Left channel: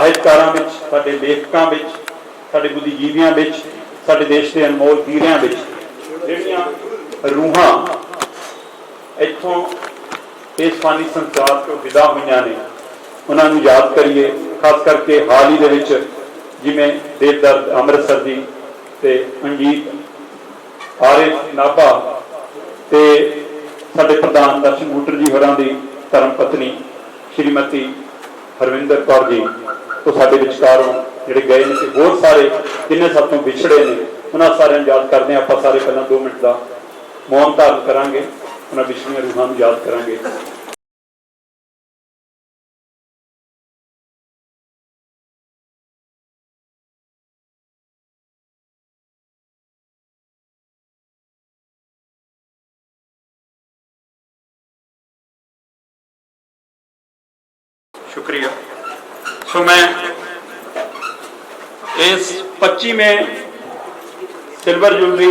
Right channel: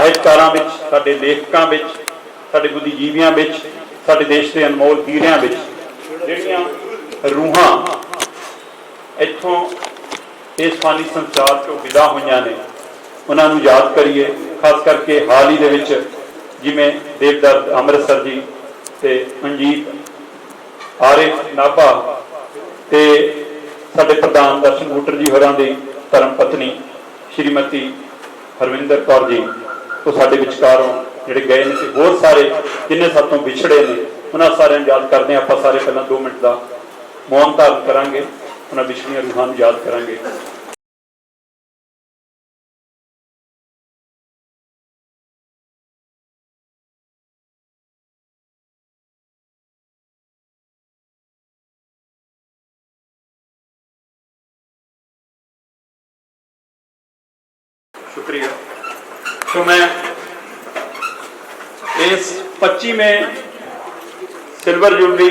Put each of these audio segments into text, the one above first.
ਸਾਹਿਤਕਾਰਾਂ ਵਿੱਚ, ਸਾਡੇ ਲੇਖਕਾਂ ਵਿੱਚ, ਸਾਡੇ ਬੁੱਧੀਜੀਵੀਆਂ ਵਿੱਚ, ਸਾਡੇ ਦੇਸ਼ ਦੇ ਅਨਮੋਲ ਹੀਰਿਆਂ ਵਿੱਚ ਜਿਹੜੀਆਂ ਰੂਹਾਂ ਇੱਥੋਂ ਇਸ ਫਾਨੀ ਸੰਸਾਰ ਤੋਂ ਵਿਦਾ ਹੋਈਆਂ ਨੇ, ਉਹਨਾਂ ਨੂੰ ਯਾਦ ਕਰੀਏ। ਖਾਸ ਕਰਕੇ ਹਾਲ ਹੀ ਦੇ ਵਿੱਚ ਜਿਵੇਂ ਦੇਵਦੱਤ ਅੰਮ੍ਰਿਤਸਰ ਜੀ ਤੇ ਮਨਜੀਤ ਆਰਿਫ ਨਾਭਾ ਤੇ ਸਾਡੇ ਪ੍ਰਧਾਨ ਦਰਸ਼ਨ ਬੁੱਟਰ ਜੀ ਹੋਰਾਂ ਦੀ ਧਰਮ ਪਤਨੀ ਸ਼੍ਰੀਮਤੀ ਹਰਵਿੰਦਰ ਕੌਰ ਜੀ ਉਹ ਸਾਡੇ ਵਿਚਕਾਰੋਂ ਜਿਹੜੇ ਗਏ ਨੇ, ਤੇ ਹੋਰ ਸਾਰੇ ਜਿੰਨੇ ਸਾਥੋਂ ਵਿਛੜੇ ਨੇ, ਉਹਨਾਂ ਸਾਰਿਆਂ ਨੂੰ ਯਾਦ ਕਰਦੇ ਹਾਂ। ਆਪਾਂ ਸਾਰੇ ਪਹਿਲਾਂ 2 ਮਿੰਟ ਦਾ ਮੌਨ ਧਾਰਨ ਕਰਾਂਗੇ, ਉਹਨਾਂ ਵਿਛੜੀਆਂ ਰੂਹਾਂ ਨੂੰ ਯਾਦ ਕਰਾਂਗੇ। शुक्रिया। सो मैं इस 25वें सिल्वर जुबली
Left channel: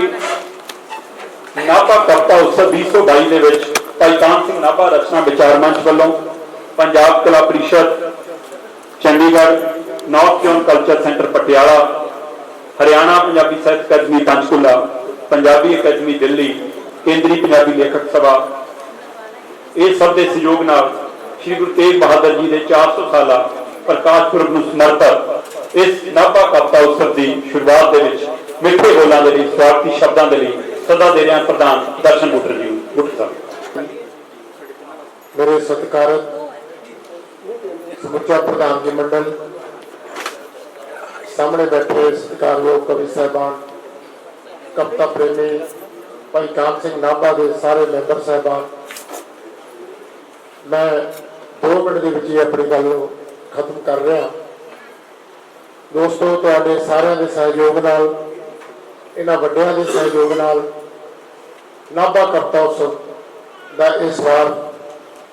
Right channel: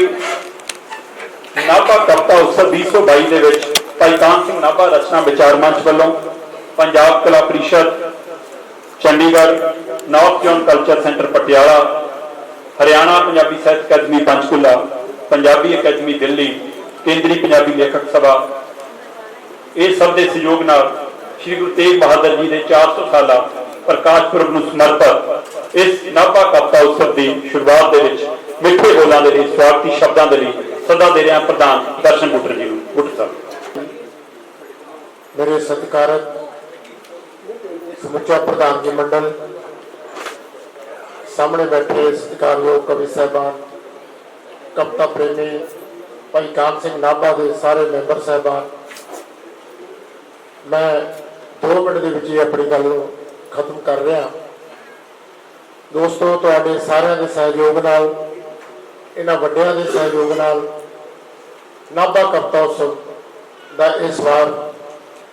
नाभा कविता उत्सव 2022 ਦੇ ਵਿੱਚ ਭਾਈ ਕਾਨ ਸਿੰਘ ਨਾਭਾ ਰਚਨਾ ਵਿਚਾਰ ਮੰਚ ਵੱਲੋਂ Punjab Kala Parishad Chandigarh, north zone culture centre Patiala, Haryana Punjabi Sahit Akademi Panchkula, Punjabi ਅਕਾਦਮੀ ਦਿੱਲੀ, ਕੇਂਦਰੀ ਪੰਜਾਬੀ ਲੇਖਕ ਸਭਾ, ਇਹ ਸਭ ਦੇ ਸਹਿਯੋਗ ਨਾਲ श्री गुरु तेग बहादुर जी के 400 साला प्रकाश पुरब को समर्पित इस नाभा कविता उत्सव की शुरुआत मिठे बोलों के लिए स्वागती शब्दों के लिए सदा दे रहे प्रधान दर्शन बुटर जी। बुटर साहब, मेरे सत्कारत समुचा प्रधान जी मंडल, सामने बैठे सत्कारयोग कवि साहबान, कविता प्रेमी भाई कान सिंह नाभा के सारे मैंबर साहबान, मैं 2 मिनट के विच अपनी गल खत्म कर रहा। दोस्तों, तुहाडे सारिਆਂ ਦੇ सहयोग नाल, इन्हां ਵੱਡਿਆਂ ਦੇ सहयोग नाल नाभा कविता उत्सव का इस बार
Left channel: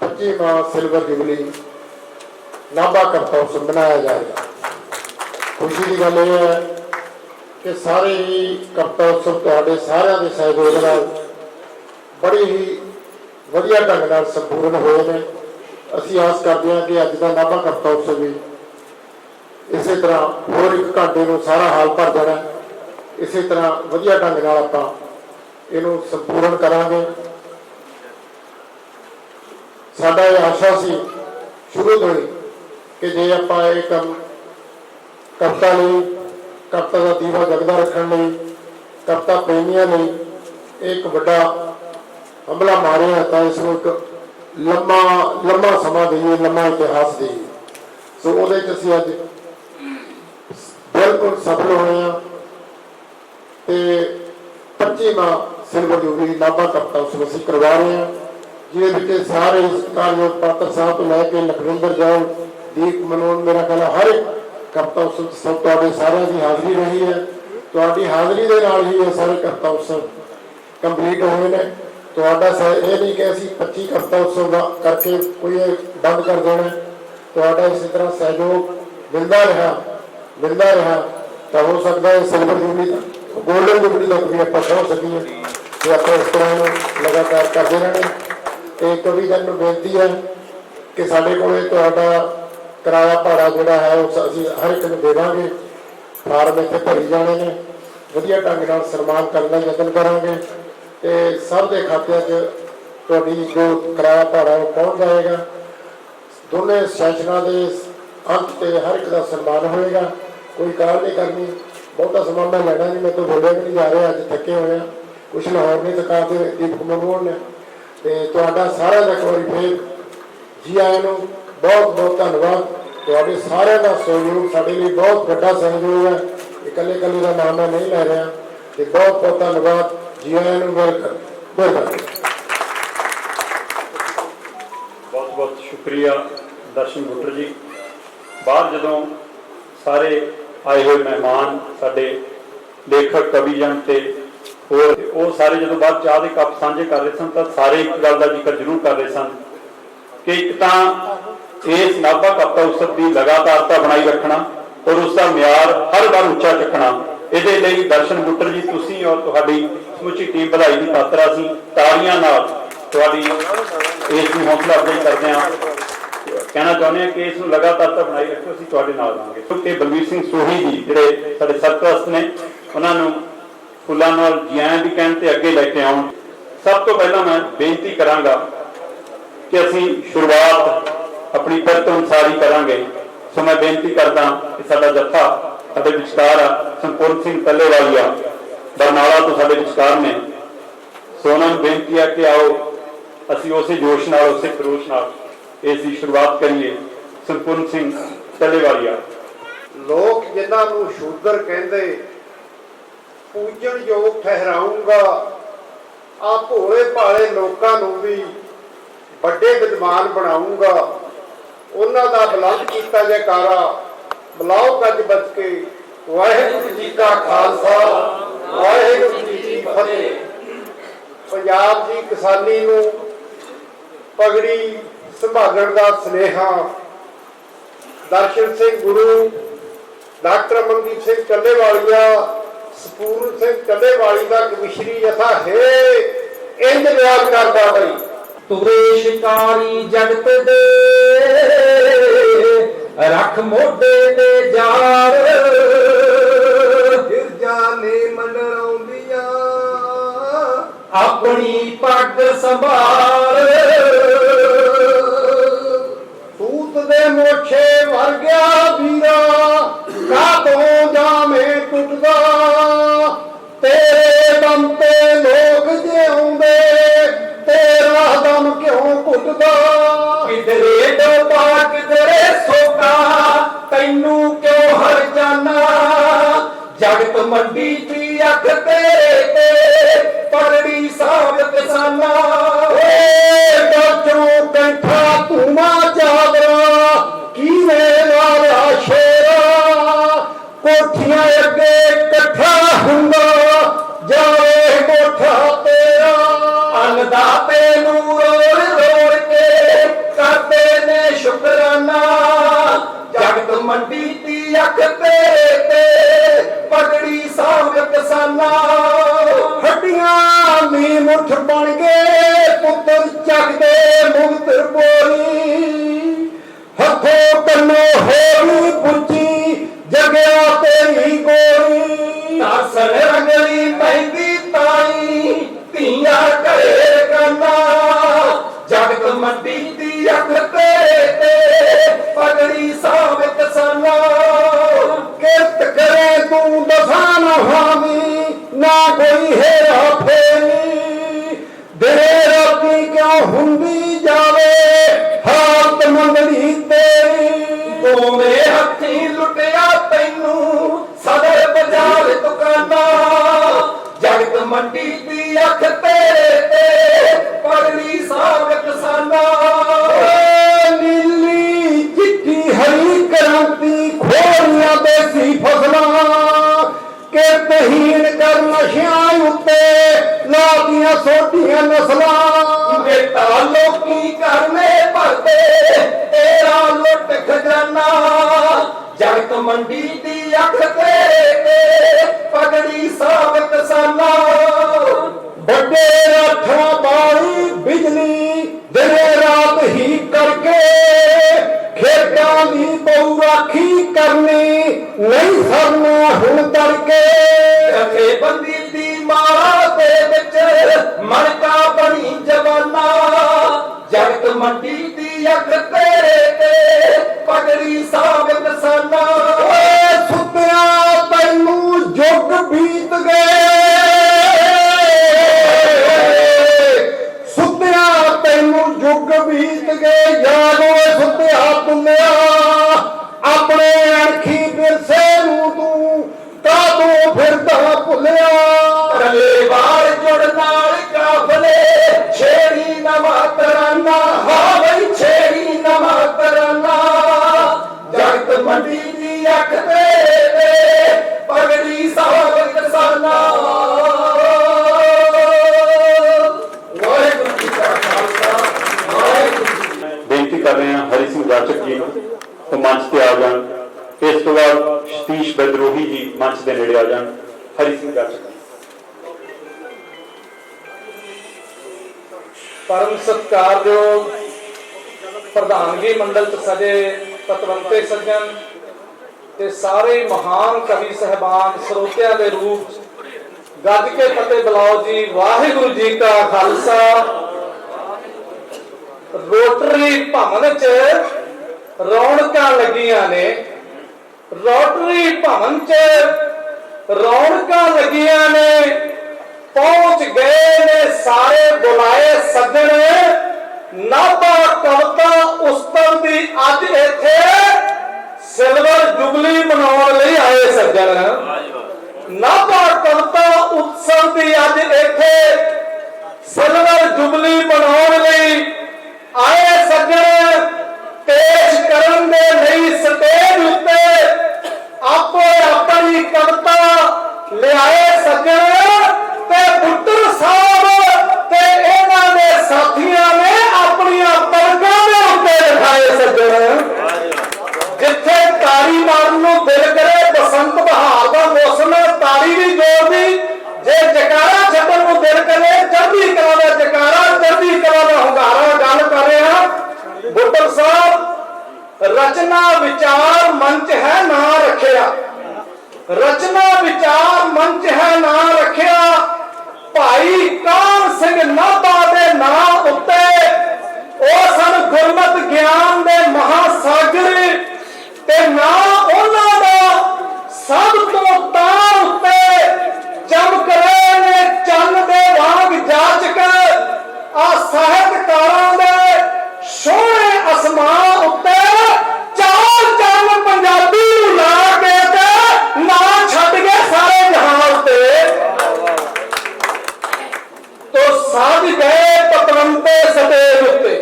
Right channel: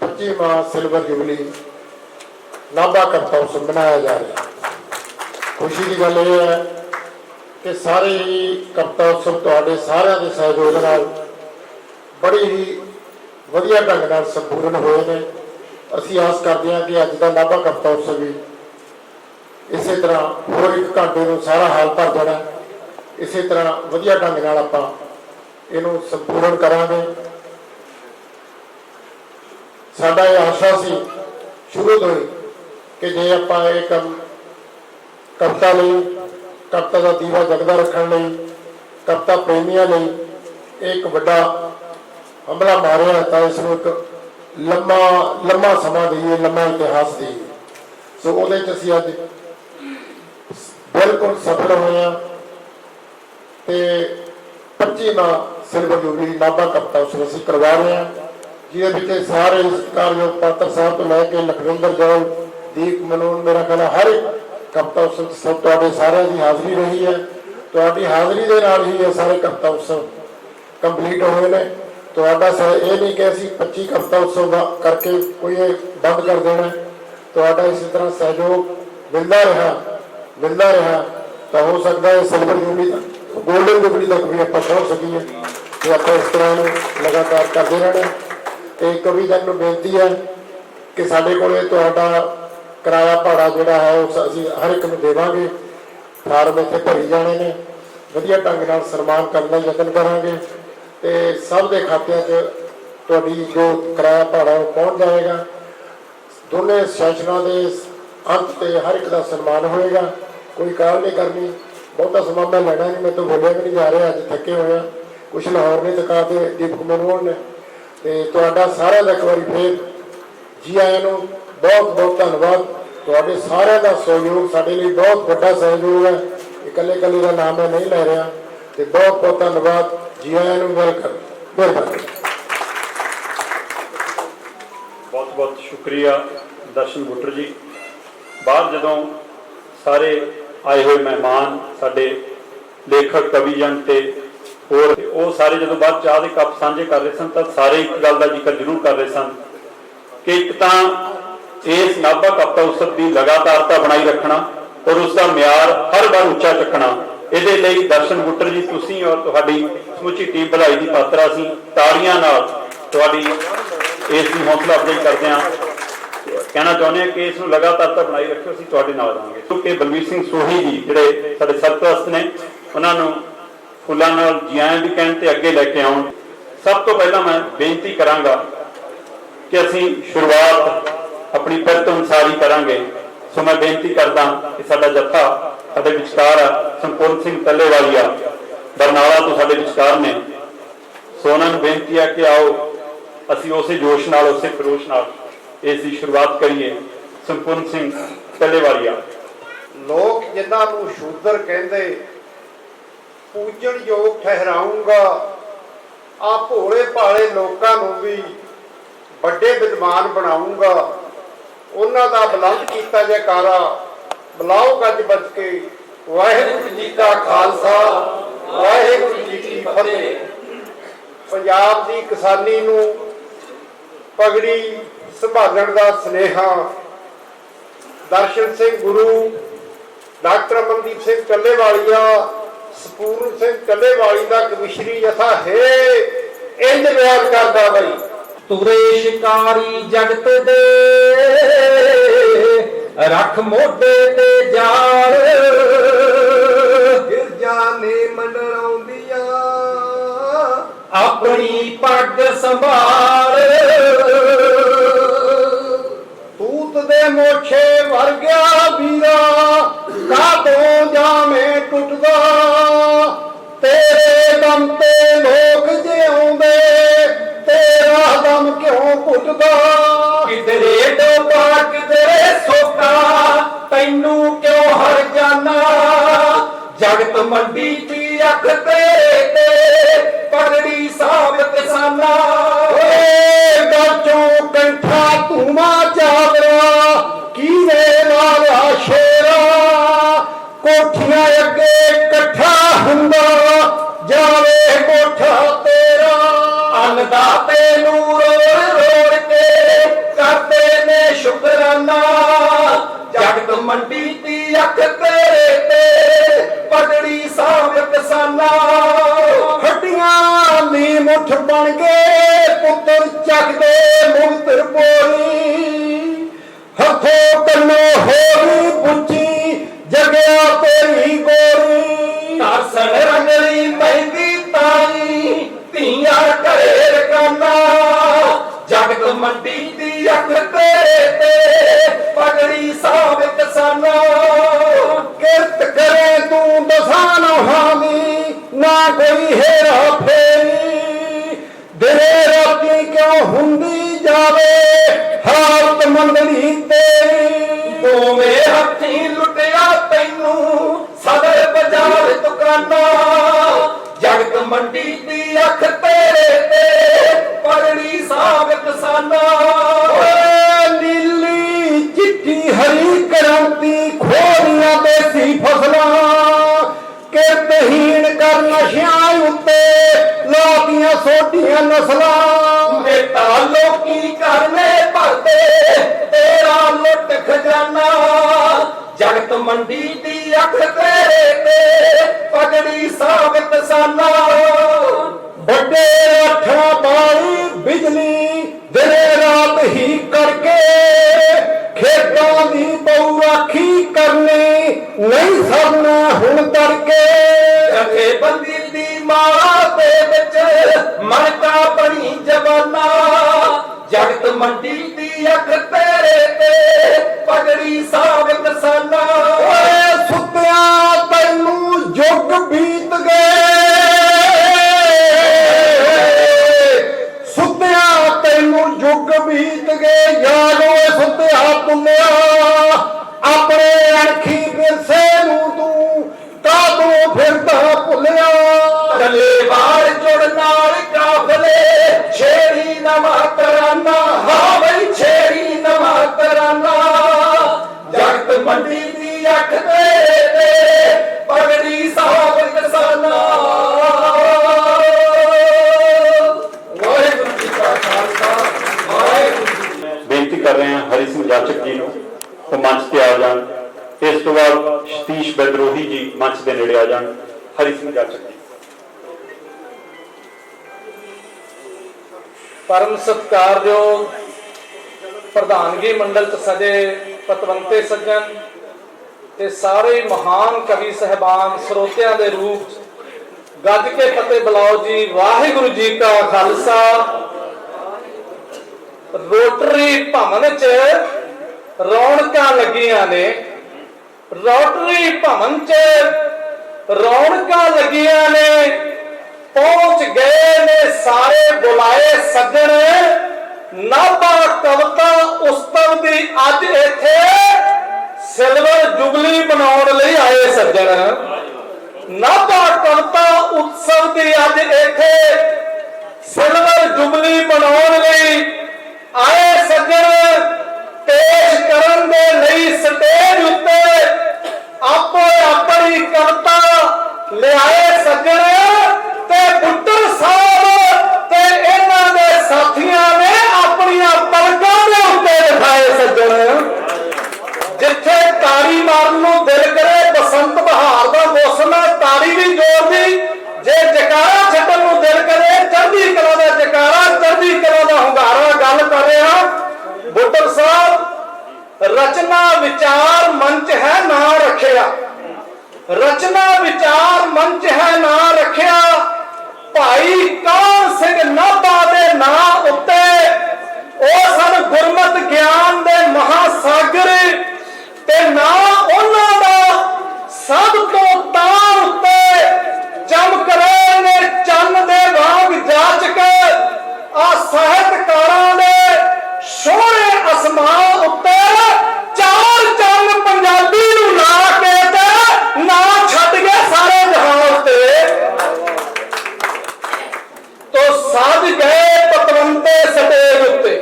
25वां सिल्वर जुबली नाभा कविता उत्सव मनाया जा रहा है। खुशी की गल यह है कि सारे ही कविता उत्सव तुहाडे सारिਆਂ ਦੇ सहयोग नाल बड़ी ही ਵਧੀਆ ਢੰਗ ਨਾਲ ਸੰਪੂਰਨ ਹੋਏ ਨੇ। ਅਸੀਂ ਆਸ ਕਰਦੇ ਹਾਂ ਕਿ ਅੱਜ ਦਾ ਨਾਭਾ ਕਵਿਤਾ ਉਤਸਵ ਵੀ ਇਸੇ ਤਰ੍ਹਾਂ ਹੋਰ 1 ਘੰਟੇ ਨੂੰ ਸਾਰਾ ਹਾਲ ਭਰ ਜਾਣਾ। ਇਸੇ ਤਰ੍ਹਾਂ ਵਧੀਆ ਢੰਗ ਨਾਲ ਆਪਾਂ ਇਹਨੂੰ ਸੰਪੂਰਨ ਕਰਾਂਗੇ। ਸਾਡਾ ਇਹ ਆਸ਼ਾ ਸੀ ਸ਼ੁਰੂ ਤੋਂ ਹੀ ਕਿ ਜੇ ਆਪਾਂ ਇਹ ਕੰਮ ਕਵਿਤਾ ਲਈ, ਕਵਿਤਾ ਦਾ ਦੀਵਾ ਜਗਦਾ ਰੱਖਣ ਲਈ, ਕਵਿਤਾ ਪ੍ਰੇਮੀਆਂ ਲਈ ਇੱਕ ਵੱਡਾ हमला मारे तो इसमें एक लंबा समा दईए, लंबा इतिहास दईए। सो वो असी अज बिल्कुल सफल हुए हैं। 25वां सिल्वर जुबली नाभा कविता उत्सव असीं करवा रहे हैं, जिहदे सारे सत्कारयोग पात्र साहब तो लैके लखविंदर जौल, दीप मनोन, मेरा ख्याल हर एक कविता उत्सव सब तुहाडे सारिਆਂ की हाज़री रही है। तुहाडी हाज़री दे नाल ही ये सारे कविता उत्सव कंप्लीट हुए हैं। तुहाडा ये नहीं कि असीं 25 कविता उत्सव करके कोई बंद कर देना। तुहाडा इसी तरह सहयोग मिलता रहा तो हो सकता है सिल्वर जुबली तक, गोल्डन जुबली तक भी आप पहुँच सकीए। तो आप इस तरह लगातार करते रहना। एक कवि जन नूं बेनती है कि साडे कोले तुहाडा किराया भाड़ा जिहड़ा है उस असीं हर एक नूं देवांगे। फार्म इत्थे भरी जाने ने, वधिया ढंग नाल सन्मान करने का यतन करांगे ते सब के खात्यां 'च तुहाडी जो किराया भाड़ा वो पहुँच जाएगा। दोनों सैशनां दे अंत ते हर एक का सन्मान होएगा। कोई काल नहीं करनी, बहुता समा मैं लेना नहीं, मैं तो बोलिया भी नहीं जा रहा, अज थके हुए कुछ लाहौर ने थका के दीपक मनोहर ने। तो तुहाडा सारा का एक बार फिर जी आए नूं बहुत बहुत धन्यवाद। तुहाडे सारिਆਂ का सहयोग साडे लिए बहुत बड़ा सहयोग है। इकल्ले कल्ले का नाम मैं नहीं लै रहा। तो बहुत बहुत धन्यवाद जी आया नूं, वेलकम, मेहरबानी। बहुत बहुत शुक्रिया दर्शन बुटर जी। बाहर जदों सारे आए हुए मेहमान साडे लेखक कविजन ते होर वो सारे जदों बाहर चाह के कप साझे कर रहे सन तो सारे एक गल का जिक्र जरूर कर रहे सन कि एक तो इस नाभा कविता उत्सव की लगातारता बनाई रखना और उसका म्यार हर बार उच्चा चुकना। ਇਹਦੇ ਲਈ दर्शन बुटर जी तुसीं और तुहाडी समूची टीम भलाई की पात्र ਅਸੀਂ ਤਾੜੀਆਂ ਨਾਲ ਤੁਹਾਡੀ ਇਸ ਦੀ ਹੌਸਲਾ ਅਫਜ਼ਾਈ ਕਰਦੇ ਹਾਂ। कहना चाਹੁंदे हैं कि इसनूं लगातार बनाई रखो, असीं तुहाडे नाल रहांगे। क्योंकि बलवीर सिंह सोही जी जिहड़े साडे सरपरस्त ने, उन्हां नूं फुੱਲਾਂ नाल जी आਇਆਂ भी कहण ते अगे लैके आउण। सब तो पहला मैं बेनती करांगा कि असीं शुरुआत अपनी पिरत अनुसार ही करांगे। सो मैं बेनती करदा कि साडा जत्था साडे विचकार संपूर्ण सिंह टल्लेवालिया बरनाला तो साडे विचकार ने। सो उन्हां नूं बेनती है कि आओ असीं उसे जोश नाल उसे खरोश नाल इस दी शुरुआत करिए। संपूर्ण सिंह टल्लेवालिया। लोग जिन्हां नूं शूਦਰ कहंदे पूजनयोग ठहराऊंगा, आ भोले भाले लोकां नूं भी ਵੱਡੇ विद्वान बनाऊंगा। उन्हां दा बुलंद कीता जयकारा बुलाओ गज बज के। वाहिगुरू जी का खालसा वाहिगुरू जी की फतेह। पंजाब दी किसानी नूं पगड़ी संभालण दा सुनेहा दर्शन सिंह गुरु, डॉक्टर अमनदीप सिंह टल्लेवालिया, सपूर्ण सिंह टल्लेवाली का कमिश्री जथा है इंज बयान करदा बई। तुरे शिकारी जगत दे रख मोढे ते जार, गिरजा ने मंडराउंदियां अपनी पग संभाल। तूत दे मोछे वर गया वीरा, कादों जामे टुटदा। तेरे दम ते लोग जिउंदे, तेरा दम क्यों घुटदा। किधरे डोबा किधरे सोका, तैनू क्यों हर जाना। जगत मंडी दी अख ते पगड़ी साबित साना। गचों कंठा धूमा चादरा, कीने वाला शेरा। कोठियां अगे कट्ठा हुंदा, जावे कोठा तेरा। अन्नदाते नूं रोड़ रोड़ के करते ने शुकराना। जगत मंडी दी अख ते पगड़ी साबित साना। हड्डियां दी मुठ बन गए पुत्र चकदे मुक्तर बोली। हथों कन्नो होरी बुच्ची जगया तेरी गोरी। दर्शन रंगली महंगी ताई धीया घरे गाना। जगत मंडी दी अख ते पगड़ी साबित साना। किरत करे तू दसाना हावी, ना कोई हेरा फेरी। दिने राती क्यों हुंदी जावे हालत मंदड़ी तेरी। दोवें हत्थी लुटिया तैनू सदर बाजार दुकाना। जगत मंडी दी अख ते पगड़ी साबित साना। नीली चिट्टी हरी क्रांति खोरियां देसी फसलां। किरतहीन कर नशियां उत्ते लादियां सोटियां नस्लां। बेटा लोकी करने भरते तेरा लुट खजाना। जगत मंडी दी अख ते पगड़ी साबित साना। बड़े राठा बाली बिजली दिने रात ही करके। खेतां दी बहु राखी करनी नहीं सरना हुण करके। जथेबंदी दी माला दे विच मणका बनी जवाना। जगत मंडी दी अख ते पगड़ी साबित साना। सुत्या तैनू जुग बीत गए। सुत्या तैनू जुग बीत गए। यादो सुत्या पुन्निया अपने अणखी विरसे नूं तू कादों फिरदा भुलिया। टल्लेवाल जुड़ नाल काफले छेड़ी नवा तराना। हाँ बई छेड़ी नवा तराना। जगत मंडी दी अख ते पगड़ी साबित साना। वाहिगुरू जी का खालसा वाहिगुरू। बेनती कर रहे हैं हरि सिंह जाचक जी ਨੂੰ तो मंच ਤੇ आ जान। इस तो बाद सतीश बदरोही जी मंच के नेड़े आ जान। हरि सिंह जाचक जी। परम सत्कारयोग ਪ੍ਰਧਾਨਗੀ ਮੰਡਲ ਚ ਸਜੇ ਪਤਵੰਤੇ ਸੱਜਣ ਤੇ ਸਾਰੇ ਮਹਾਨ ਕਵੀ ਸਹਿਬਾਨ ਸਰੋਤਿਆਂ ਦੇ ਰੂਪ ਗੱਜ ਕੇ ਫਤਿਹ ਬੁਲਾਓ ਜੀ। ਵਾਹਿਗੁਰੂ ਜੀ ਕਾ ਖਾਲਸਾ। ਰੋਟਰੀ ਭਵਨ ਚ ਰੌਣਕਾਂ ਲੱਗੀਆਂ ਨੇ, ਰੋਟਰੀ ਭਵਨ ਚ ਰੌਣਕਾਂ ਲੱਗੀਆਂ ਨੇ, ਪਹੁੰਚ ਗਏ ਨੇ ਸਾਰੇ ਬੁਲਾਏ ਸੱਜਣ। ਨਾਭਾ ਕਵਿਤਾ ਉਤਸਵ ਦੀ ਅੱਜ ਇੱਥੇ ਸਿਲਵਰ ਜੁਬਲੀ ਮਨਾਉਣ ਲਈ ਆਏ ਸੱਜਣ। ਨਾਭਾ ਕਵਿਤਾ ਉਤਸਵ ਦੀ ਅੱਜ ਇੱਥੇ ਸਿਲਵਰ ਜੁਬਲੀ ਮਨਾਉਣ ਲਈ ਆਏ ਸੱਜਣ। ਪੇਸ਼ ਕਰਨ ਦੇ ਲਈ ਸਟੇਜ ਉੱਤੇ ਆਪੋ ਆਪਣੀ ਕਵਿਤਾ ਲਿਆਏ ਸੱਜਣ ਤੇ ਬੁੱਟਰ ਸਾਹਿਬ ਤੇ ਇਹਨਾਂ ਦੇ ਸਾਥੀਆਂ ਨੇ ਆਪਣੀਆਂ ਪਲਕਾਂ ਦੇ ਉੱਤੇ ਦਿਖਾਏ ਸੱਜਣ। ਜਿੱਥੇ ਤਾੜੀ ਮਾਰਨ ਨੂੰ ਦਿਲ ਕਰੇ, ਬਸੰਤ ਬਹਾਰ ਦਾ ਮੌਸਮ ਹੈ, ਤਾੜੀ ਵੀ ਜ਼ੋਰ ਦੀ। ਜੇ ਜਕਾਰਾ ਛੱਡਣ ਨੂੰ ਦਿਲ ਕਰੇ, ਚੜ੍ਹਦੀ ਕਲਾ ਦਾ ਜਕਾਰਾ, ਚੜ੍ਹਦੀ ਕਲਾ ਦਾ ਹੁੰਗਾਰਾ। ਗੱਲ ਕਰ ਰਿਹਾ ਬੁੱਟਰ ਸਾਹਿਬ। ਰਚਨਾ ਵਿਚਾਰ ਮੰਚ ਹੈ ਨਾਂ ਰੱਖਿਆ, ਰਚਨਾ ਵਿਚਾਰ ਮੰਚ ਹੈ ਨਾਂ ਰੱਖਿਆ। ਭਾਈ ਕਾਹਨ ਸਿੰਘ ਨਾਭਾ ਦੇ ਨਾਂ ਉੱਤੇ ਉਹ ਸਨ ਗੁਰਮਤਿ ਗਿਆਨ ਦੇ ਮਹਾਸਾਗਰ ਤੇ ਨਾਂ ਉਹਨਾਂ ਦਾ ਸਭ ਤੋਂ ਤਾਰ ਉੱਤੇ ਚਮਕ ਰਹੇ ਨੇ ਚੰਨ ਦੇ ਵਾਂਗ ਜਾਚਕ। ਆ ਸਾਹਿਤਕਾਰਾਂ ਦੇ ਸੋਹਣੇ ਅਸਮਾਨ ਉੱਤੇ ਚਾਰ ਚੰਨ ਪੰਜਾਬੀ ਨੂੰ ਲਾ ਕੇ ਤੇ ਨਾਂ ਛੱਡ ਗਏ ਸਾਰੇ ਜਹਾਨ ਉੱਤੇ। ਤੋ ਸਾਜ ਗਏ ਪਤਵੰਤੇ ਸਟੇਜ ਉੱਤੇ,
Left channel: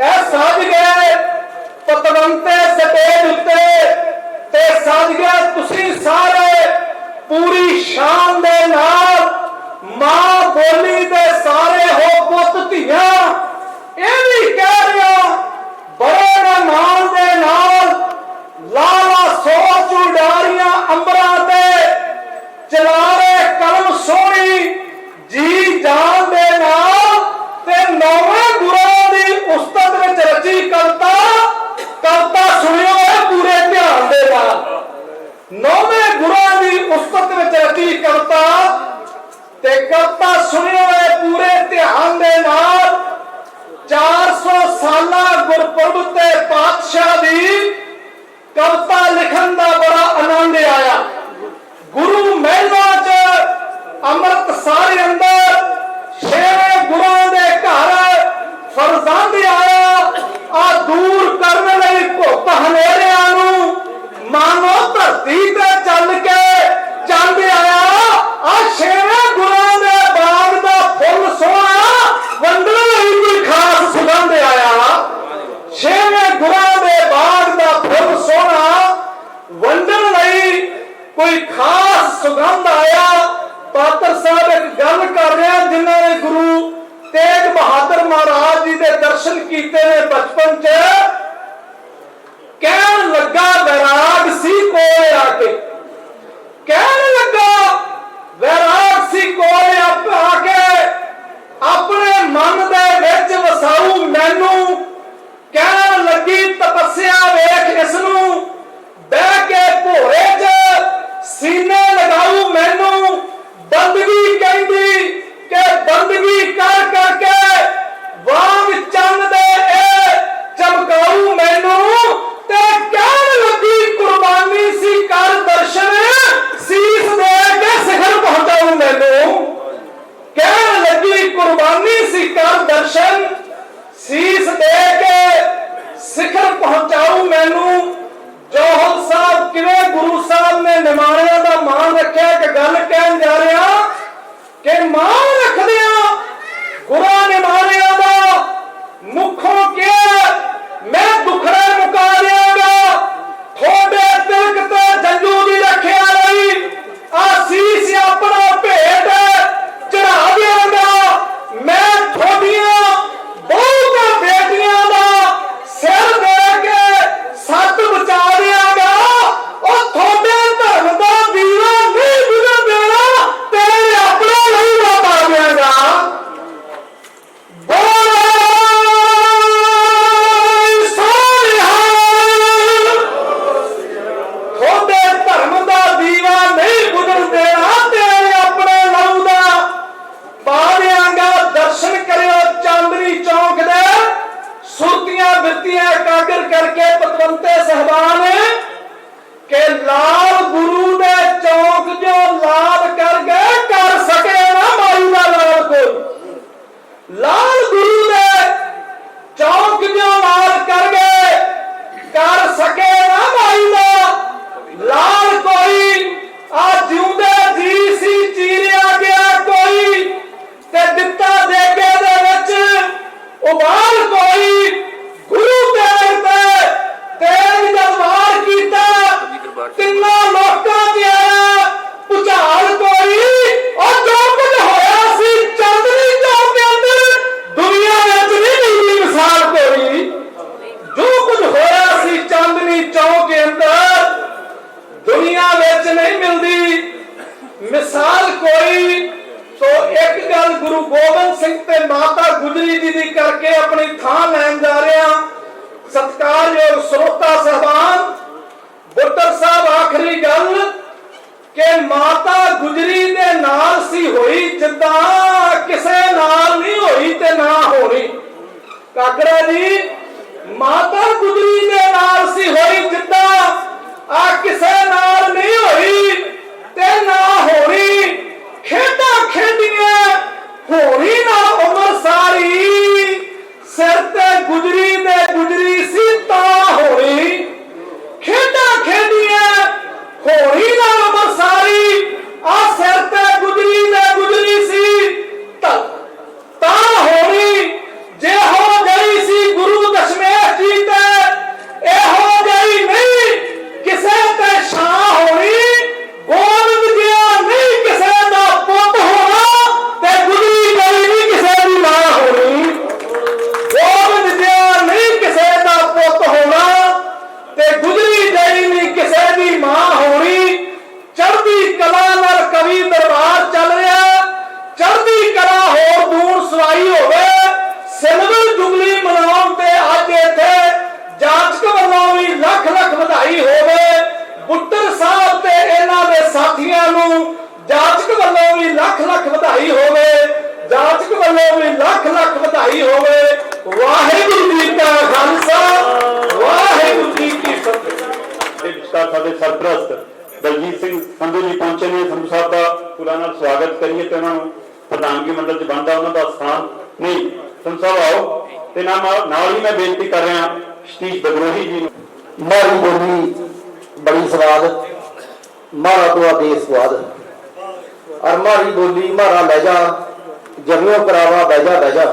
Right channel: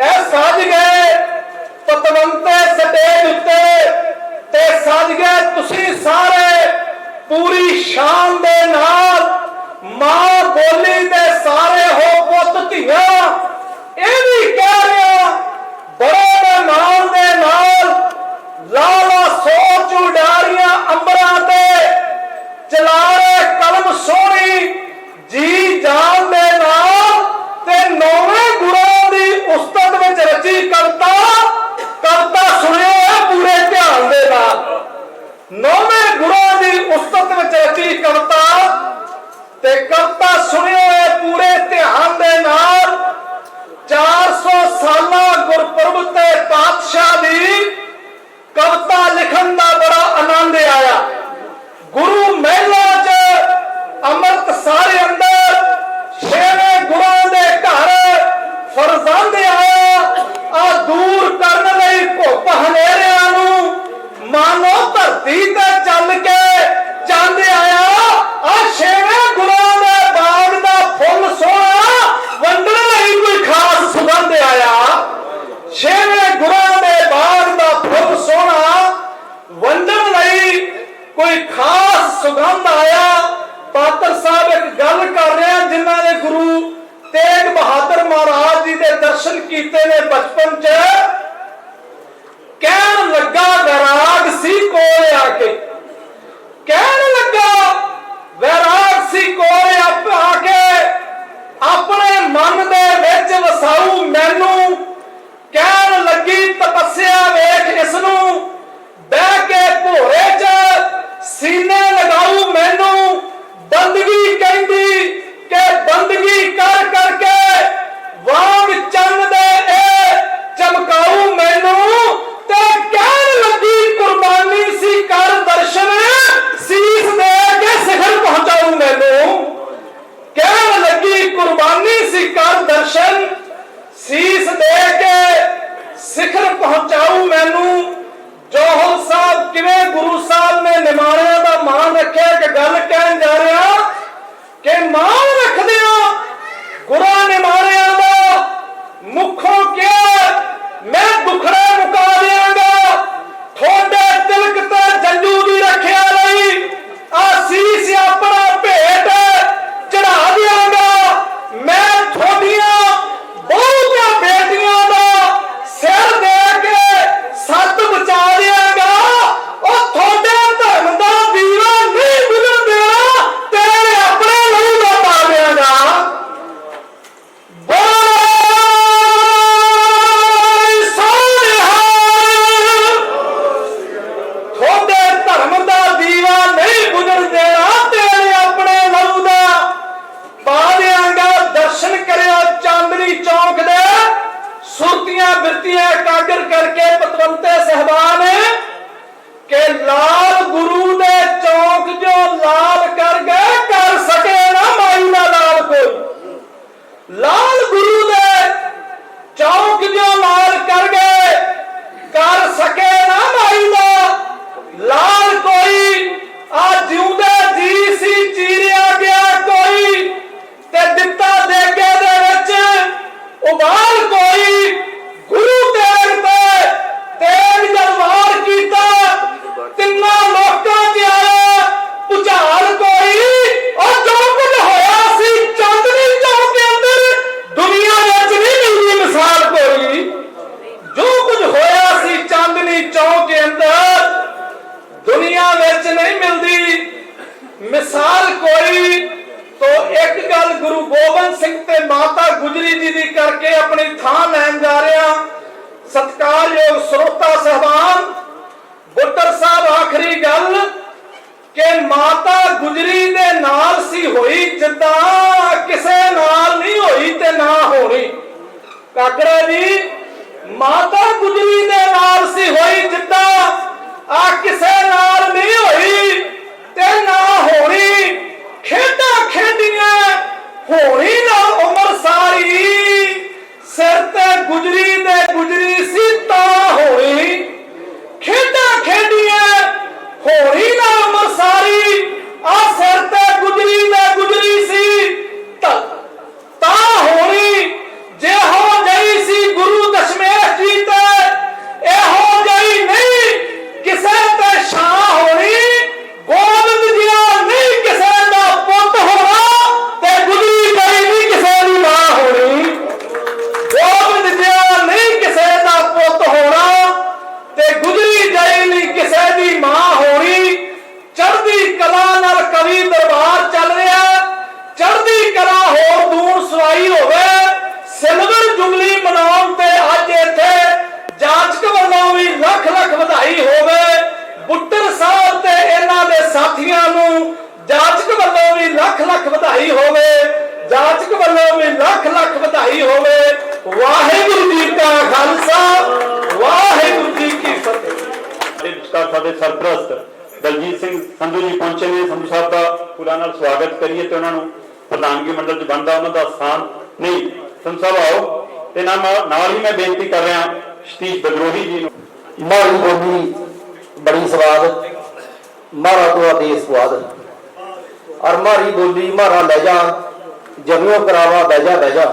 ਇਹ ਸਾਜ ਗਏ ਪਤਵੰਤੇ ਸਟੇਜ ਉੱਤੇ ਤੇ ਸਾਜ ਗਏ ਤੁਸੀਂ ਸਾਰੇ ਪੂਰੀ ਸ਼ਾਨ ਦੇ ਨਾਲ। ਮਾਂ ਬੋਲੀ ਦੇ ਸਾਰੇ ਹੋ ਪੁੱਤ ਧੀਆਂ। ਇਹ ਵੀ ਕਹਿ ਰਿਹਾ ਬੜੇ ਮਾਣ ਦੇ ਨਾਲ ਲਾਲਾ ਸੋਚ ਉਡਾਰੀਆਂ ਅੰਬਰਾਂ ਤੇ ਚਲਾ ਰਹੇ ਕਲਮ ਸੋਹਣੀ ਜੀ ਜਾਨ ਦੇ ਨਾਲ ਤੇ ਨੌਵੇਂ ਗੁਰਾਂ ਦੀ ਉਸਤਤ ਵਿੱਚ ਰਚੀ ਕਵਿਤਾ। ਕਵਿਤਾ ਸੁਣਿਓ ਇਹ ਪੂਰੇ ਧਿਆਨ ਦੇ ਨਾਲ। ਨੌਵੇਂ ਗੁਰਾਂ ਦੀ ਉਸਤਤ ਵਿੱਚ ਰਚੀ ਕਵਿਤਾ ਤੇ ਕਵਿਤਾ ਸੁਣਿਓ ਇਹ ਪੂਰੇ ਧਿਆਨ ਦੇ ਨਾਲ। 400 ਸਾਲਾ ਗੁਰਪੁਰਬ ਤੇ ਪਾਤਸ਼ਾਹ ਦੀ ਕਵਿਤਾ ਲਿਖਣ ਦਾ ਬੜਾ ਆਨੰਦ ਆਇਆ। ਗੁਰੂ ਮਹਿਲਾਂ ਚ ਅੰਮ੍ਰਿਤਸਰ ਅੰਦਰ ਛੇਵੇਂ ਗੁਰਾਂ ਦੇ ਘਰ ਫਰਜ਼ੰਦ ਆਇਆ। ਆ ਦੂਰ ਕਰਨ ਲਈ ਭੁੱਖ ਹਨੇਰਿਆਂ ਨੂੰ ਮਾਨੋ ਧਰਤੀ ਤੇ ਚੱਲ ਕੇ ਚੰਦ ਆਇਆ। ਆ ਛੇਵੇਂ ਗੁਰਾਂ ਦੇ ਬਾਗ ਦਾ ਫੁੱਲ ਸੋਹਣਾ ਵੰਡਣ ਲਈ ਕੋਈ ਖਾਸ ਸੁਗੰਧ ਆਇਆ। ਛੇਵੇਂ ਗੁਰਾਂ ਦੇ ਬਾਗ ਦਾ ਫੁੱਲ ਸੋਹਣਾ ਵੰਡਣ ਲਈ ਕੋਈ ਖਾਸ ਸੁਗੰਧ ਆਇਆ। ਪਾਤਰ ਸਾਹਿਬ ਇੱਕ ਗੱਲ ਕਰ ਰਿਹਾ, ਜਿਨ੍ਹਾਂ ਨੇ ਗੁਰੂ ਤੇਗ ਬਹਾਦਰ ਮਹਾਰਾਜ ਜੀ ਦੇ ਦਰਸ਼ਨ ਕੀਤੇ ਨੇ ਬਚਪਨ ਚ। ਕਹਿਣ ਲੱਗਾ ਵੈਰਾਗ ਸੀ ਕੋਲ ਆ ਕੇ, ਕਹਿਣ ਲੱਗਾ ਵੈਰਾਗ ਸੀ ਕੋਲ ਆ ਕੇ ਆਪਣੇ ਮਨ ਦੇ ਵਿੱਚ ਵਸਾਊ ਮੈਨੂੰ। ਕਹਿਣ ਲੱਗੀ ਤਪੱਸਿਆ ਵੇਖ ਇਸ ਨੂੰ, ਬਹਿ ਕੇ ਭੋਰੇ ਚ ਸੀਨੇ ਲਗਾਊ ਮੈਨੂੰ। ਬੰਦਗੀ ਕਹਿੰਦੀ ਕਿ ਬੰਦਗੀ ਕਰ ਕਰਕੇ ਵਾਂਗ ਚੰਨ ਦੇ ਇਹ ਚਮਕਾਊ ਮੈਨੂੰ। ਤੇ ਕਹਿਣ ਲੱਗੀ ਕੁਰਬਾਨੀ ਸੀ ਕਰ ਦਰਸ਼ਨ, ਸੀਸ ਦੇ ਕੇ ਸਿਖਰ ਪਹੁੰਚਾਊ ਮੈਨੂੰ। ਕਹਿਣ ਲੱਗੀ ਕੁਰਬਾਨੀ ਸੀ ਕਰ ਦਰਸ਼ਨ, ਸੀਸ ਦੇ ਕੇ ਸਿਖਰ ਪਹੁੰਚਾਊ ਮੈਨੂੰ। ਜੋਹਰ ਸਾਹਿਬ ਕਿਵੇਂ ਗੁਰੂ ਸਾਹਿਬ ਨੇ ਨਿਮਾਣਿਆਂ ਦਾ ਮਾਣ ਰੱਖਿਆ ਕਿ ਗੱਲ ਕਹਿਣ ਜਾ ਰਿਹਾ ਕਿ ਮਾਣ ਰੱਖਦੇ ਆ ਗੁਰਾਂ ਨਿਮਾਣਿਆਂ ਦਾ। ਮੁੱਖੋਂ ਕਿਹਾ ਮੈਂ ਦੁਖੜੇ ਮੁਕਾ ਦਿਆਂਗਾ, ਤੁਹਾਡੇ ਤਿਲਕ ਤੇ ਜੰਜੂ ਦੀ ਰੱਖਿਆ ਲਈ ਆਸੀਸ ਆਪਣਾ ਭੇਟ ਚੜਾ ਦਿਆਂਗਾ। ਮੈਂ ਤੁਹਾਡੀਆਂ ਬਹੁਤੀਆਂ ਬੇਟੀਆਂ ਦਾ ਸਿਰ ਦੇ ਕੇ बेनतियां एकाग्र करके पतवंते साहबान के लाल गुरु ने चौक जो लाल कर गए कर सके ना मायू ना लाल कोई। लाल गुरु ने चौक जो लाल कर गए कर सके ना मायू ना लाल कोई। आ जिउंदे जी सी चीरिया गया कोई ते दिता देगे दे विच उबाल कोई। गुरु तेग पे तेग जलवार कीता तिन्ना लोकां ते आया भुचाल कोई। और जो कुछ होया सी चांदनी चौक के अंदर दुनिया विच नहीं मिलदी मिसाल कोई। जो कुछ होया सी चांदनी चौक के अंदर दुनिया विच नहीं मिलदी मिसाल कोई। तो एक गल गुरु गोबिंद सिंह ते माता गुजरी जी दी करके अपनी थां लैन जा रहा। सत्कारयोग श्रोता साहबान बुੱਟਰ साहब आखिरी गल के माता गुजरी दे नाल सी होई जिद्दां किसे नाल नहीं होई ते ना होनी। काकड़ा जी माता गुजरी दे नाल सी होई जिद्दां आ किसे नाल नहीं होई ते ना होनी। खेडां खेडियां होनी ना उमर सारी सिर ते गुजरी दे गुजरी सी तां होनी। खेडां खेडियां होनी ना उमर सारी आ सिर ते गुजरी दे गुजरी सी तां होनी। जे हो गई सी गुरु दशमेश जी ते ए हो गई नहीं किसे ते शाह होनी। गोबिंद जिया नहीं किसे दा पुੱਤ होना ते गुजरी गई नहीं किसे दी मां होनी। गोबिंद जिया नहीं किसे दा पुੱਤ होना ते गुजरी गई नहीं किसे दी मां होनी। चढ़दी कला नाल कवि दरबार चल रहा। चढ़दी कला होर दूर सवाई होवे सिल्वर जुबली मनाउण ते अज इत्थे जांचक ਵੱਲੋਂ भी लख लख ਵਧਾਈ होवे। बुੱਟਰ साहब ते इन्हां दे साथियां नूं जांचक ਵੱਲੋਂ भी लख लख ਵਧਾਈ होवे। जांचक ਵੱਲੋਂ भी लख लख ਵਧਾਈ होवे। वाहिगुरू जी का खालसा वाहिगुरू जी की फतेह। ਸਾਡੇ ਸਰਪ੍ਰਸਤ ਦਲਜੀਤ ਸਿੰਘ ਸੰਧੂ ਜੀ ਪਹੁੰਚੇ ਨੇ। ਸੰਧੂ ਸਾਹਿਬ ਦਾ ਫੁੱਲਾਂ ਨਾਲ ਸਵਾਗਤ ਕਰੀਏ ਤੇ ਉਹਨਾਂ ਨੂੰ ਪ੍ਰਧਾਨਗੀ ਮੰਡਲ 'ਚ ਬਣਦਾ ਉਹਨਾਂ ਦਾ ਸਥਾਨ ਨਹੀਂ। ਸੰਧੂ ਸਾਹਿਬ ਆਓ ਤੇ ਨਾਲ ਹੀ ਮੈਂ ਬੇਨਤੀ ਕਰ ਰਿਹਾ ਸਤੀਸ਼ ਬਦਰੋਹੀ ਜੀ ਨੂੰ। मारी बोली बड़ी स्वाद मारा तो आदेश स्वाद और मारी बोली मारा लहजा जमियों करावा बहजा बहजा।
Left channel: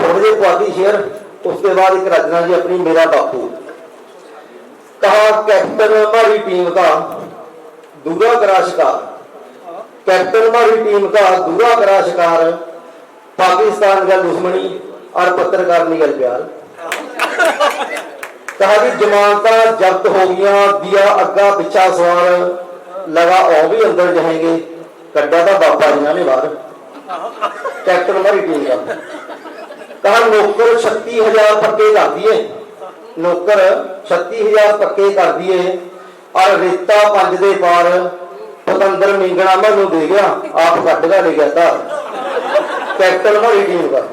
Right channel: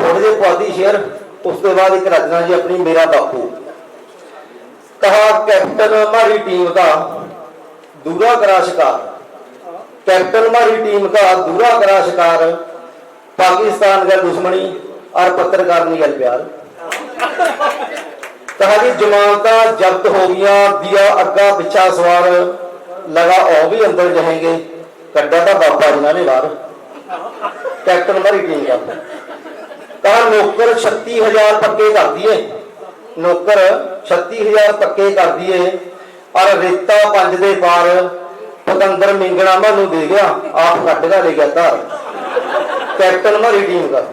थोड़े जे पुआधी शेर उसके बाद एक रचना जी अपनी मेरा बापू। कहा कैप्टन हमारी टीम का दूरा करा शिकार। कैप्टन हमारी टीम का दूरा करा शिकार। पाकिस्तान का दुश्मनी और पत्रकार निकल प्यार। कहा कि जमानता जब्त हो गया दिया अग्गा पिछा सवार लगा और भी अंदर जाएंगे कड्डा था बाबा जिन्होंने बाहर। कैप्टन हमारी टीम का कहा नौकर 36,000 पक्के कर दिए। नौकर 36,000 पक्के कर दिए और रेता 5 दे पार पतंदर मिंगना मैनू दे गया आप कट का ले गया तार। कैप्टन हमारी टीम का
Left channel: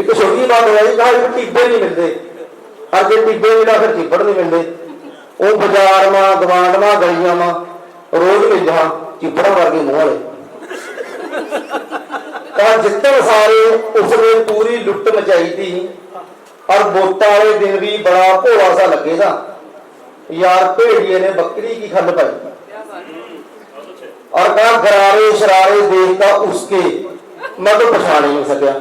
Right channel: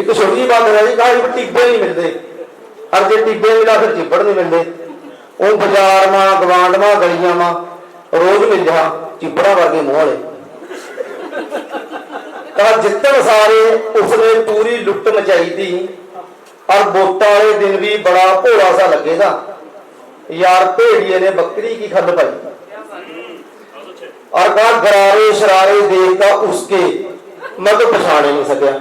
एक छोटी बात है जी। कहा टिब्बे नहीं मिलते और जो टिब्बे मिला फिर चिब्बड़ नहीं मिलते। वो बाजार में गवांड में गलियां में रोज मिल जा चिब्बड़ा वर्गे मुंह वाले। कहा जितन सारे उसने पूरी लुट मचाई थी और वोटा वाले दिन भी बड़ा भोला सा लगेगा यार भेड़िए ने बकरी की खल पाई। और कहा गरारे शरारे देखता उसके मैं तो पछाड़ नहीं सकिया।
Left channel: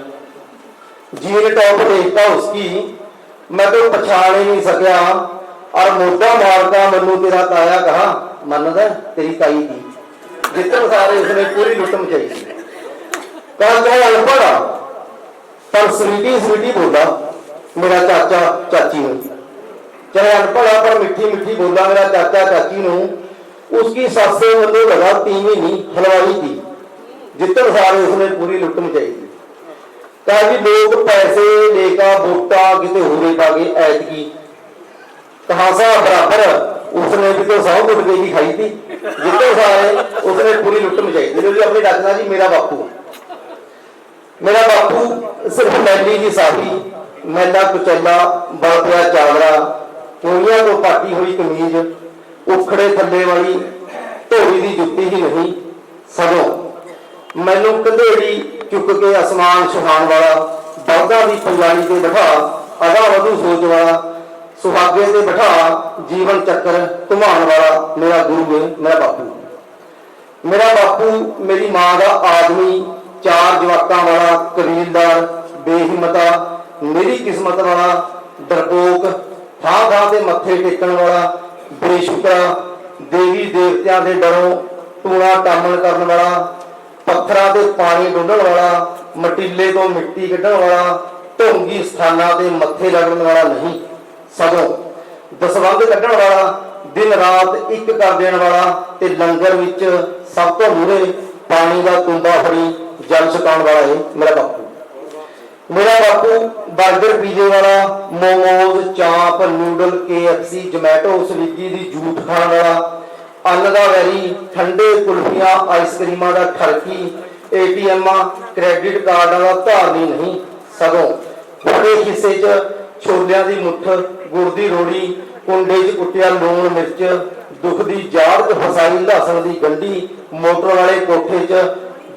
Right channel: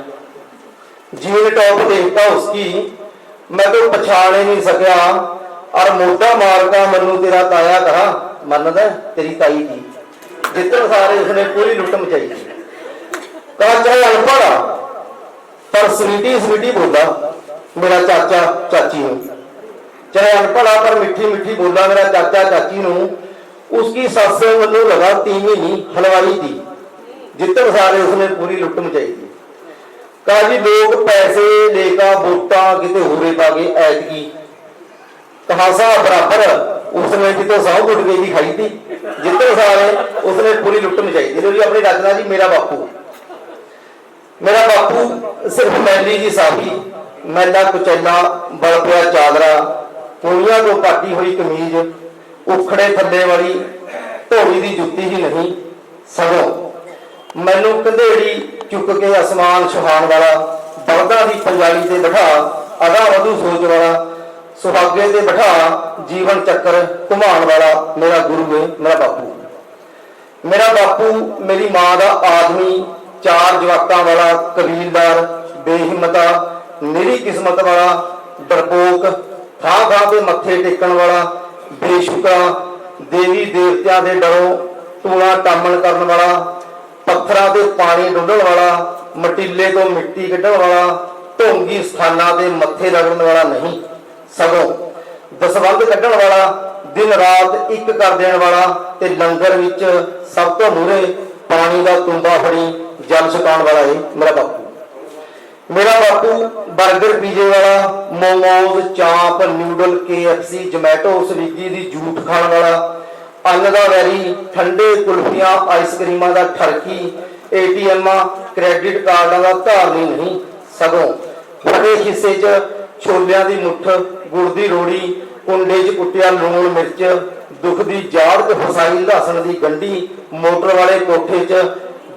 जीन टॉप देखता उसकी मैं तो पछाड़ ही नहीं सकिया। और मोटा मारका मनु तेरा ताया कहा मनदा तेरी ताई थी। जितने सारे उसने पूरी लुट मचाई थी। कहा चाहे अनपढ़ पर स्वीटी स्वीटी बोला मेरा चाचा चाची हूं। चाहे अनपढ़ पर मिठी मिठी बोला मेरा चाचा चाची हूं। उसकी सस मनु लगा 3 महीने हलवाई थी। जितने सारे उसने पूरी लुट मचाई थी। कहा जी लोग पैसे लेकर वोटा किते होरे पा गए ऐतकी कहासा बराबर उसने भी तो 100 गुटके की खाई थी। जितने सारे उसने पूरी लुट मचाई थी। जी अपनी रचना जी मेरा बापू। मेरा बापू सिर्फ मैली जी साथी मैला कुचैला बल पिया चादरा, कोइयां तो पाटी हुई कमीज, उखड़े थल्ले वाली ढोली दी जुत्ती ही नहीं, सगों मैनू कंधेड़ी चुक के आसमान सुहान वाला, बलदा दी पंजाली ते बिठा अगा वधू सोच वाला, सुहागे ते बिठा जीवन चक्कर घुमाण वाला मेरा गुरु है मेरा बापू। मेरा बापू मेरी मां दा आदमी, 4 जवाकां वाला कबीलदार, बेहिम्मता मेरी किस्मत वाला, डरपोक थां थां ते मत्थे टेकण वाला, बेशुकरा देवी देवतियां दे डरों टूणा टामण करन वाला, पत्थरां ते पानी डुੱਲਣ वाला, मटीले तो मिट्टी कढण वाला, ढोंगी स्थानां ते मत्थे रगड़न वाला नहीं, सगों दसवंध कढण वाला, दिन रात एक कर देण वाला ते लंगर विच सब तो मूहरे पानी का कुंबा फड़ी जल छकाउण वाला है मेरा बापू। मेरा बापू बर्गर पीजे वाला, मोमोज चाप नूडल KFC जोमैटो स्विगी की जूठ खाण वाला, अन्न का वैरी ठंडे कुल्फियां आइसक्रीमां का ठरकी, ATM क्रेडिट कार्ड का धारनी नहीं, सगों बड़े हिस्से च छोलियां की मुठ, गुड़ की रोड़ी, कुंडे च कुटिया लूण मिर्च, दुख की जाड़ च फसाई लहसण की गंढी, मोटर वाले कोठे च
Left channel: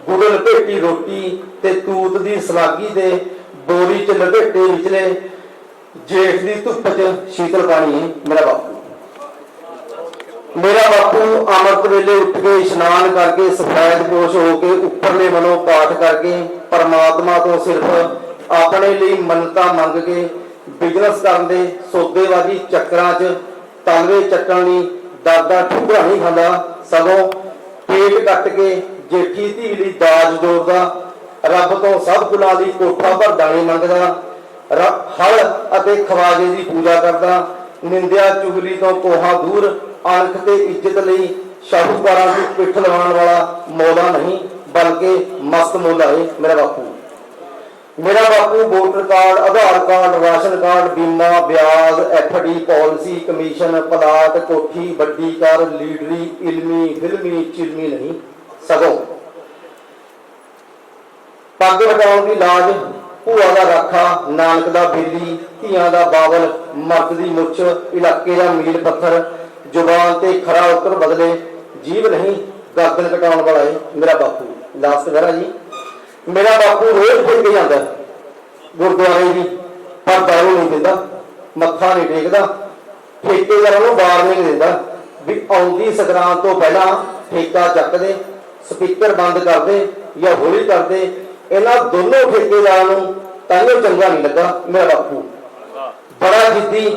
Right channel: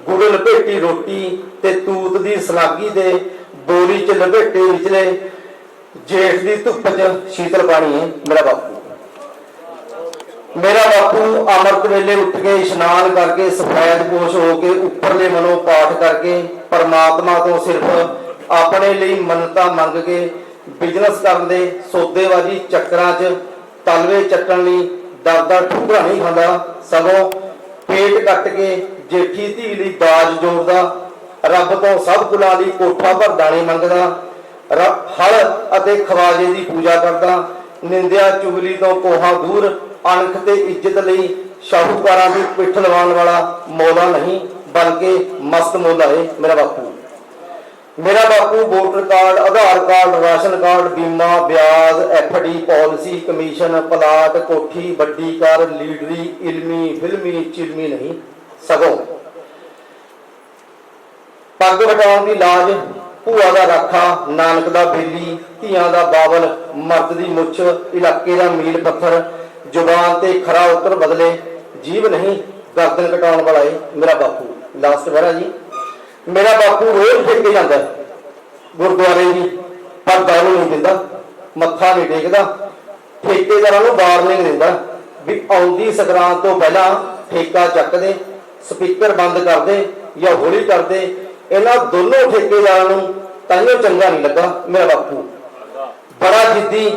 गुड़ लपेटी रोटी ते तूत की सलागी ते बोरी च लपेटे विचले जेठ की धुप च शीतल पानी है मेरा बापू। मेरा बापू अमृत वेले उठ के इशनान करके सफेद पोश होके उपरले मनों पाठ करके परमात्मा तो सिर्फ अपने लिए मन्नतां मंग के बिजनेस करन दे सौदेबाजी चक्करां च तलवे चट्टण लई दरदा ठुगा नहीं खांदा, सगों पेट कट के जेठी धी लई दाज जोड़दा, रब तो सब कुलां दी कोठा भर दाने मंगदा, हल अते खवाजे की पूजा करदा, निंदिया चुगली तो कोहा दूर, अणख ते इज्जत लई शाहूकारां दी पिठ लवाउण वाला मौला नहीं बल्कि मस्त मौला है मेरा बापू। मेरा बापू वोटर कार्ड, आधार कार्ड, राशन कार्ड, बीमा, ब्याज, FD पॉलिसी, कमीशन, प्लाट, कोठी, बड़ी कार, लीडरी, इलमी फिल्मी चिलमी नहीं, सगों पग हटाउण दी लाज, भूआ दा राखा, नानक दा बेली, धियां दा बावल, मर्द दी मुछ, इलाके दा मील पत्थर, जुबान ते खरा उतर बदले, जीव नहीं गर्दन कटाउण वाला है मेरा बापू। लास्ट वेरा जी मेरा बापू रोज फिर के जाता गुरुद्वारे भी, पर दारू नहीं दिंदा, मत्था नहीं टेकदा, ठेकेदारां नूं बार नहीं दिंदा भी आउंदी संगरांद तो पहला ठेका चक दे, स्पीकर बंद कर दे या हौली कर दे। इन्हां दोनों ठेकेदारां नूं ताइयों चंगा नहीं लगा मेरा बापू। बड़ा जिद्दी,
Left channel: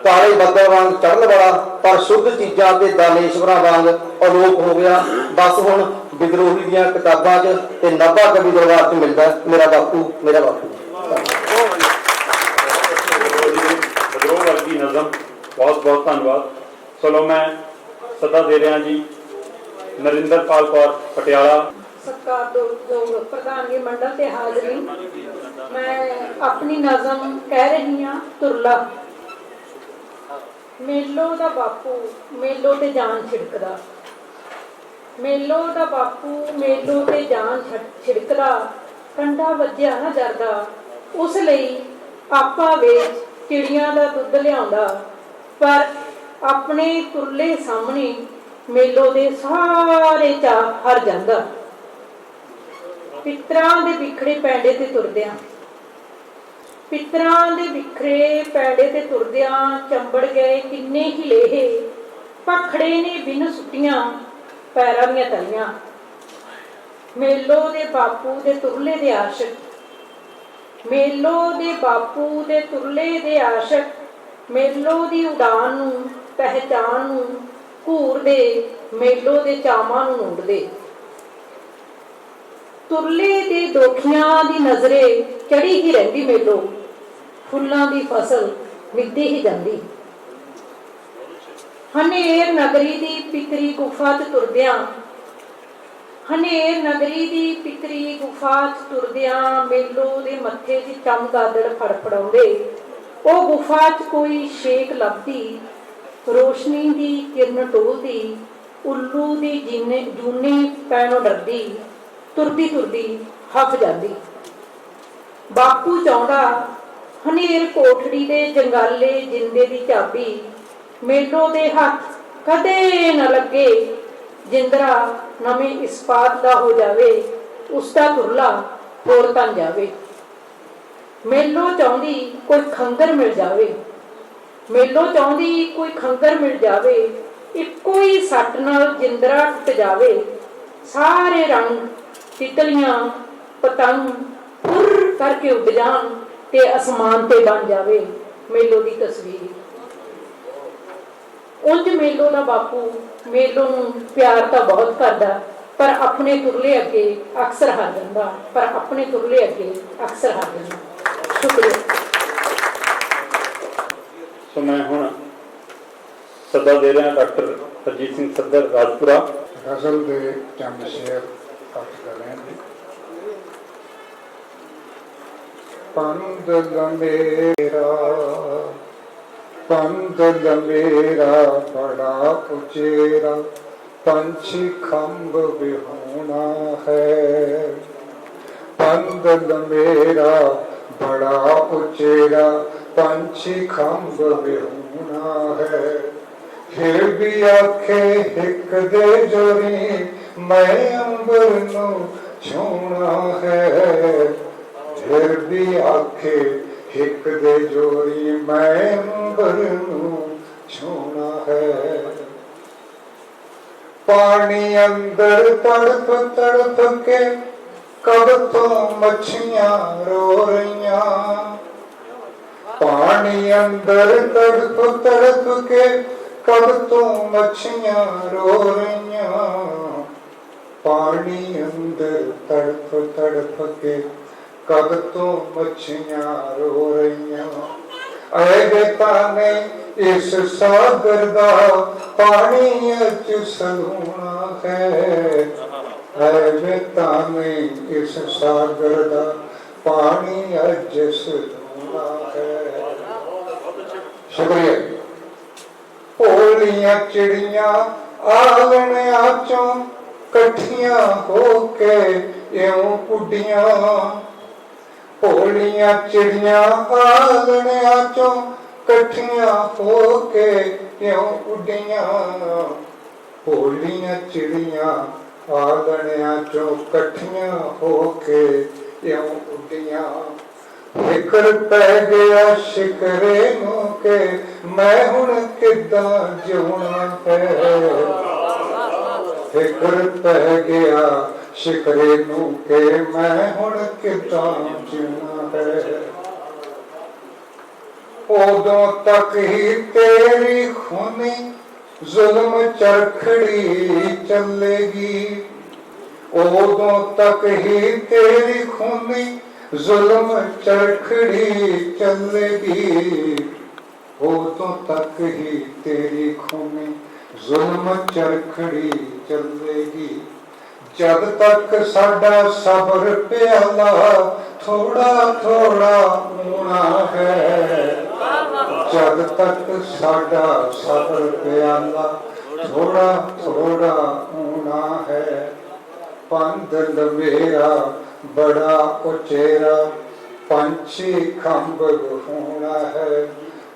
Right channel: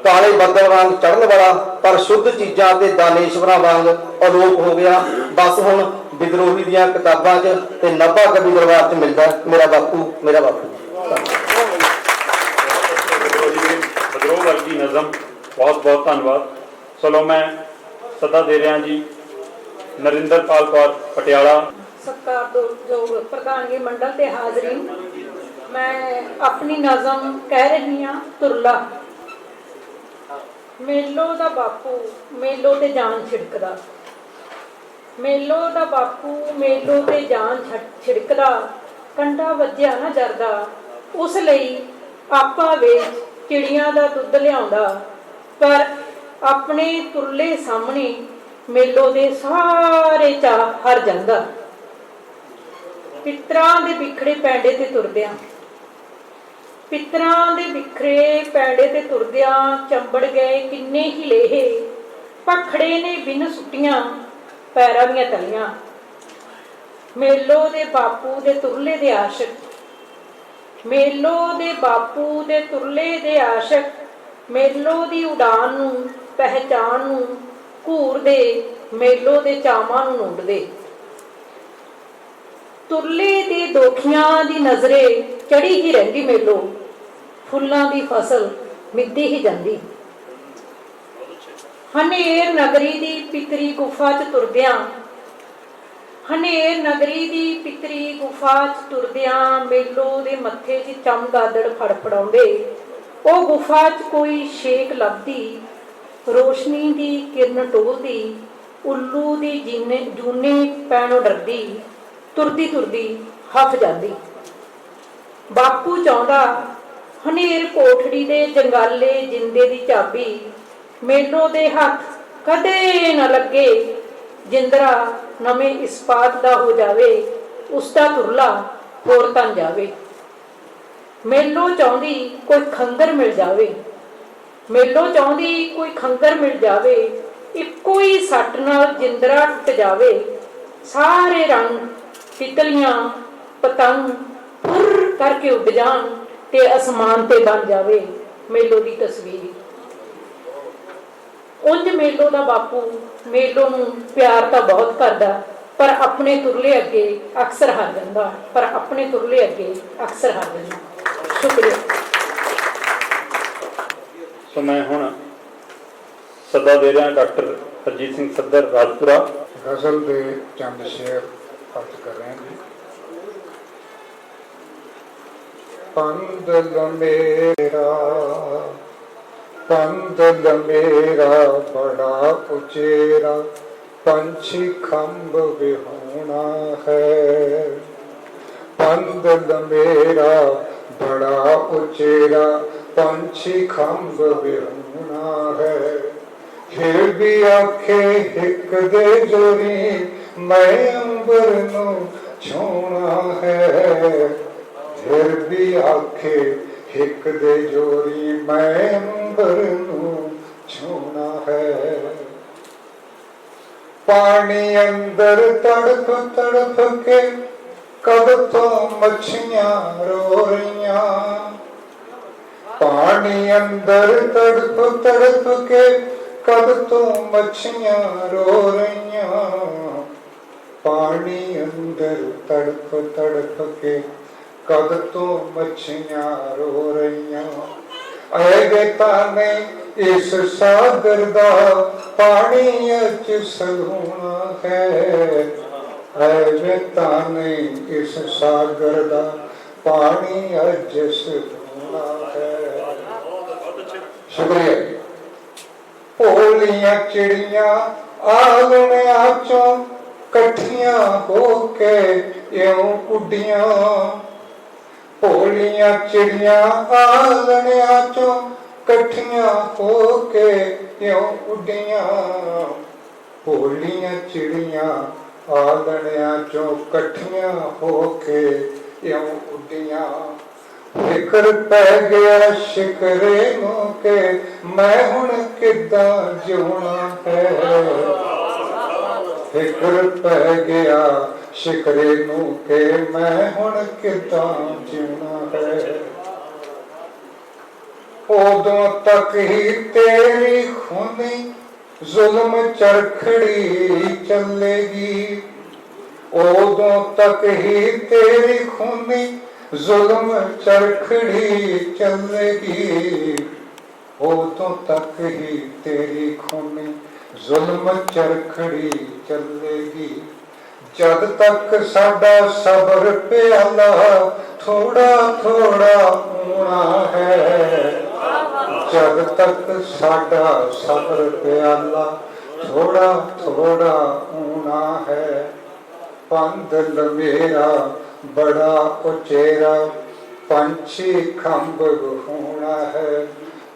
काले बदल वांग चढ़न वाला, पर शुद्ध चीज़ां ते दानेश्वरां वांग अलोप हो गया। बस हुण विद्रोही दीआं किताबां च ते नब्बा कवि दरबार च मिलदा मेरा बापू मेरा बापू। विद्रोह वर्गी नज़म, बहुत बहुत धन्यवाद। चलो मैं सदा दे रहा जी नरिंदरपाल कौर पटियाला। सत्कार जो प्रधानगी मंडल ते हाजरी, मैं अपनी नज़म कह रही हाँ तुरला। मेलो दा बापू मेलो ते जान छिड़कदा, मेलो दा बापू मेलो ते जान छिड़कदा, कंडा वज्जिया ना जरदा, उस लई आपा वेच चिड़ियां दा दुੱਧ लिआउंदा, पर अपने तुरले सामने मेलो दे सारे चाह हर जांदा। पितरां दे बिखड़े पैंडे ते तुरदियां, पितरां दे बिखरे पैंडे ते तुरदियां चंबड़ गए किन्ने ही लेहे, पखड़े ने बिन सुट्टियां पैरां दियां तलियां। मेलो दे बापू दे तुरले दे आशिक, मेलो दे बापू दे तुरले दे आशिक, मेलो दी उड़ान नूं पहचान नूं घूर दे, मेलो दे चावां नूं नूंड दे। तुरले दे दोखियां दी नजरे चढ़ी ही रहिंदी मेलो, फुल्लां दी फसल मिद्दी ही जांदी। हनेर नगरी दी पितरी गुफा च तुरदियां, हनेर नगरी दी पितरी गुफा च तुरदियां, मेलो दे मत्थे च चमगादड़ फड़फड़ाउंदे। ओ गुफा च कोई शेक लभदी, रोशनी दी किरण टोलदी, उल्लू दी जूने पैणों डरदी, तुरदी तुरदी हफ जांदी। बापू चाहुंदा ਹਨੇਰ ਕੋਠੜੀ ਦੇ ਜੰਗਾਲੇ ਜਿੰਦੇ ਦੀ ਚਾਬੀ, ਮੇਲੋ ਦੇ ਹੱਥ ਕਦੇ ਨਾ ਲੱਗੇ। ਜਿੰਦਰਾ ਨਵੇਂ ਇਸਪਾਤ ਦਾ ਹੋ ਜਾਵੇ, ਉਸਦਾ ਤੁਰਲਾ ਹੋਰ ਤਨ ਜਾਵੇ। ਮੇਲੋ ਚਾਹੁੰਦੀ ਕੋਈ ਖੰਦਰ ਮਿਲ ਜਾਵੇ, ਮੇਲੋ ਚਾਹੁੰਦੀ ਕੋਈ ਖੰਦਰ ਮਿਲ ਜਾਵੇ। ਇੱਕੋ ਹੀ ਸੱਟ ਨਾਲ ਜਿੰਦਰਾ ਟੁੱਟ ਜਾਵੇ। ਸਾਰੇ ਰੰਗ ਤਿਤਲੀਆਂ ਪਤੰਗ ਫੁਰ ਕਰਕੇ ਉੱਡ ਜਾਣ ਤੇ ਅਸਮਾਨ ਤੇ ਬਣ ਜਾਵੇ ਮੇਲੋ ਦੀ ਤਸਵੀਰ। ਉਂਝ ਮੇਲੋ ਦਾ ਬਾਪੂ ਮੇਲੋ ਨੂੰ ਪਿਆਰ ਤਾਂ ਬਹੁਤ ਕਰਦਾ, ਪਰ ਆਪਣੇ ਤੁਰਲੇ ਅੱਗੇ ਅਕਸਰ ਹਾਰ ਜਾਂਦਾ, ਪਰ ਆਪਣੇ ਤੁਰਲੇ ਅੱਗੇ ਅਕਸਰ ਹਾਰ ਜਾਂਦਾ। ਸ਼ੁਕਰੀਆ। ਸੋ ਮੈਂ ਹੁਣ ਸੱਦਾ ਦੇ ਰਿਹਾ ਡਾਕਟਰ ਹਰਜੀਤ ਸਿੰਘ ਸੱਦਰ ਰਾਜਪੁਰਾ। ਗਜ਼ਲ ਦੇ ਚੰਦ ਸ਼ੇਰ ਅਰਥ ਕਰ ਰਹੇ ਹਾਂ। ਪੰਦਲ ਮੇਰਾ ਬੜਾ ਉਚੇਰਾ, ਪੰਛੀ ਖੰਭ ਵਿਹੂਣਾ ਹੈ। ਪੰਦਲ ਮੇਰਾ ਬੜਾ ਉਚੇਰਾ, ਪੰਛੀ ਖੰਭ ਵਿਹੂਣਾ ਹੈ। ਫਿਰ ਵੀ ਆਖੇ ਹਿੱਕ ਦੇ ਜੋਰੀ, ਮੈਂ ਅੰਬਰ ਨੂੰ ਛੂਣਾ ਹੈ। ਫਿਰ ਵੀ ਆਖੇ ਹਿੱਕ ਦੇ ਜੋਰੀ, ਮੈਂ ਅੰਬਰ ਨੂੰ ਛੂਣਾ ਹੈ। ਪਾਣੀ ਅੰਦਰ ਤੜਫ ਤੜਫ ਕੇ ਕਦ ਤੋਂ ਮੱਛੀਆਂ ਰੋ ਰਹੀਆਂ। ਪਾਣੀ ਅੰਦਰ ਤੜਫ ਤੜਫ ਕੇ ਕਦ ਤੋਂ ਮੱਛੀਆਂ ਰੋ ਰਹੀਆਂ। ਪਾਣੀ ਅੰਦਰ ਤੜਫ ਤੜਫ ਕੇ ਕਦ ਤੋਂ ਮੱਛੀਆਂ ਰੋ ਰਹੀਆਂ। ਐ ਵੇਤਾ ਨੇ ਇਸ ਸਾਗਰ ਦਾ ਪਾਣੀ ਅਚ ਸਲੂਣਾ ਹੈ। ਐ ਵੇਤਾ ਨੇ ਇਸ ਸਾਗਰ ਦਾ ਪਾਣੀ ਅਜ ਸਲੂਣਾ ਹੈ। ਸ਼ੁਕਰੀਆ। ਭੋਲੀਆਂ ਚਿੜੀਆਂ ਆਲਣਿਆਂ ਚੋਂ ਇਕੱਠੀਆਂ ਹੋ ਕੇ ਇਉਂ ਉੱਡੀਆਂ। ਭੋਲੀਆਂ ਚਿੜੀਆਂ ਆਲਣਿਆਂ ਚੋਂ ਇਕੱਠੀਆਂ ਹੋ ਕੇ ਇਉਂ ਉੱਡੀਆਂ। ਭੋਲੀਆਂ ਚਿੜੀਆਂ ਆਲਣਿਆਂ ਚੋਂ ਇਕੱਠੀਆਂ ਹੋ ਕੇ ਇਉਂ ਉੱਡੀਆਂ। ਫਿਕਰ ਪੈ ਗਿਆ ਸ਼ਿਕਰੇ ਨੂੰ ਕਿ ਮੈਂ ਹੁਣ ਕਿੱਦਾਂ ਜਿਉਣਾ ਹੈ। ਫਿਕਰ ਪੈ ਗਿਆ ਸ਼ਿਕਰੇ ਨੂੰ ਕਿ ਮੈਂ ਹੁਣ ਕਿੱਦਾਂ ਜਿਉਣਾ ਹੈ। ਉਦੋਂ ਤੱਕ ਹੀ ਤੇਰੀ ਖੂਨੀ ਜ਼ੁਲਮ ਚਰਖੜੀ ਚੱਲੇਗੀ। ਉਦੋਂ ਤੱਕ ਹੀ ਤੇਰੀ ਖੂਨੀ ਜ਼ੁਲਮ ਚਰਖੜੀ ਚੱਲੇਗੀ। ਉਦੋਂ ਤੱਕ ਹੀ ਤੇਰੀ ਖੂਨੀ ਜ਼ੁਲਮ ਚਰਖੜੀ ਚੱਲੇਗੀ। ਜਦ ਤੱਕ ਸਾਡਾ ਸਬਰ ਪਿਆਲਾ ਥੋੜਾ ਥੋੜਾ ਹੋਣਾ ਹੈ। ਜਦ ਤੱਕ ਸਾਡਾ ਸਬਰ ਪਿਆਲਾ ਥੋੜਾ ਥੋੜਾ ਹੋਣਾ ਹੈ। ਪੰਦਲ ਮੇਰਾ ਬੜਾ ਉਚੇਰਾ, ਪੰਛੀ ਖੰਭ ਵਿਹੂਣਾ ਹੈ।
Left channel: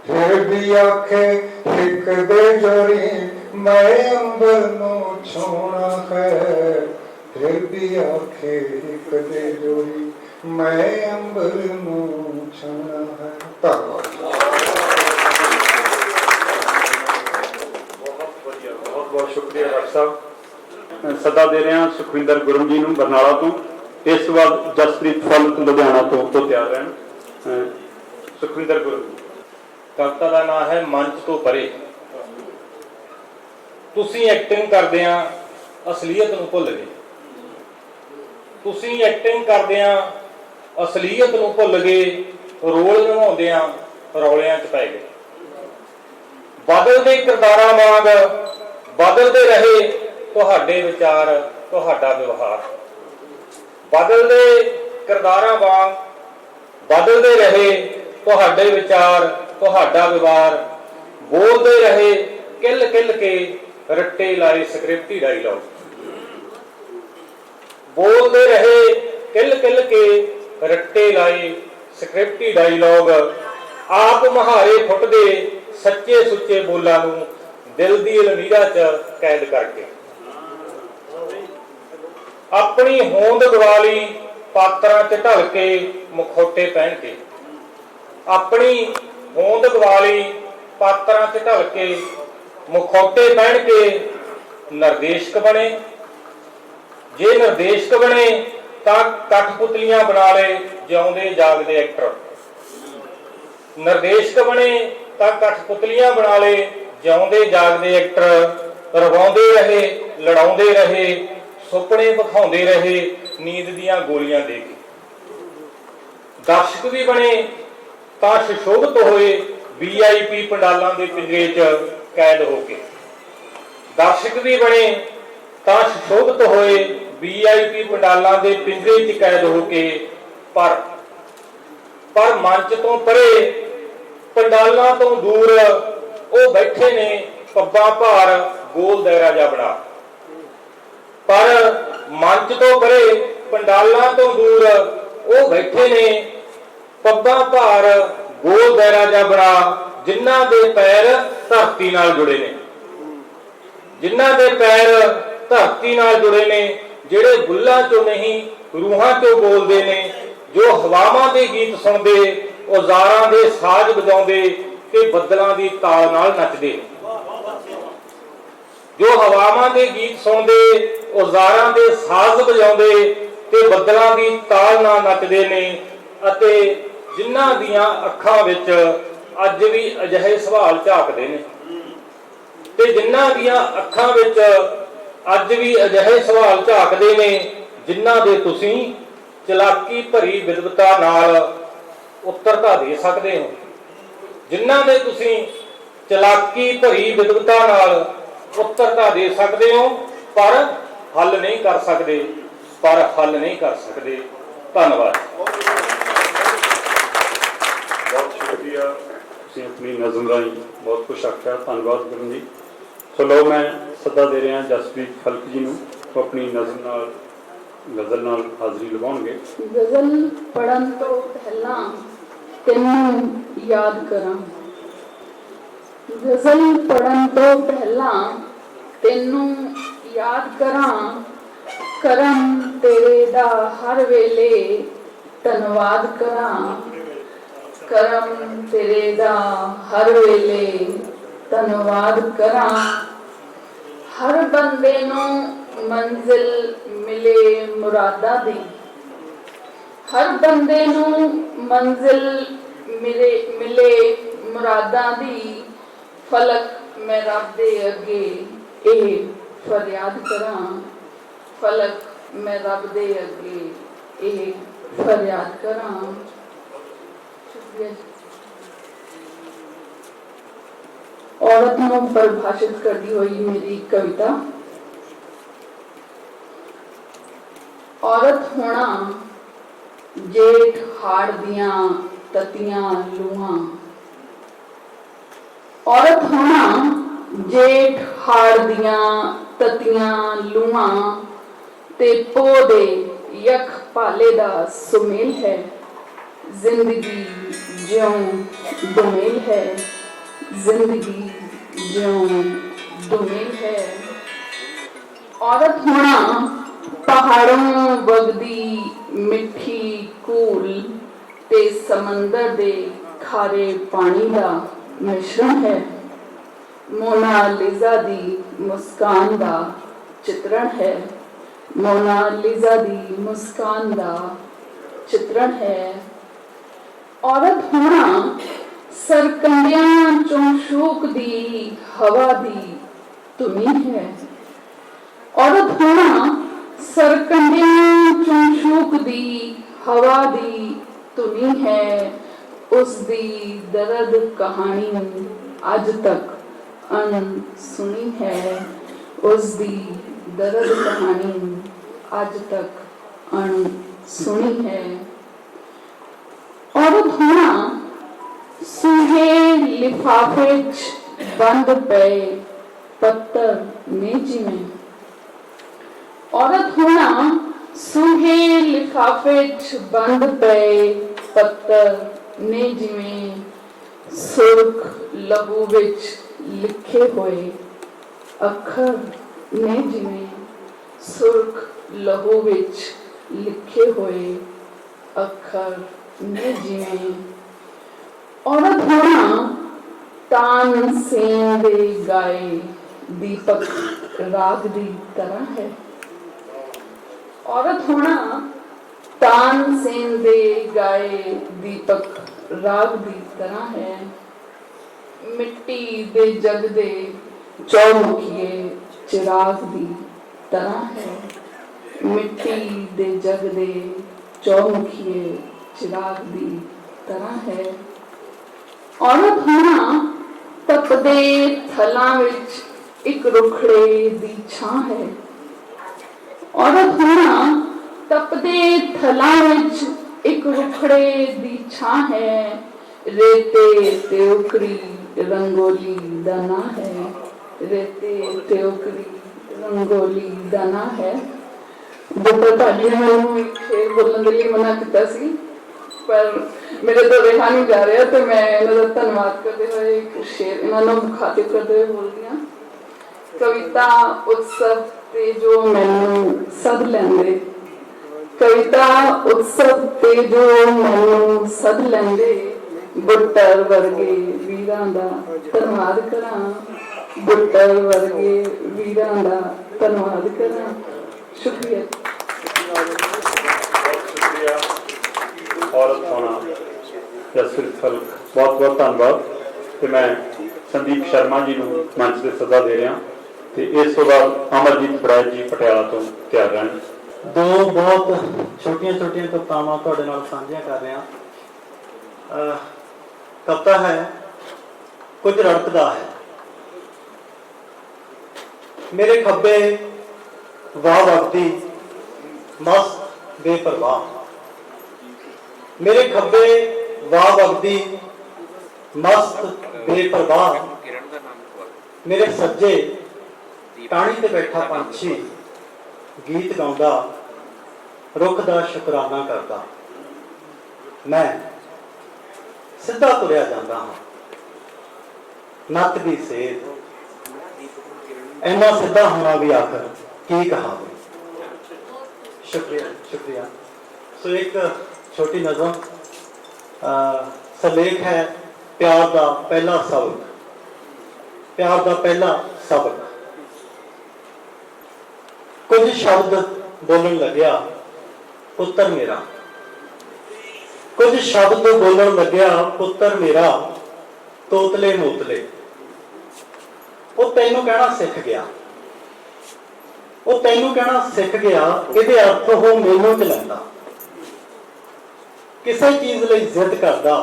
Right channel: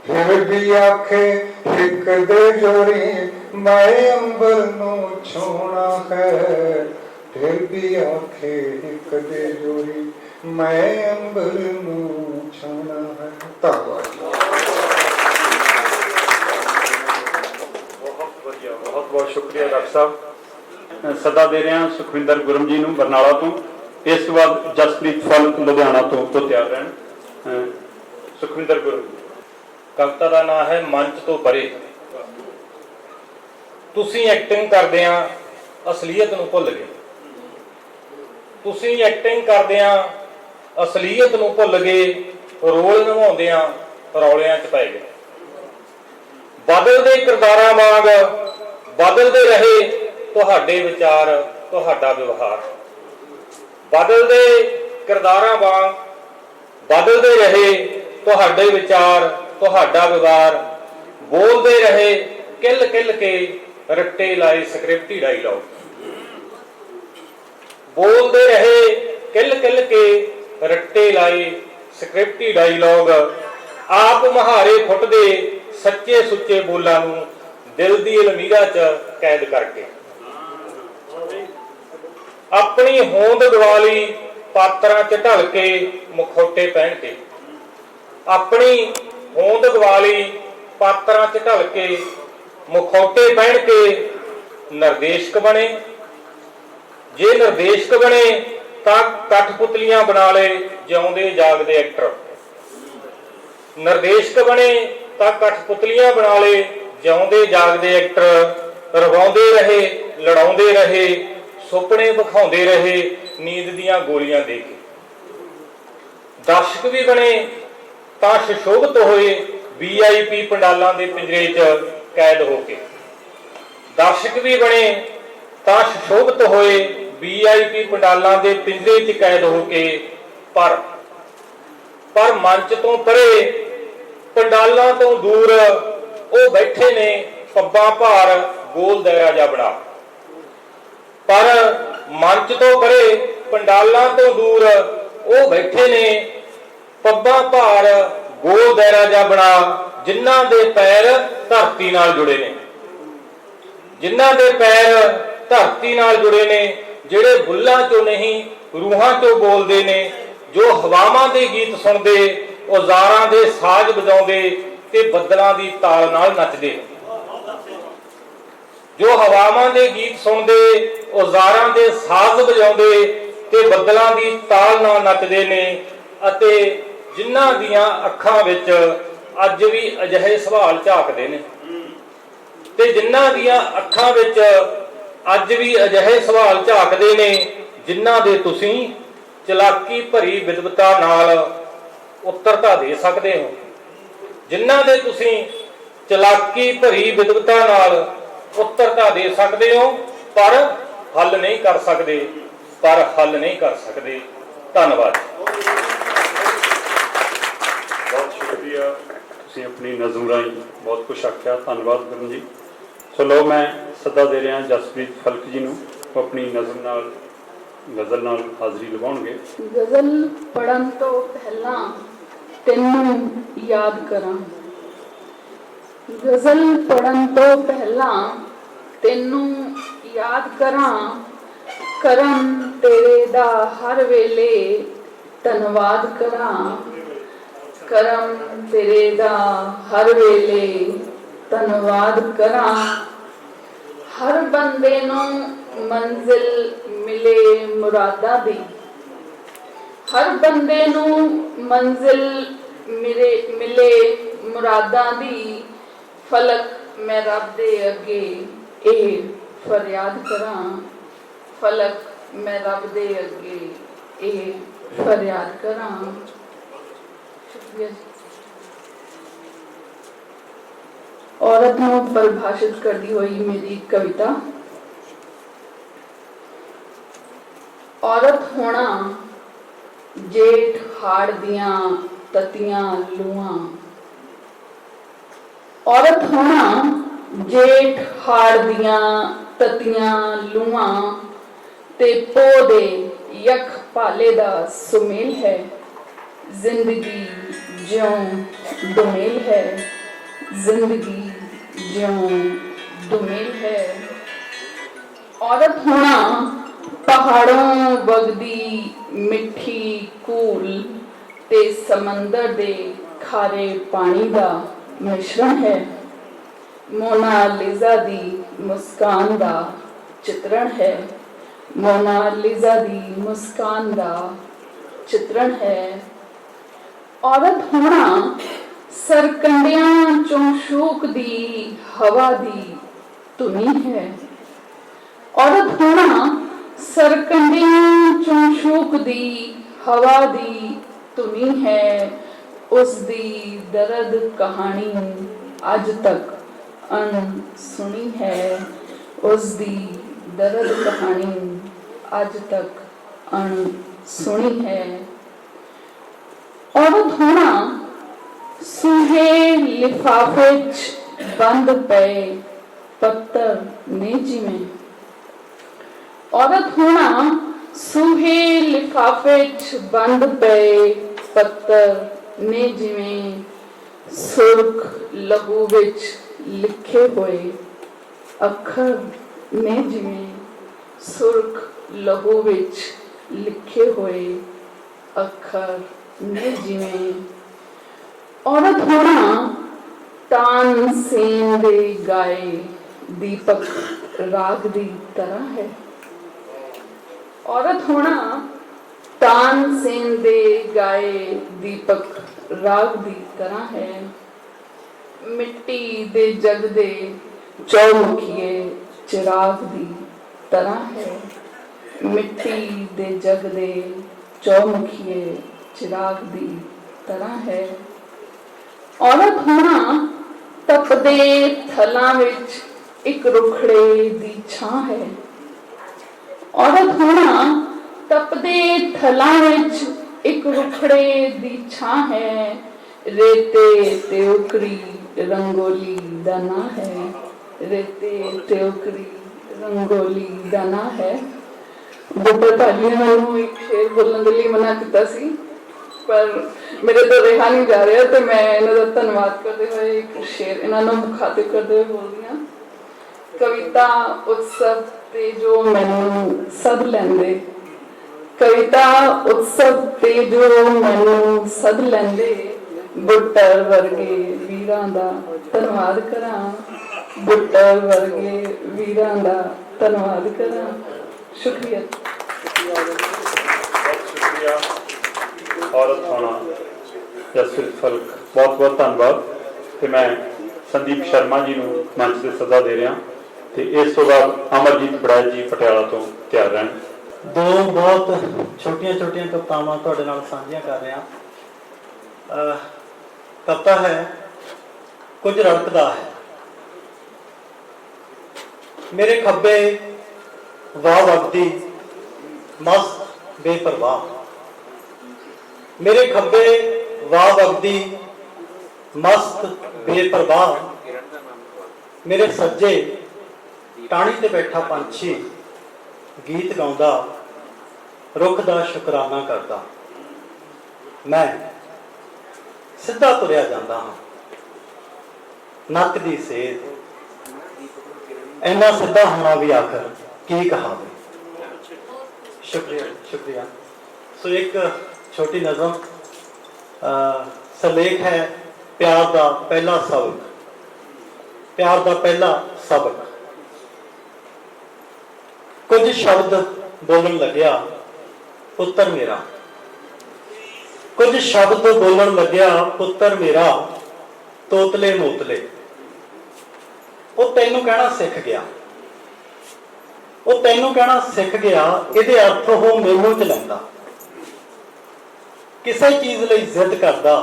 ਫਿਰ ਵੀ ਆਖੇ ਹਿੱਕ ਦੇ ਜੋਰੀ, ਮੈਂ ਅੰਬਰ ਨੂੰ ਛੂਣਾ ਹੈ। ਫਿਰ ਵੀ ਆਖੇ ਹਿੱਕ ਦੇ ਜੋਰੀ, ਮੈਂ ਅੰਬਰ ਨੂੰ ਛੂਣਾ ਹੈ। ਧੰਨਵਾਦ। ਬਹੁਤ ਬਹੁਤ ਸ਼ੁਕਰੀਆ ਡਾਕਟਰ ਸਾਹਿਬ। ਸੱਦਾ ਦੇ ਰਿਹਾ ਸੁਖਵਿੰਦਰ ਗੁਰਮ ਜੀ ਨੂੰ ਬਰਨਾਲਾ ਤੋਂ। ਇਸ ਤੋਂ ਬਾਅਦ ਜਸਪ੍ਰੀਤ ਫਲਕ ਲੁਧਿਆਣਾ ਤੋਂ ਤਿਆਰ ਰਹਿਣ। ਸੁਖਵਿੰਦਰ ਗੁਰਮ। ਕਵਿਤਾ ਦਾ ਨਾਮ ਹੈ ਮੰਚ ਤੋਂ ਪਰੇ। ਤੁਸੀਂ ਐਕਟਿੰਗ ਕਰਦਿਆਂ ਅਸਲੀਅਤ ਨੂੰ ਭੁੱਲ ਗਏ। ਤੁਸੀਂ ਐਕਟਿੰਗ ਕਰਦਿਆਂ ਅਸਲੀਅਤ ਨੂੰ ਭੁੱਲ ਗਏ। ਰੋਲ ਨਿਭਾਉਂਦਿਆਂ ਰੌਲਿਆਂ 'ਚ ਪੈ ਗਏ। ਬਦਲਦੇ ਕਿਰਦਾਰਾਂ ਵਾਂਗ ਬਦਲਦੇ ਰਹੇ ਤੁਹਾਡੇ ਵਿਚਾਰ, ਤੁਹਾਡਾ ਵਿਵਹਾਰ। ਬਦਲਦੇ ਕਿਰਦਾਰਾਂ ਵਾਂਗ ਬਦਲਦੇ ਰਹੇ ਤੁਹਾਡੇ ਵਿਚਾਰ, ਤੁਹਾਡਾ ਵਿਵਹਾਰ। ਬੋਲਦੇ ਰਹੇ ਕਿੱਲ ਕਿੱਲ ਕੇ ਰੱਟੇ ਲਾਏ ਸਕ੍ਰਿਪਟੀ ਡਾਇਲੌਗ। ਬੋਲਦੇ ਰਹੇ ਕਿੱਲ ਕਿੱਲ ਕੇ ਰੱਟੇ ਲਾਏ ਸਕ੍ਰਿਪਟੀ ਡਾਇਲੌਗ ਆਪ ਮਹਾਰੇ ਫੁੱਟਦੇ ਸੱਚੇ ਸੁੱਚੇ ਬੋਲਾਂ ਨੂੰ ਦਿਲ ਦੀ ਅਲਮੀਰਾ 'ਚ ਕੈਦ ਕਰਕੇ ਆਪਣੀ ਹੋਂਦ ਦਿਵਾਲੀ ਪਾਤਰਾਂ 'ਚ ਢਲ ਕੇ ਮੁਖੌਟੇ ਪਹਿਨ ਕੇ ਆਪਣੀ ਹੋਂਦ ਦਿਵਾਲੀ ਪਾਤਰਾਂ 'ਚ ਢਲ ਕੇ ਮੁਖੌਟੇ ਪਹਿਨ ਕੇ ਨਿਰਦੇਸ਼ਕ ਬਣੇ। ਜੇ ਨਿਰਦੇਸ਼ਕ ਬਣੇ ਤਾਂ ਕਠਪੁਤਲੀਆਂ ਬਣਾ ਲਏ ਜਿਉਂਦੇ ਜਾਗਦੇ ਐਕਟਰ। ਨਿਰਦੇਸ਼ਕ ਬਣੇ ਤਾਂ ਕਠਪੁਤਲੀਆਂ ਬਣਾ ਲਏ ਜਿਉਂਦੇ ਜਾਗਦੇ ਐਕਟਰ। ਰਵਾਉਂਦੇ ਰਹੇ, ਲੜਾਉਂਦੇ ਰਹੇ, ਸੁਪਨੇ ਵਿਖਾਉਂਦੇ ਰਹੇ ਨੀਂਦ ਦੀਆਂ ਗੋਲੀਆਂ ਦੇ ਕੇ। ਦਰਸ਼ਕ ਵੀ ਬਣੇ ਤਾਂ ਸੁਸ਼ੋਭਿਤ ਹੋਏ VIP ਪੰਡਾਲਾਂ ਦੇ ਪਿੰਜਰੇ 'ਚ ਕੈਦ ਹੋ ਕੇ। ਦਰਸ਼ਕ ਵੀ ਬਣੇ ਤਾਂ ਸੁਸ਼ੋਭਿਤ ਹੋਏ VIP ਪੰਡਾਲਾਂ ਦੇ ਪਿੰਜਰੇ 'ਚ ਕੈਦ ਹੋ ਕੇ। ਪਰ ਮੰਚ ਤੋਂ ਪਰੇ ਪੰਡਾਲਾਂ ਤੋਂ ਦੂਰ ਉਹ ਬੈਠੇ ਨੇ ਪੱਬਾਂ ਭਾਰ ਗੋਲ ਦਾਇਰਾ ਜਿਹਾ ਬਣਾ। ਪਰ ਮੰਚ ਤੋਂ ਪਰੇ ਪੰਡਾਲਾਂ ਤੋਂ ਦੂਰ ਉਹ ਬੈਠੇ ਨੇ ਪੱਬਾਂ ਭਾਰ ਗੋਲ ਦਾਇਰਾ ਜਿਹਾ ਬਣਾ, ਜਿਨ੍ਹਾਂ ਦੇ ਪੈਰ ਧਰਤੀ ਨਾਲ ਜੁੜੇ ਨੇ, ਜਿਨ੍ਹਾਂ ਦੇ ਪੈਰ ਧਰਤੀ ਨਾਲ ਜੁੜੇ ਨੇ, ਜਿਹੜੇ ਬੁੱਲਾਂ ਚੋਂ ਨਹੀਂ ਰੂਹਾਂ ਚੋਂ ਬੋਲਦੇ ਨੇ, ਜੋ ਹਵਾਵਾਂ ਦੇ ਗੀਤ ਸੁਣਦੇ, ਔਜ਼ਾਰਾਂ ਦੇ ਸਾਜ਼ ਵਜਾਉਂਦੇ ਤੇ ਬੱਦਲਾਂ ਦੀ ਤਾਲ ਨਾਲ ਨੱਚਦੇ। ਜੋ ਹਵਾਵਾਂ ਦੇ ਗੀਤ ਸੁਣਦੇ, ਔਜ਼ਾਰਾਂ ਦੇ ਸਾਜ਼ ਵਜਾਉਂਦੇ ਤੇ ਬੱਦਲਾਂ ਦੀ ਤਾਲ ਨਾਲ ਨੱਚਦੇ ਨੇ, ਅਤੇ ਜਿਨ੍ਹਾਂ ਦੀਆਂ ਅੱਖਾਂ ਵਿੱਚ ਅੱਜ ਵੀ ਅਜਿਹੇ ਸਵਾਲ ਝਾਕਦੇ ਨੇ, ਤੇ ਜਿਨ੍ਹਾਂ ਦੀਆਂ ਅੱਖਾਂ ਵਿੱਚ ਅੱਜ ਵੀ ਅਜਿਹੇ ਸਵਾਲ ਝਾਕਦੇ ਨੇ ਜਿਨ੍ਹਾਂ ਦੇ ਤੁਸੀਂ ਚਲਾਕੀ ਭਰੀ ਵਿਦਵਤਾ ਨਾਲ ਉੱਤਰਤਾ ਦੇ ਸਕਦੇ ਹੋ, ਜਿਨ੍ਹਾਂ ਦੇ ਤੁਸੀਂ ਚਲਾਕੀ ਭਰੀ ਵਿਦਵਤਾ ਨਾਲ ਉੱਤਰਤਾ ਦੇ ਸਕਦੇ ਹੋ, ਪਰ ਹੱਲ ਨਹੀਂ ਕਰ ਸਕਦੇ, ਧੰਨਵਾਦ। ਬਹੁਤ ਸ਼ੁਕਰੀਆ, ਤੁਸੀਂ ਆਪਣੀ ਨਜ਼ਮ ਰਾਹੀਂ ਬਹੁਤ ਕੁਛ ਆਖਿਆ, ਧੰਨਵਾਦ ਕਰਨ ਜੀ। ਸੋ ਲਓ ਮੈਂ ਸੱਦਾ ਦੇ ਰਿਹਾ ਜਸਪ੍ਰੀਤ ਖਲਕ ਜੀ ਨੂੰ, ਉਹ ਆਪਣੀ ਨਜ਼ਮ ਨਾਲ ਗਜ਼ਲ ਨਾਲ ਹਾਜ਼ਰੀ ਲਵਾਉਣਗੇ। ਗਜ਼ਲ ਪੜ੍ਹਨ ਤੋਂ ਪਹਿਲਾਂ ਤੈਨੂੰ ਯਾਦ ਕਰਾਂ, ਗਜ਼ਲ ਪੜ੍ਹਨ ਤੋਂ ਪਹਿਲਾਂ ਤੈਨੂੰ ਯਾਦ ਕਰਾਂ, ਕਰਮ ਤੇਰੇ ਦਾ ਹਰ ਵੇਲੇ ਧੰਨਵਾਦ ਕਰਾਂ, ਕਰਮ ਤੇਰੇ ਦਾ ਹਰ ਵੇਲੇ ਧੰਨਵਾਦ ਕਰਾਂ। ਹਰ ਬੰਦੇ ਨੂੰ ਮੰਜ਼ਿਲ ਮਿਲੇ ਮੁਰਾਦਾਂ ਦੀ, ਹਰ ਬੰਦੇ ਨੂੰ ਮੰਜ਼ਿਲ ਮਿਲੇ ਮੁਰਾਦਾਂ ਦੀ, ਫਲਕ ਮੈਂ ਰੱਬ ਦੇ ਅੱਗੇ ਇਹ ਫਰਿਆਦ ਕਰਾਂ, ਫਲਕ ਮੈਂ ਰੱਬ ਦੇ ਅੱਗੇ ਇਹ ਫਰਿਆਦ ਕਰਾਂ। ਸ਼ੁਕਰੀਆ। औरत ਨੂੰ परिभाषित करती हुई मेरी कविता। औरत होना जेठ हाड़ दियां ततियां लूआं, औरत होना जेठ हाड़ दियां ततियां लूआं, ते पो दे यख पाले दा सुमेल है, जिंदगी ज्यों दुमेल है, जिंदगी ज्यों दुमेल है। औरत होना पहाड़ों वगदी मिठी कूल ते समंदर दे खारे पानी दा मिश्रण है, मोनालिजा दी मुस्कान दा चित्रण है, मोनालिजा दी मुस्कान दा चित्रण है। औरत होना सरकंडियां चों शूक दी हवा दी धुनी है, औरत होना सरकंडियां चों शूक दी हवा दी धुनी है। उस दी दर्द कहानी अज तक अनसुनी है, उस दी दर्द कहानी अज तक अनसुनी है। औरत होना सूहे लिफाफे बंद पे पत्थर ने जिमें, औरत होना सूहे लिफाफे बंद पे ਪੱਤਰ ਨੇ ਜਿਵੇਂ ਸੁਰਖ ਲਹੂ ਵਿੱਚ ਲਿਖੇ ਹੋਏ ਅੱਖਰ ਨੇ ਜਿਵੇਂ ਸੁਰਖ ਲਹੂ ਵਿੱਚ ਲਿਖੇ ਹੋਏ ਅੱਖਰ ਨੇ ਜਿਵੇਂ ਔਰਤ ਹੋਣਾ ਤਾਨਸੇਨ ਦੇ ਗਾਏ ਦੀਪਕ ਰਾਗ ਦੀ ਤਰ੍ਹਾਂ ਹੈ। ਔਰਤ ਹੋਣਾ ਤਾਨਸੇਨ ਦੇ ਗਾਏ ਦੀਪਕ ਰਾਗ ਦੀ ਤਰ੍ਹਾਂ ਹੈ। ਮਿੱਟੀ ਦੇ ਜਗ ਦੇ ਚੌਮੁਖੀਏ ਚਿਰਾਗ ਦੀ ਤਰ੍ਹਾਂ ਹੈ। ਮਿੱਟੀ ਦੇ ਜਗ ਦੇ ਚੌਮੁਖੀਏ ਚਿਰਾਗ ਦੀ ਤਰ੍ਹਾਂ ਹੈ। ਔਰਤ ਹੋਣਾ ਤਪਦੇ ਥਲਾਂ ਵਿੱਚ ਇੱਕ ਰੁਖੜੇ ਦੀ ਛਾਂ ਹੈ। ਔਰਤ ਹੋਣਾ ਤਪਦੇ ਥਲਾਂ ਵਿੱਚ ਇੱਕ ਰੁਖੜੇ ਦੀ ਛਾਂ ਹੈ। ਰੇਤੇ ਤੇ ਉਕਰੀ ਰੰਗੋਲੀ ਦਾ ਨਾਂ ਹੈ। ਰੇਤੇ ਤੇ ਉਕਰੀ ਰੰਗੋਲੀ ਦਾ ਨਾਂ ਹੈ। ਬੁੱਢਾ ਭਾਜੀ ਨੇ ਮੈਨੂੰ ਇੱਕ ਸ਼ੇਰ ਬੋਲਣ ਦੇ ਲਈ ਮਨਾ ਕੀਤਾ ਸੀ, ਪਰ ਮੇਰੇ ਤੋਂ ਰਿਹਾ ਨਹੀਂ ਜਾ ਰਿਹਾ, ਤੇ ਮੈਂ ਇਹਨਾਂ ਦਾ ਧੰਨਵਾਦ ਕਰਦੇ ਹੋਏ ਇੱਕ ਸ਼ੇਰ ਇਹਨਾਂ ਨੂੰ ਮੁਖਾਤਿਬ ਕਰਦੇ ਹੋਏ ਬੋਲਦੀ ਹਾਂ। ਕਵਿਤਾ ਉਤਸਵ ਤੇ ਜੋ ਮੈਨੂੰ ਸੱਦ ਲੈਂਦੇ, ਕਵਿਤਾ ਉਤਸਵ ਤੇ ਜੋ ਮੈਨੂੰ ਸੱਦ ਲੈਂਦੇ, ਬੁੱਟਰ ਵਰਗੇ ਵੀਰਾਂ ਦਾ ਧੰਨਵਾਦ ਕਰਾਂ। ਬੁੱਟਰ ਵਰਗੇ ਵੀਰਾਂ ਦਾ ਧੰਨਵਾਦ ਕਰਾਂ। ਸ਼ੁਕਰੀਆ। ਬਹੁਤ ਸ਼ੁਕਰੀਆ। ਔਰਤ ਹੋਣਾ ਜਸਪ੍ਰੀਤ ਫਲਕ, ਬਹੁਤ ਬਹੁਤ ਧੰਨਵਾਦ। ਤੇ ਮੈਂ ਸੰਦੀਪ ਸ਼ਰਮਾ ਜੀ ਨੂੰ ਮੰਚ ਤੇ ਸੱਦਾ ਦੇ ਰਿਹਾ ਤੇ ਇਸ ਤੋਂ ਬਾਅਦ ਅਮਰਜੀਤ ਬੜਾਇਤ ਜੀ ਪਟਿਆਲਾ ਤੋਂ ਤਿਆਰ ਰਹਿਣ। ਦੋ ਬਹੁਤ ਛੋਟੀਆਂ ਛੋਟੀਆਂ ਕਵਿਤਾਵਾਂ ਤੁਹਾਡੇ ਨਾਲ ਸਾਂਝੀਆਂ ਕਰ ਰਿਹਾ। ਕਵਿਤਾ ਹੈ ਕੁਝ ਰੜਕਦਾ ਹੈ। ਮੇਰੇ ਖੱਬੇ ਵਾਹ ਵਗਦੀ ਮਸਤ ਬੇਪਰਵਾਹ, ਮੇਰੇ ਖੱਬੇ ਵਾਹ ਵਗਦੀ ਮਸਤ ਬੇਪਰਵਾਹ, ਮੇਰੇ ਸੱਜੇ ਟਾਹਣੀ ਤੇ ਬੈਠਾ ਪੰਛੀ ਗੀਤ ਗਾਉਂਦਾ, ਰੁੱਖ ਦਾ ਸ਼ੁਕਰਾਨਾ ਕਰਦਾ। ਮੈਂ ਸਿੱਧਾ ਤੁਰਿਆ ਜਾਂਦਾ ਹਾਂ, ਨੱਕ ਦੀ ਸੇਧ, ਇੰਨਾ ਸਿੱਧਾ ਹੋਣਾ ਵੀ ਆਖਰ ਕੀ ਕਹਾਵੇ। ਸ਼ੁਕਰੀਆ ਸ਼ੁਕਰੀਆ। ਸੋ ਇੱਕ ਛੋਟੀ ਨਜ਼ਮ ਸਲੇਖ ਹੈ ਪਿਆਰ ਦਾ ਪਹਿਲਾ ਸਬਕ। ਪਿਆਰ ਦਾ ਪਹਿਲਾ ਸਬਕ। ਕੁਝ ਸ਼ਬਦ ਬੋਲਣ ਲੱਗਿਆ ਪੁੱਤਰ ਮੇਰਾ, ਕੁਝ ਸ਼ਬਦ ਬੋਲਣ ਲੱਗਿਆ ਪੁੱਤਰ ਮੇਰਾ, ਤੋਤਲੇ ਮੋਤਲੇ। ਉਹ ਤੈਨੂੰ ਕਹਿਣਾ ਸਿੱਖ ਗਿਆ, ਉਹ ਤੈਨੂੰ ਕਹਿਣਾ ਸਿੱਖ ਗਿਆ, ਇਹਦੇ ਅਰਥ ਉਹ ਮੈਨੂੰ ਚਲਾਉਂਦਾ। ਕਿਸੇ ਚੀਜ਼ ਲਈ ਜ਼ਿੱਦ ਕਰਦਾ,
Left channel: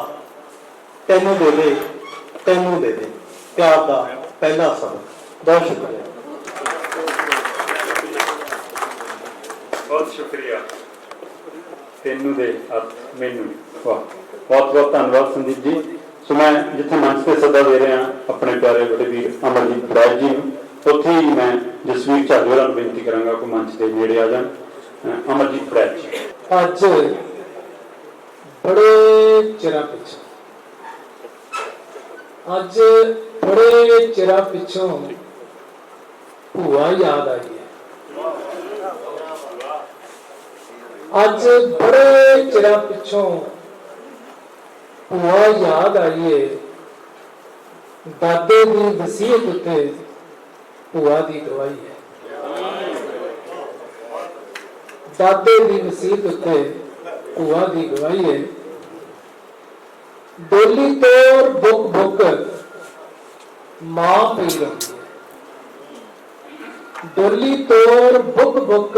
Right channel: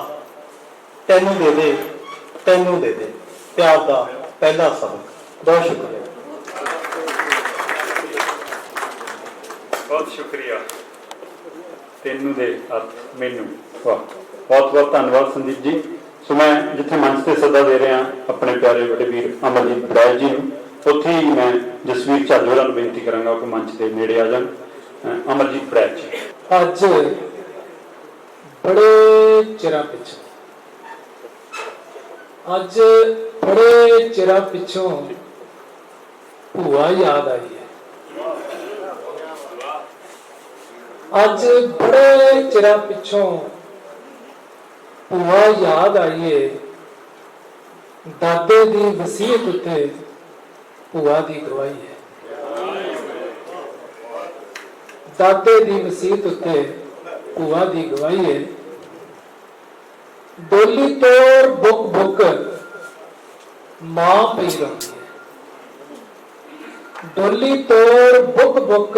ਤੈਨੂੰ ਦੇ ਦੇ, ਤੈਨੂੰ ਦੇ ਦੇ। ਪਿਆਰ ਦਾ ਪਹਿਲਾ ਸਬਕ। ਬਹੁਤ ਸ਼ੁਕਰੀਆ। ਬਹੁਤ ਸ਼ੁਕਰੀਆ। ਤੈਨੂੰ ਦੇ ਅਰਥ ਮੈਨੂੰ। ਵਾਹ, ਬਹੁਤ ਬਹੁਤ ਧੰਨਵਾਦ ਸੰਦੀਪ ਜੀ। ਸੋ ਮੈਂ ਜਿੱਥੇ ਮੰਚ ਤੇ ਸੱਦਾ ਦੇ ਰਿਹਾ ਆਪਣੇ ਪਿਆਰੇ ਵੱਡੇ ਵੀਰ ਅਮਰਜੀਤ ਬੜਾਇਤ ਜੀ ਨੂੰ, ਉੱਥੇ ਹੀ ਮੈਂ ਜਸਵੀਰ ਝਾੜੂ ਨੂੰ ਬੇਨਤੀ ਕਰਾਂਗਾ ਕਿ ਮੰਚ ਦੇ ਨੇੜੇ ਆ ਜਾਣ। ਅਮਰਜੀਤ ਬੜਾਇਤ ਜੀ। ਅੱਜ ਬੜੇ ਚਿਰਾਂ ਪਿੱਛੋਂ, ਅੱਜ ਬੜੇ ਚਿਰਾਂ ਪਿੱਛੋਂ ਭੂਆ ਯਾਦ ਆਈ ਹੈ। ਅੱਜ ਬੜੇ ਚਿਰਾਂ ਪਿੱਛੋਂ ਭੂਆ ਯਾਦ ਆਈ ਹੈ। ਦਾਦੇ ਦੀ ਵਸੀਅਤ ਉੱਤੇ ਭੂਆ ਦੀ ਗਵਾਹੀ ਹੈ। ਦਾਦੇ ਦੀ ਵਸੀਅਤ ਉੱਤੇ ਭੂਆ ਦੀ ਗਵਾਹੀ ਹੈ। ਡੋਲੀ ਤੋਰ ਬੁੱਕ ਬੁੱਕ ਮਾਂ ਪਈ ਰਹਿੰਦੀ ਹੈ। ਡੋਲੀ ਤੋਰ ਬੁੱਕ ਬੁੱਕ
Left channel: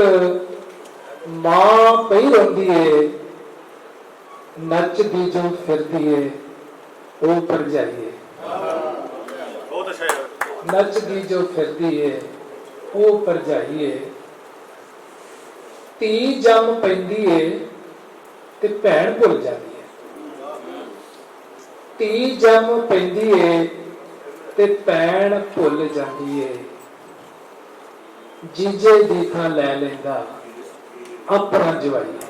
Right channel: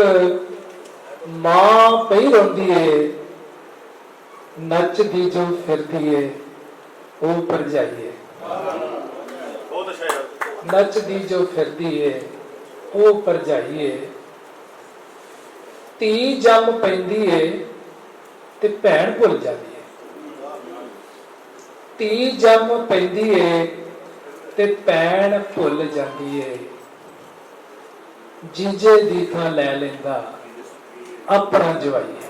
ਮਾਂ ਪਈ ਰਹਿੰਦੀ ਹੈ। ਨੱਚਦੀ ਜੋ ਫਿਰਦੀ ਹੈ ਉਹ ਭਰਜਾਈ ਹੈ। ਨੱਚਦੀ ਜੋ ਫਿਰਦੀ ਹੈ ਉਹ ਭਰਜਾਈ ਹੈ। ਧੀ ਜੰਮ ਪੈਂਦੀ ਹੈ ਤੇ ਭੈਣ ਭੁੱਲ ਜਾਂਦੀ ਹੈ। ਧੀ ਜੰਮ ਪੈਂਦੀ ਹੈ ਤੇ ਭੈਣ ਭੁੱਲ ਜਾਂਦੀ ਹੈ। ਜੀਜੇ ਦੀ ਥਾਂ ਲੈ ਲੈਂਦਾ ਆਪਣਾ ਜਵਾਈ ਹੈ।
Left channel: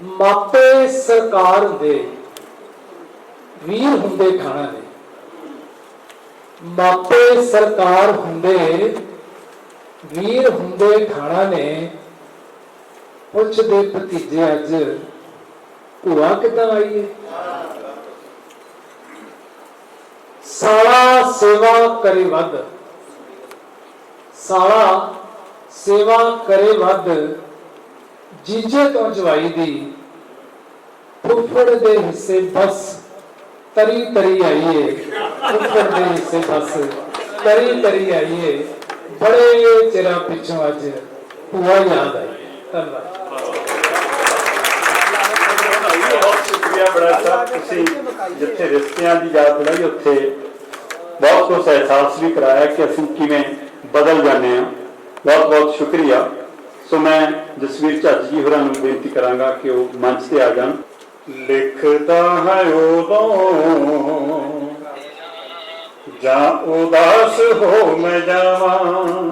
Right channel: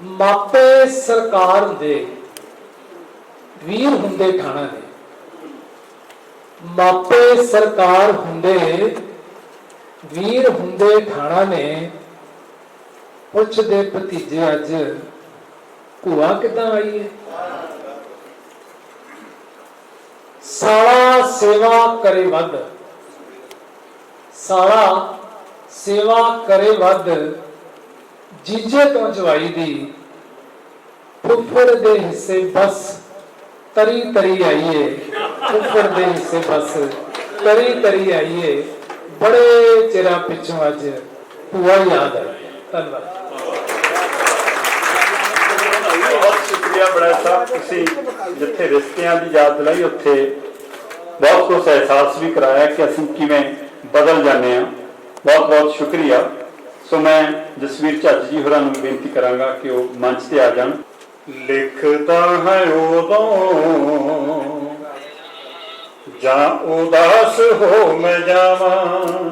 ਮਾਪੇ ਸਰਕਾਰ ਹੁੰਦੇ, ਵੀਰ ਹੁੰਦੇ ਠਾਣਾ ਨੇ। ਮਾਪੇ ਸਰਕਾਰ ਹੁੰਦੇ, ਵੀਰ ਹੁੰਦੇ ਠਾਣਾ ਨੇ। ਪੁੱਛਦੇ ਭਤੀਜੇ ਅੱਜ ਭੂਆ ਕਿੱਦਾਂ ਆਈ ਹੈ। ਸਾਲਾ ਸੇਵਾ ਕਰੇ ਵੱਧ, ਸਾਲਾ ਸੇਵਾ ਕਰੇ ਵੱਧ, ਜੀਜੇ ਤੋਂ ਜਵਾਈ ਦੀ। ਫੁੱਫੜ ਦੇ ਹਿੱਸੇ ਬਸ ਤਰੀ ਤਰੀ ਆਈਏ, ਫੁੱਫੜ ਦੇ ਹਿੱਸੇ ਬਸ ਤਰੀ ਤਰੀ ਆਈਏ। ਬੜੇ ਚਿਰਾਂ ਪਿੱਛੋਂ ਅੱਜ ਭੂਆ ਯਾਦ ਆਈ। ਧੰਨਵਾਦ। ਬਹੁਤ ਸ਼ੁਕਰੀਆ ਬੜਾ ਸਾਹਿਬ, ਤੁਸੀਂ ਜਿੱਥੇ ਰਿਸ਼ਤਿਆਂ ਦੀ ਯਾਦ ਦਿਲਾਈ ਉੱਥੇ ਬਹੁਤ ਕੁਝ ਅਹਿਸਾਸ ਵੀ ਕਰਾਇਆ ਕਿ ਅਸੀਂ ਕਿਵੇਂ ਬਦਲ ਜਾਂਦੇ ਹਾਂ। ਬਹੁਤ ਬਹੁਤ ਸ਼ੁਕਰੀਆ। ਸੋ ਮੈਂ ਜਸਵੀਰ ਝੱਜ ਜੀ ਹੋਰਾਂ ਨੂੰ ਬੇਨਤੀ ਕਰਾਂਗਾ ਕਿ ਉਹ ਮੰਚ ਤੇ ਆ ਜਾਣ। ਲਿਖਦਾ ਹੈ ਉਦੋਂ ਜਾਂ ਉਦਾਸ ਹੋ ਮੈਂ ਜਾਵਾਂ,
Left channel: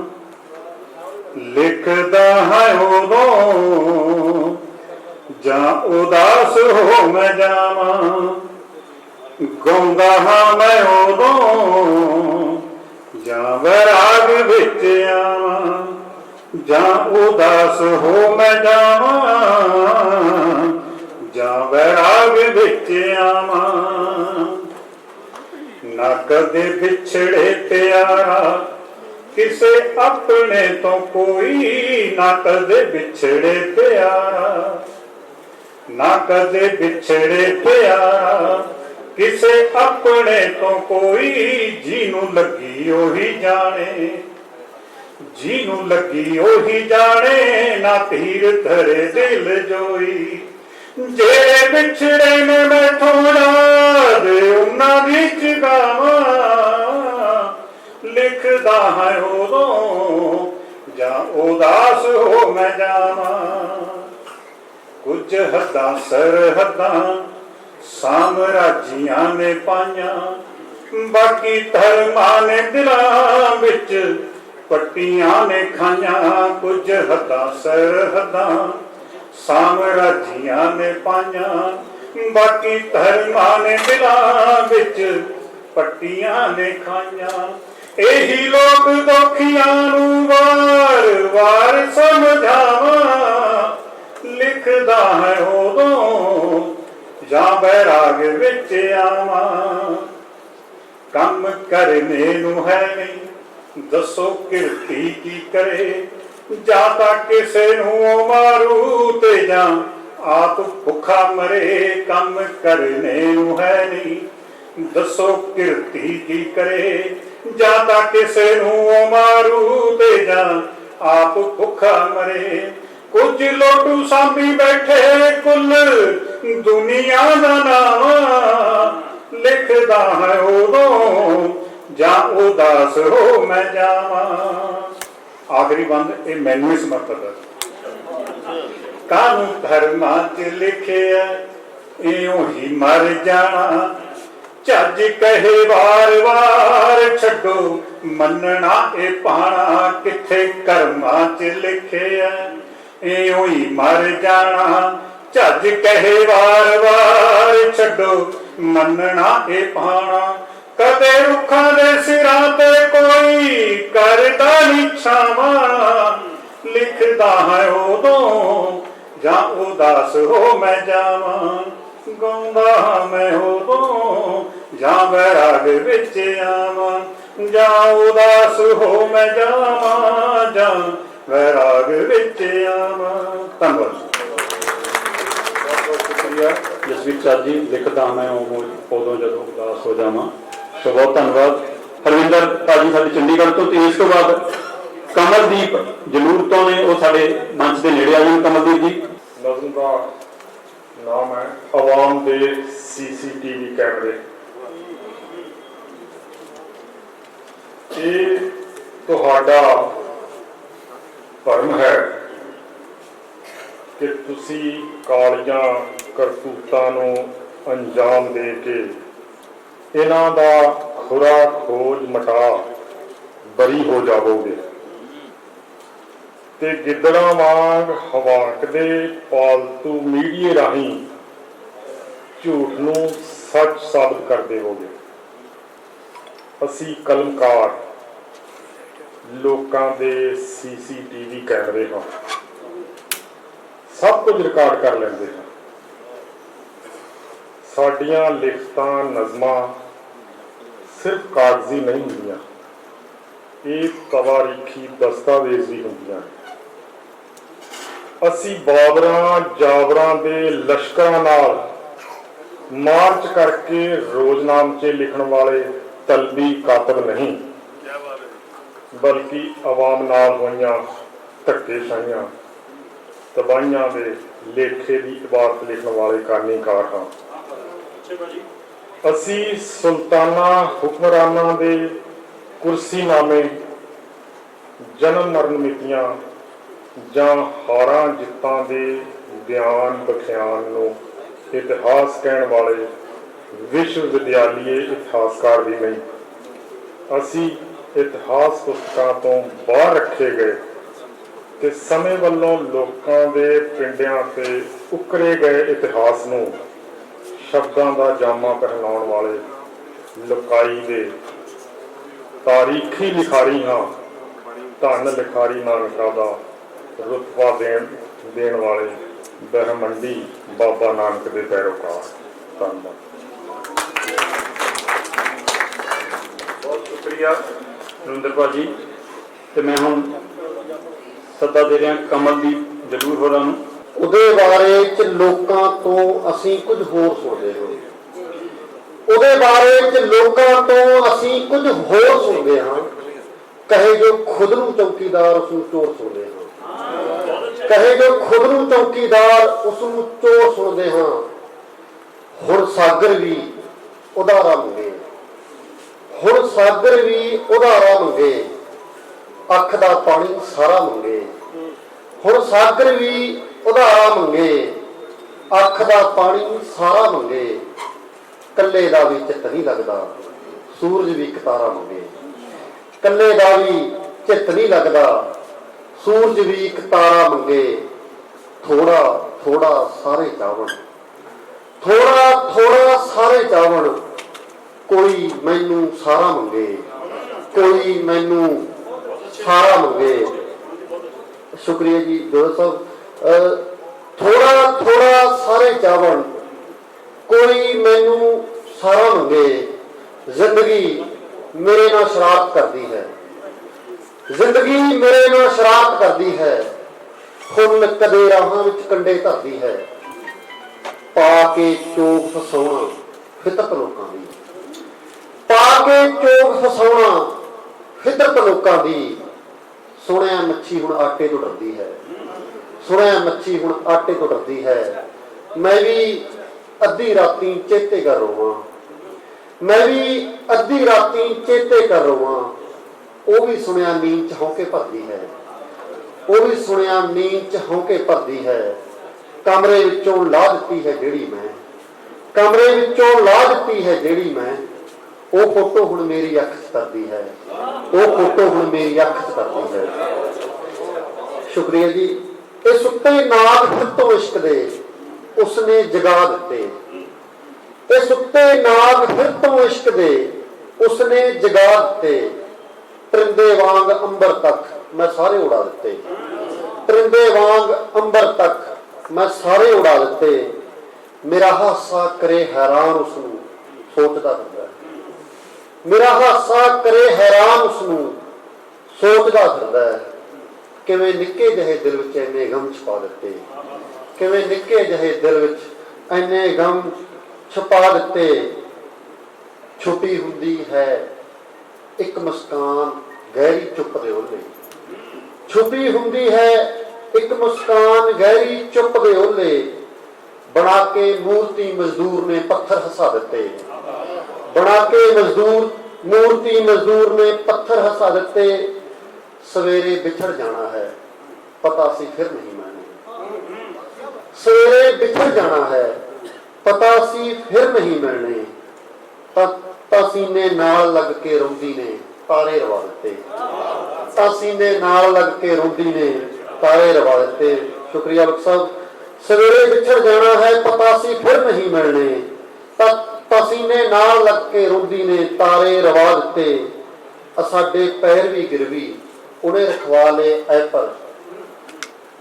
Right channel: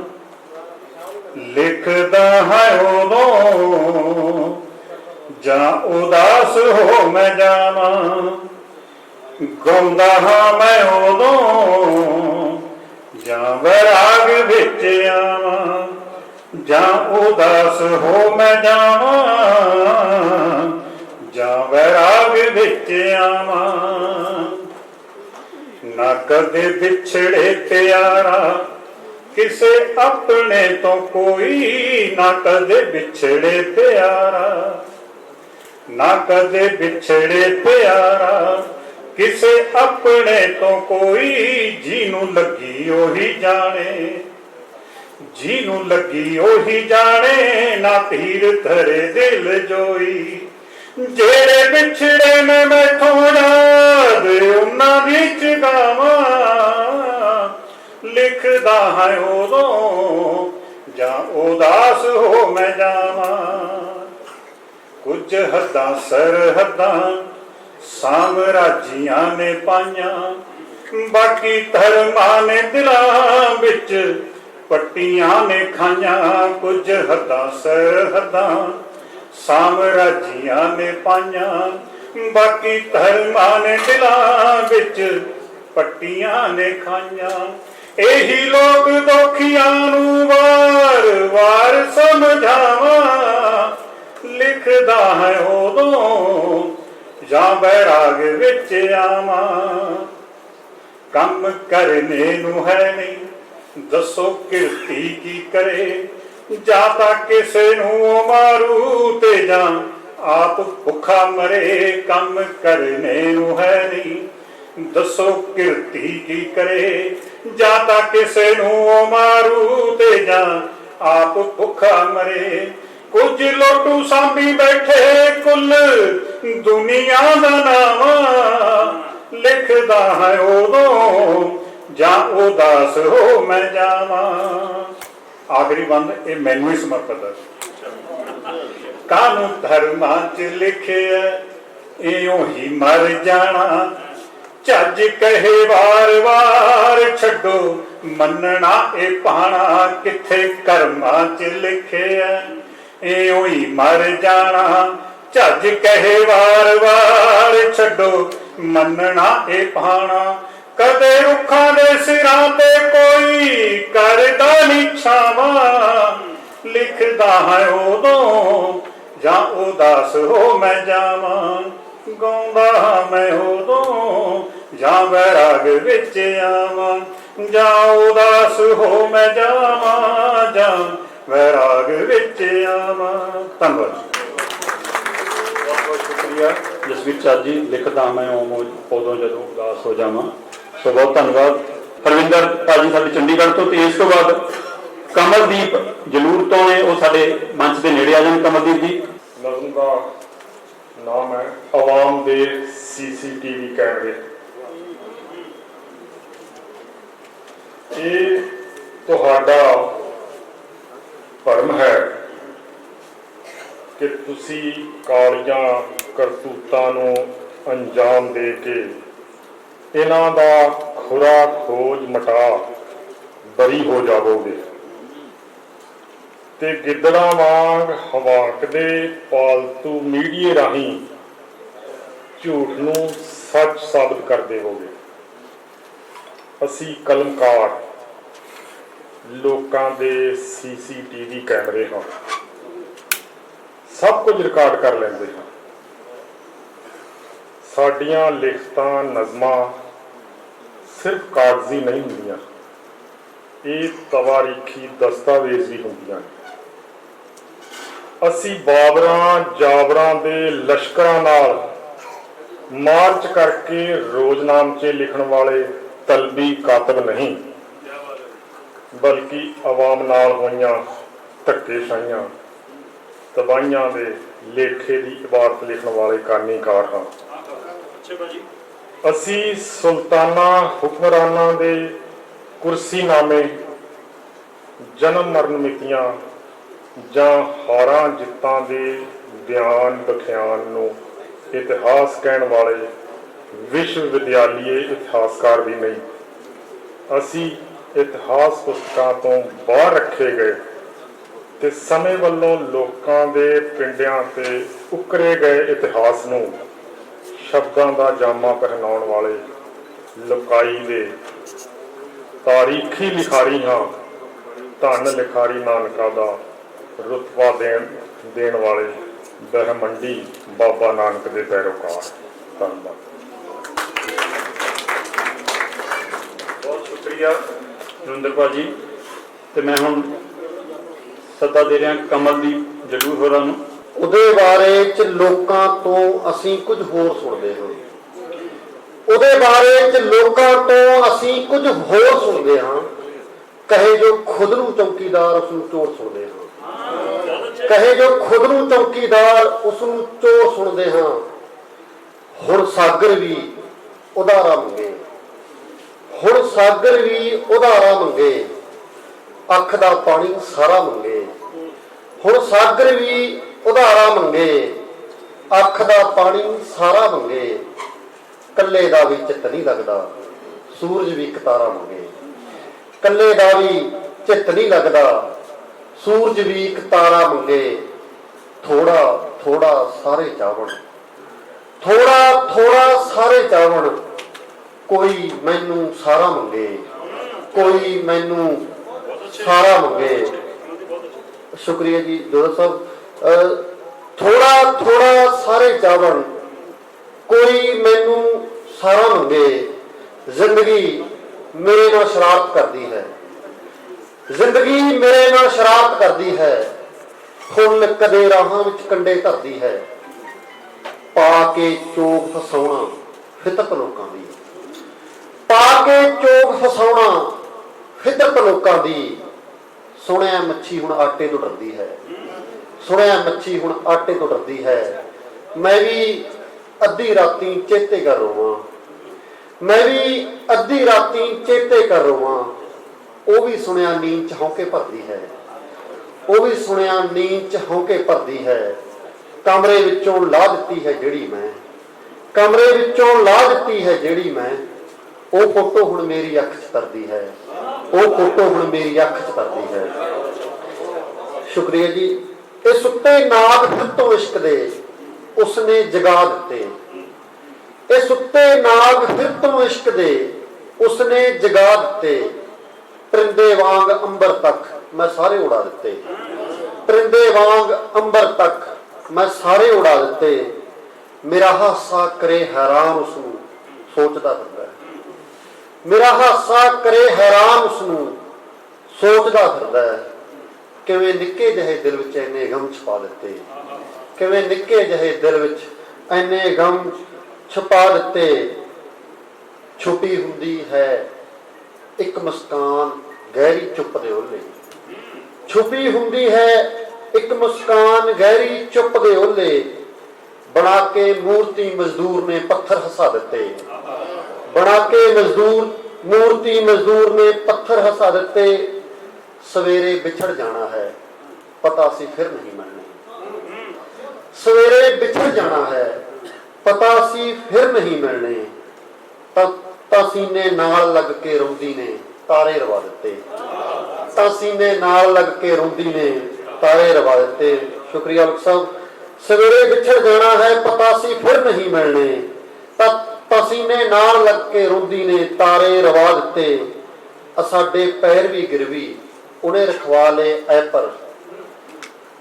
ਲਿਖਦਾ ਹੈ ਉਦੋਂ ਜਾਂ ਉਦਾਸ ਹੋ ਮੈਂ ਜਾਵਾਂ, ਗਾਉਂਦਾ ਹਾਂ ਮੈਂ ਉਦੋਂ ਜਾਂ ਵੈਰਾਗ ਵਿੱਚ ਆਵਾਂ, ਜਾਂ ਉਦਾਸ ਹੋ ਮੈਂ ਜਾਵਾਂ ਜਾਂ ਵੈਰਾਗ ਵਿੱਚ ਆਵਾਂ। ਨਾ ਕਦੇ ਵਿਛੜੇ ਪਿਆਰਾ ਕਿਸੇ ਆਪਣੇ ਤੋਂ ਕੋਈ, ਨਾ ਕਦੇ ਵਿਛੜੇ ਪਿਆਰਾ, ਨਾ ਕਦੇ ਵਿਛੜੇ ਪਿਆਰਾ ਕਿਸੇ ਆਪਣੇ ਤੋਂ ਕੋਈ। ਜਿਹਨੂੰ ਲੱਗੀ ਉਹੀ ਜਾਣੇ, ਜਿਹਨੂੰ ਲੱਗੀ ਉਹੀ ਜਾਣੇ, ਨਾ ਤੀਰ ਧਰੇ ਦਿਲ ਜੋਈ। ਜਿਹੜੇ ਵਿਛੜੇ ਨੇ ਮੈਥੋਂ ਯਾਦ ਉਹਨਾਂ ਵਿੱਚ ਗਾਵਾਂ, ਲਿਖਦਾ ਹੈ ਉਦੋਂ ਜਾਂ ਉਦਾਸ ਹੋ ਮੈਂ ਜਾਵਾਂ। ਕੁਝ ਹੱਦਾਂ ਸਰਹੱਦਾਂ ਸਾਮਰਾਜੀਆਂ ਨੇ ਪਾਈਆਂ, ਬਾਕੀ ਧਰਮਾਂ ਨੇ ਦਿਲਾਂ ਵਿੱਚ ਪੱਟੀਆਂ ਨੇ ਖਾਈਆਂ। ਕੁਝ ਹੱਦਾਂ ਸਰਹੱਦਾਂ ਸਾਮਰਾਜੀਆਂ ਨੇ ਪਾਈਆਂ, ਬਾਕੀ ਧਰਮਾਂ ਨੇ ਦਿਲਾਂ ਵਿੱਚ ਪੱਟੀਆਂ ਨੇ ਖਾਈਆਂ। ਇਹੀ ਲੋਕ ਦੋਖੀਆਂ ਨੂੰ ਵਾਰ ਵਾਰ ਸਮਝਾਵਾਂ, ਲਿਖਦਾ ਹੈ ਉਦੋਂ ਜਾਂ ਬੈਰਾਗ ਵਿੱਚ ਆਵਾਂ। ਕੰਮ ਕਰਨੇ ਨੂੰ ਹੈ ਨਹੀਂ ਦੱਸੋ ਕਿਰਤੀ ਕੀ ਕਰੇ, ਜਾਂ ਤਾਂ ਕਿਸੇ ਨੂੰ ਮਾਰੂ ਤੇ ਜਾਂ ਆਪ ਭੁੱਖਾ ਮਰੇ। ਕੰਮ ਕਰਨੇ ਨੂੰ ਹੈ ਨਹੀਂ ਦੱਸੋ ਕਿਰਤੀ ਕੀ ਕਰੇ, ਜਾਂ ਤਾਂ ਕਿਸੇ ਨੂੰ ਮਾਰੂ ਤੇ ਜਾਂ ਆਪ ਭੁੱਖਾ ਮਰੇ। ਕੁਝ ਲੋਟੂ ਸਾਂਭੀ ਬੈਠੇ ਕੁੱਲ ਦੁਨੀਆ ਦਾ ਨਾਮ, ਲਿਖਦਾ ਹੈ ਉਦੋਂ ਜਾਂ ਉਦਾਸ ਹੋ ਮੈਂ ਜਾਵਾਂ। ਆਖਰੀ ਬੰਦ ਇਹ ਮੈਨੂੰ ਹੀ ਸਮਰਪਿਤ ਹੈ। ਕਾਨੂੰ ਧਰਮਾਂ ਚ ਲਿਖਿਆ ਇਉਂ ਹੀ ਮਰ ਜਾਣਾ, ਝੱਜ ਕਹੇ ਵਾਰ ਵਾਰ ਛੱਡੋ ਮੰਨਣਾ ਇਹ ਪਾਣਾ। ਕਿੱਥੇ ਕਰਮਾਂ ਚ ਲਿਖਿਆ ਇਉਂ ਹੀ ਮਰ ਜਾਣਾ, ਝੱਜ ਕਹੇ ਵਾਰ ਵਾਰ ਛੱਡੋ ਮੰਨਣਾ ਇਹ ਪਾਣਾ। ਕਦੇ ਰੁੱਖਾਂ ਦੇ ਸਿਰਾਂ ਤੇ ਕੋਈ ਕਰਦਾ ਨੀ ਛਾਵਾਂ, ਲਿਖਦਾ ਹੈ ਉਦੋਂ ਜਾਂ ਉਦਾਸ ਹੋ ਮੈਂ ਜਾਵਾਂ। ਗਾਉਂਦਾ ਮੈਂ ਉਦੋਂ ਜਾਂ ਵੈਰਾਗ ਵਿੱਚ ਆਵਾਂ, ਜਾਂ ਉਦਾਸ ਹੋ ਮੈਂ ਜਾਵਾਂ ਜਾਂ ਵੈਰਾਗ ਵਿੱਚ ਆਵਾਂ। ਧੰਨਵਾਦ। ਬਹੁਤ ਬਹੁਤ ਸ਼ੁਕਰੀਆ ਜਸਵੀਰ ਝੱਜ ਜੀ। ਲਿਖਦਾ ਮੈਂ ਉਦੋਂ ਜਦੋਂ ਉਦਾਸ ਹੋ ਜਾਵਾਂ। ਸੋ ਬਹੁਤ ਧੰਨਵਾਦ। ਹਰਵਿੰਦਰ ਭਾਜੀ ਸਾਡੇ ਚੰਡੀਗੜ੍ਹ ਤੋਂ, ਤੇ ਇਸ ਤੋਂ ਬਾਅਦ ਕਮਲਦੀਪ ਜਲੂਰ ਤੋਂ ਨੇ, ਉਹ ਸਾਡੇ ਮੰਚ ਦੇ ਨੇੜੇ ਆ ਜਾਣ। ਕਮਲਦੀਪ ਜੀ। ਨਜ਼ਮ ਦਾ ਨਾਮ ਹੈ ਆਵਾਮ ਦੇ CCTV ਕੈਮਰੇ। ਇਹ ਤੁਹਾਡਾ ਭਰਮ ਹੈ ਕਿ ਤੁਸੀਂ ਕਾਲੀਆਂ ਕਰਤੂਤਾਂ ਨੂੰ ਅੰਜਾਮ ਦੇ ਕੇ ਇਹਨਾਂ ਦਾ ਖੁਰਾ ਖੋਜ ਮਟਾ ਬਰੀ ਹੋ ਜਾਵੋਗੇ। ਤੇ ਗਿੱਦੜਾਂ ਵਾਂਗ ਹਵਾਕਦੇ ਪਾਲਤੂ ਮੀਡੀਏ ਰਾਹੀਂ ਝੂਠ ਨੂੰ ਸੱਚ ਸਾਬਤ ਕਰ ਦੇਵੋਗੇ। ਅਸੀਂ ਕਲਮਕਾਰ ਲੋਕਾਂ ਦੇ CCTV ਕੈਮਰੇ ਹਾਂ, ਸਭ ਕੁਝ ਰਿਕਾਰਡ ਕਰ ਲੈਂਦੇ ਹਾਂ। ਸਾਡੀਆਂ ਲਿਖਤਾਂ ਨਜ਼ਮਾਂ ਸਿਰਫ ਕਾਗਜ਼ੀ ਨਹੀਂ ਹੁੰਦੀਆਂ, ਇਹ ਤਵਾਰੀਖੀ ਦਸਤਾਵੇਜ਼ ਵੀ ਹੁੰਦੀਆਂ। ਅਸੀਂ ਬਾਬਰਾਂ ਜਾਬਰਾਂ ਦੇ ਲਸ਼ਕਰਾਂ ਨਾਲ ਮਾਰਚ ਕਰਕੇ ਰੋਜ਼ਨਾਮਚੇ ਲਿਖਣ ਵਾਲੇ ਤਲਬੀ ਕਾਤਬ ਨਹੀਂ, ਬਲਕਿ ਆਵਾਮ ਨਾਲ ਹੋਈਆਂ ਧੱਕੇਸ਼ਾਹੀਆਂ ਤਬਾਹੀਆਂ ਦੇ ਲੇਖੇ ਦੀ ਇਬਾਰਤ ਲਿਖਣ ਵਾਲੇ ਕਾਨੀਕਾਰ ਹਾਂ। ਅਸੀਂ ਸੁਲਤਾਨਾ ਹੁਕਮਰਾਨਾਂ ਦੇ ਕੁਰਸੀਨਾਮੇ, ਜਨਮ ਮਰਨ ਮਿਤੀਆਂ ਜਾਂ ਹਾਰਾਂ ਜਿੱਤਾਂ ਦੇ ਬਿਆਨ ਬਖਿਆਨ ਨੂੰ ਇਤਿਹਾਸ ਕਹਿਣ ਵਾਲੇ ਵਿਸ਼ਵ ਵਿਦਿਆਲੀਏ ਇਤਿਹਾਸਕਾਰ ਵੀ ਨਹੀਂ। ਅਸੀਂ ਇਤਿਹਾਸ ਪੁਸਤਕਾਂ ਤੋਂ ਬਾਹਰ ਰੱਖੇ ਗਏ ਤੇ ਸਮੇਂ ਵੱਲੋਂ ਲੋਕਾਂ ਦੇ ਪਿੰਡਿਆਂ ਤੇ ਉਕਰੇ ਗਏ ਇਤਿਹਾਸ ਨੂੰ ਸ਼ਬਦਾਂ ਦਾ ਜਾਮਾ ਪਹਿਨਾਉਣ ਵਾਲੇ ਲੁਕਾਈ ਦੇ ਤਾਰੀਖੀ ਲਿਖਾਰੀ ਹਾਂ। ਧੰਨ ਲਿਖਾਰੀ ਨਾਨਕਾ ਦਾ ਰੁਤਬਾ ਦੇਣ ਵਾਲੇ ਬ੍ਰਹਮੰਡੀ ਬਾਬਾ ਨਾਨਕ ਦੇ ਪੈਰੋਕਾਰ। ਧੰਨਵਾਦ। ਬਹੁਤ ਸ਼ੁਕਰੀਆ ਨਰਿੰਦਰ ਭਾਜੀ। ਤੇ ਮੈਂ ਹੁਣ ਸੱਦਾ ਦੇ ਰਿਹਾ ਕਮਲਦੀਪ ਜਲੂਰ ਹੋਰਾਂ ਨੂੰ। ਉਹਦੇ ਬਾਰੇ ਚ ਲੋਕਾਂ ਤੋਂ ਅਸੀਂ ਕੁਝ ਹੋਰ ਸੁਣਦੇ ਹਾਂ। ਉਹਦੇ ਬਾਰੇ ਚ ਲੋਕਾਂ ਤੋਂ ਅਸੀਂ ਕੁਝ ਹੋਰ ਸੁਣਦੇ ਹਾਂ। ਕਹੇ ਜੋ ਖੁਦ ਨੂੰ ਚੌਕੀਦਾਰ ਉਸ ਨੂੰ ਚੋਰ ਸੁਣਦੇ ਹਾਂ। ਕਹੇ ਜੋ ਖੁਦ ਨੂੰ ਚੌਕੀਦਾਰ ਉਸ ਨੂੰ ਚੋਰ ਸੁਣਦੇ ਹਾਂ। ਹੁਣ ਸਾਗਰ ਵੀ ਉਧਾਰਾ ਮੰਗੇ, ਹੁਣ ਸਾਗਰ ਵੀ ਉਧਾਰਾ ਮੰਗੇ, ਅੱਖ ਦਾ ਪਾਣੀ ਸਾਰਾ ਮੰਗੇ। ਹੁਣ ਸਾਗਰ ਵੀ ਉਧਾਰਾ ਮੰਗੇ, ਅੱਖ ਦਾ ਪਾਣੀ ਸਾਰਾ ਮੰਗੇ। ਕੱਲੇ ਦਾ ਵੀ ਚਿੱਤ ਨਹੀਂ ਲੱਗਦਾ, ਸੂਰਜ ਵੀ ਇੱਕ ਤਾਰਾ ਮੰਗੇ। ਕੱਲੇ ਦਾ ਵੀ ਚਿੱਤ ਨਹੀਂ ਲੱਗਦਾ, ਸੂਰਜ ਵੀ ਇੱਕ ਤਾਰਾ ਮੰਗੇ। ਥੋੜਾ ਥੋੜਾ ਸਾਰੇ ਚਾਵਣ, ਥੋੜਾ ਥੋੜਾ ਸਾਰੇ ਚਾਵਣ। ਕੋਈ ਮੈਨੂੰ ਸਾਰਾ ਮੰਗੇ, ਕੋਈ ਮੈਨੂੰ ਸਾਰਾ ਮੰਗੇ। ਸ਼ੁਕਰੀਆ ਜੀ ਦੋਸਤ ਸਾਹਿਬ। ਥੋੜਾ ਥੋੜਾ ਸਾਰੇ ਚਾਵਣ, ਕੋਈ ਮੈਨੂੰ ਸਾਰਾ ਮੰਗੇ। ਜ਼ਿੰਦਗੀ ਮੇਰੇ ਨਾਲ ਸ਼ਰਾਰਤ ਕਰਦੀ ਹੈ, ਜ਼ਿੰਦਗੀ ਮੇਰੇ ਨਾਲ ਸ਼ਰਾਰਤ ਕਰਦੀ ਹੈ। ਫੁੱਲ ਕਦੇ ਰਾਹਾਂ ਵਿੱਚ ਕੰਡੇ ਧਰਦੀ ਹੈ। ਪਾ ਕੇ ਚੋਗ ਫਸਾਉਣਾ ਫਿਤਰਤ ਲੋਕਾਂ ਦੀ, ਪਾ ਕੇ ਚੋਗ ਫਸਾਉਣਾ ਫਿਤਰਤ ਲੋਕਾਂ ਦੀ। ਸੁਣਿਆ ਮੱਛੀ ਹੁਣ ਆਟੇ ਤੋਂ ਡਰਦੀ ਹੈ, ਸੁਣਿਆ ਮੱਛੀ ਹੁਣ ਆਟੇ ਤੋਂ ਡਰਦੀ ਹੈ। ਮੈਂ ਵੀ ਅੱਧੀ ਰਾਤੀ ਚੇਤੇ ਕਰ ਰੋਵਾਂ, ਮੈਂ ਵੀ ਅੱਧੀ ਰਾਤੀ ਚੇਤੇ ਕਰ ਰੋਵਾਂ। ਉਹ ਵੀ ਸੁਣਿਆ ਨੀਂਦ ਚ ਹੌਕੇ ਭਰਦੀ ਹੈ, ਉਹ ਵੀ ਸੁਣਿਆ ਨੀਂਦ ਚ ਹੌਕੇ ਭਰਦੀ ਹੈ। ਕਮਰੇ ਵਿੱਚੋਂ ਲਾਹ ਦਿੱਤੀ ਹੈ ਜਿਹੜੀ ਮੈਂ, ਕਮਰੇ ਵਿੱਚੋਂ ਲਾਹ ਦਿੱਤੀ ਹੈ ਜਿਹੜੀ ਮੈਂ। ਉਹ ਫੋਟੋ ਹੁਣ ਮੇਰੀ ਅੱਖ 'ਚ ਤਰਦੀ ਹੈ, ਉਹ ਫੋਟੋ ਹੁਣ ਮੇਰੀ ਅੱਖ 'ਚ ਤਰਦੀ ਹੈ। ਸ਼ੁਕਰੀਆ ਜੀ। ਇਹ ਸੁੱਤੇ ਨਾਗ ਫਿਰ ਤੋਂ ਇਸ਼ਕ ਦੇ ਉਸਨੇ ਜਗਾ ਦਿੱਤੇ, ਇਹ ਸੁੱਤੇ ਨਾਗ ਫਿਰ ਤੋਂ ਇਸ਼ਕ ਦੇ ਉਸਨੇ ਜਗਾ ਦਿੱਤੇ। ਪਰਿੰਦੇ ਵਾਂਗ ਅੰਬਰ ਤੱਕ ਮੈਂ ਸਾਰੇ ਉਡਾ ਦਿੱਤੇ, ਪਰਿੰਦੇ ਵਾਂਗ ਅੰਬਰ ਤੱਕ ਮੈਂ ਸਾਰੇ ਉਡਾ ਦਿੱਤੇ। ਮੇਰਾ ਹਾਸਾ ਕਰੇ ਹੈਰਾਨ ਉਸਨੂੰ ਸੋਚਦਾ ਫਿਰਦਾ, ਮੇਰਾ ਹਾਸਾ ਕਰੇ ਹੈਰਾਨ ਉਸਨੂੰ ਸੋਚਦਾ ਫਿਰਦਾ। ਕਿਵੇਂ ਨਿੱਕੇ ਜਿਹੇ ਦਿਲ ਵਿੱਚ ਇੰਨੇ ਗਮ ਛੁਪਾ ਦਿੱਤੇ, ਕਿਵੇਂ ਨਿੱਕੇ ਜਿਹੇ ਦਿਲ ਵਿੱਚ ਇੰਨੇ ਗਮ ਛੁਪਾ ਦਿੱਤੇ। ਛੁਪੀ ਹੁੰਦੀ ਹੈ ਇੱਕ ਮੁਸਕਾਨ ਗਹਿਰੀ ਚੁੱਪ ਦੇ ਓਲੇ, ਛੁਪੀ ਹੁੰਦੀ ਹੈ ਇੱਕ ਮੁਸਕਾਨ ਗਹਿਰੀ ਚੁੱਪ ਦੇ ਓਲੇ। ਬਣਾ ਕੇ ਮੂਰਤੀ ਮਜ਼ਦੂਰ ਨੇ ਪੱਥਰ ਹਸਾ ਦਿੱਤੇ, ਬਣਾ ਕੇ ਮੂਰਤੀ ਮਜ਼ਦੂਰ ਨੇ ਪੱਥਰ ਹਸਾ ਦਿੱਤੇ। ਸਵੇਰੇ ਵਿਛੜ ਜਾਣਾ ਹੈ ਪਤਾ ਸੀ ਫਿਰ ਨਹੀਂ ਮਿਲਣੇ, ਸਵੇਰੇ ਵਿਛੜ ਜਾਣਾ ਹੈ ਪਤਾ ਸੀ ਫਿਰ ਨਹੀਂ ਮਿਲਣੇ। ਤਾਂ ਸੀਨੇ ਨਾਲ ਲੱਗ ਕੇ ਰੋਂਦੀ ਨੇ ਤਾਰੇ ਰਵਾ ਦਿੱਤੇ, ਤਾਂ ਸੀਨੇ ਨਾਲ ਲੱਗ ਕੇ ਰੋਂਦੀ ਨੇ ਤਾਰੇ ਰਵਾ ਦਿੱਤੇ। ਸ਼ੁਕਰੀਆ ਬਖਸ਼ ਸਾਹਿਬ। ਸਵੇਰੇ ਵਿਛੜ ਜਾਣਾ ਹੈ ਪਤਾ ਸੀ ਫਿਰ ਨਹੀਂ ਮਿਲਣੇ, ਤਾਂ ਪਸੀਨੇ ਨਾਲ ਲੱਗ ਕੇ ਰੋਂਦੀ ਨੇ ਤਾਰੇ ਰਵਾ ਦਿੱਤੇ। ਸਾਡੇ ਪੈਰ ਵੀ ਗਿਰਵੀ ਉਹਨੇ ਰਖਵਾ ਲਏ ਐ ਪਰ,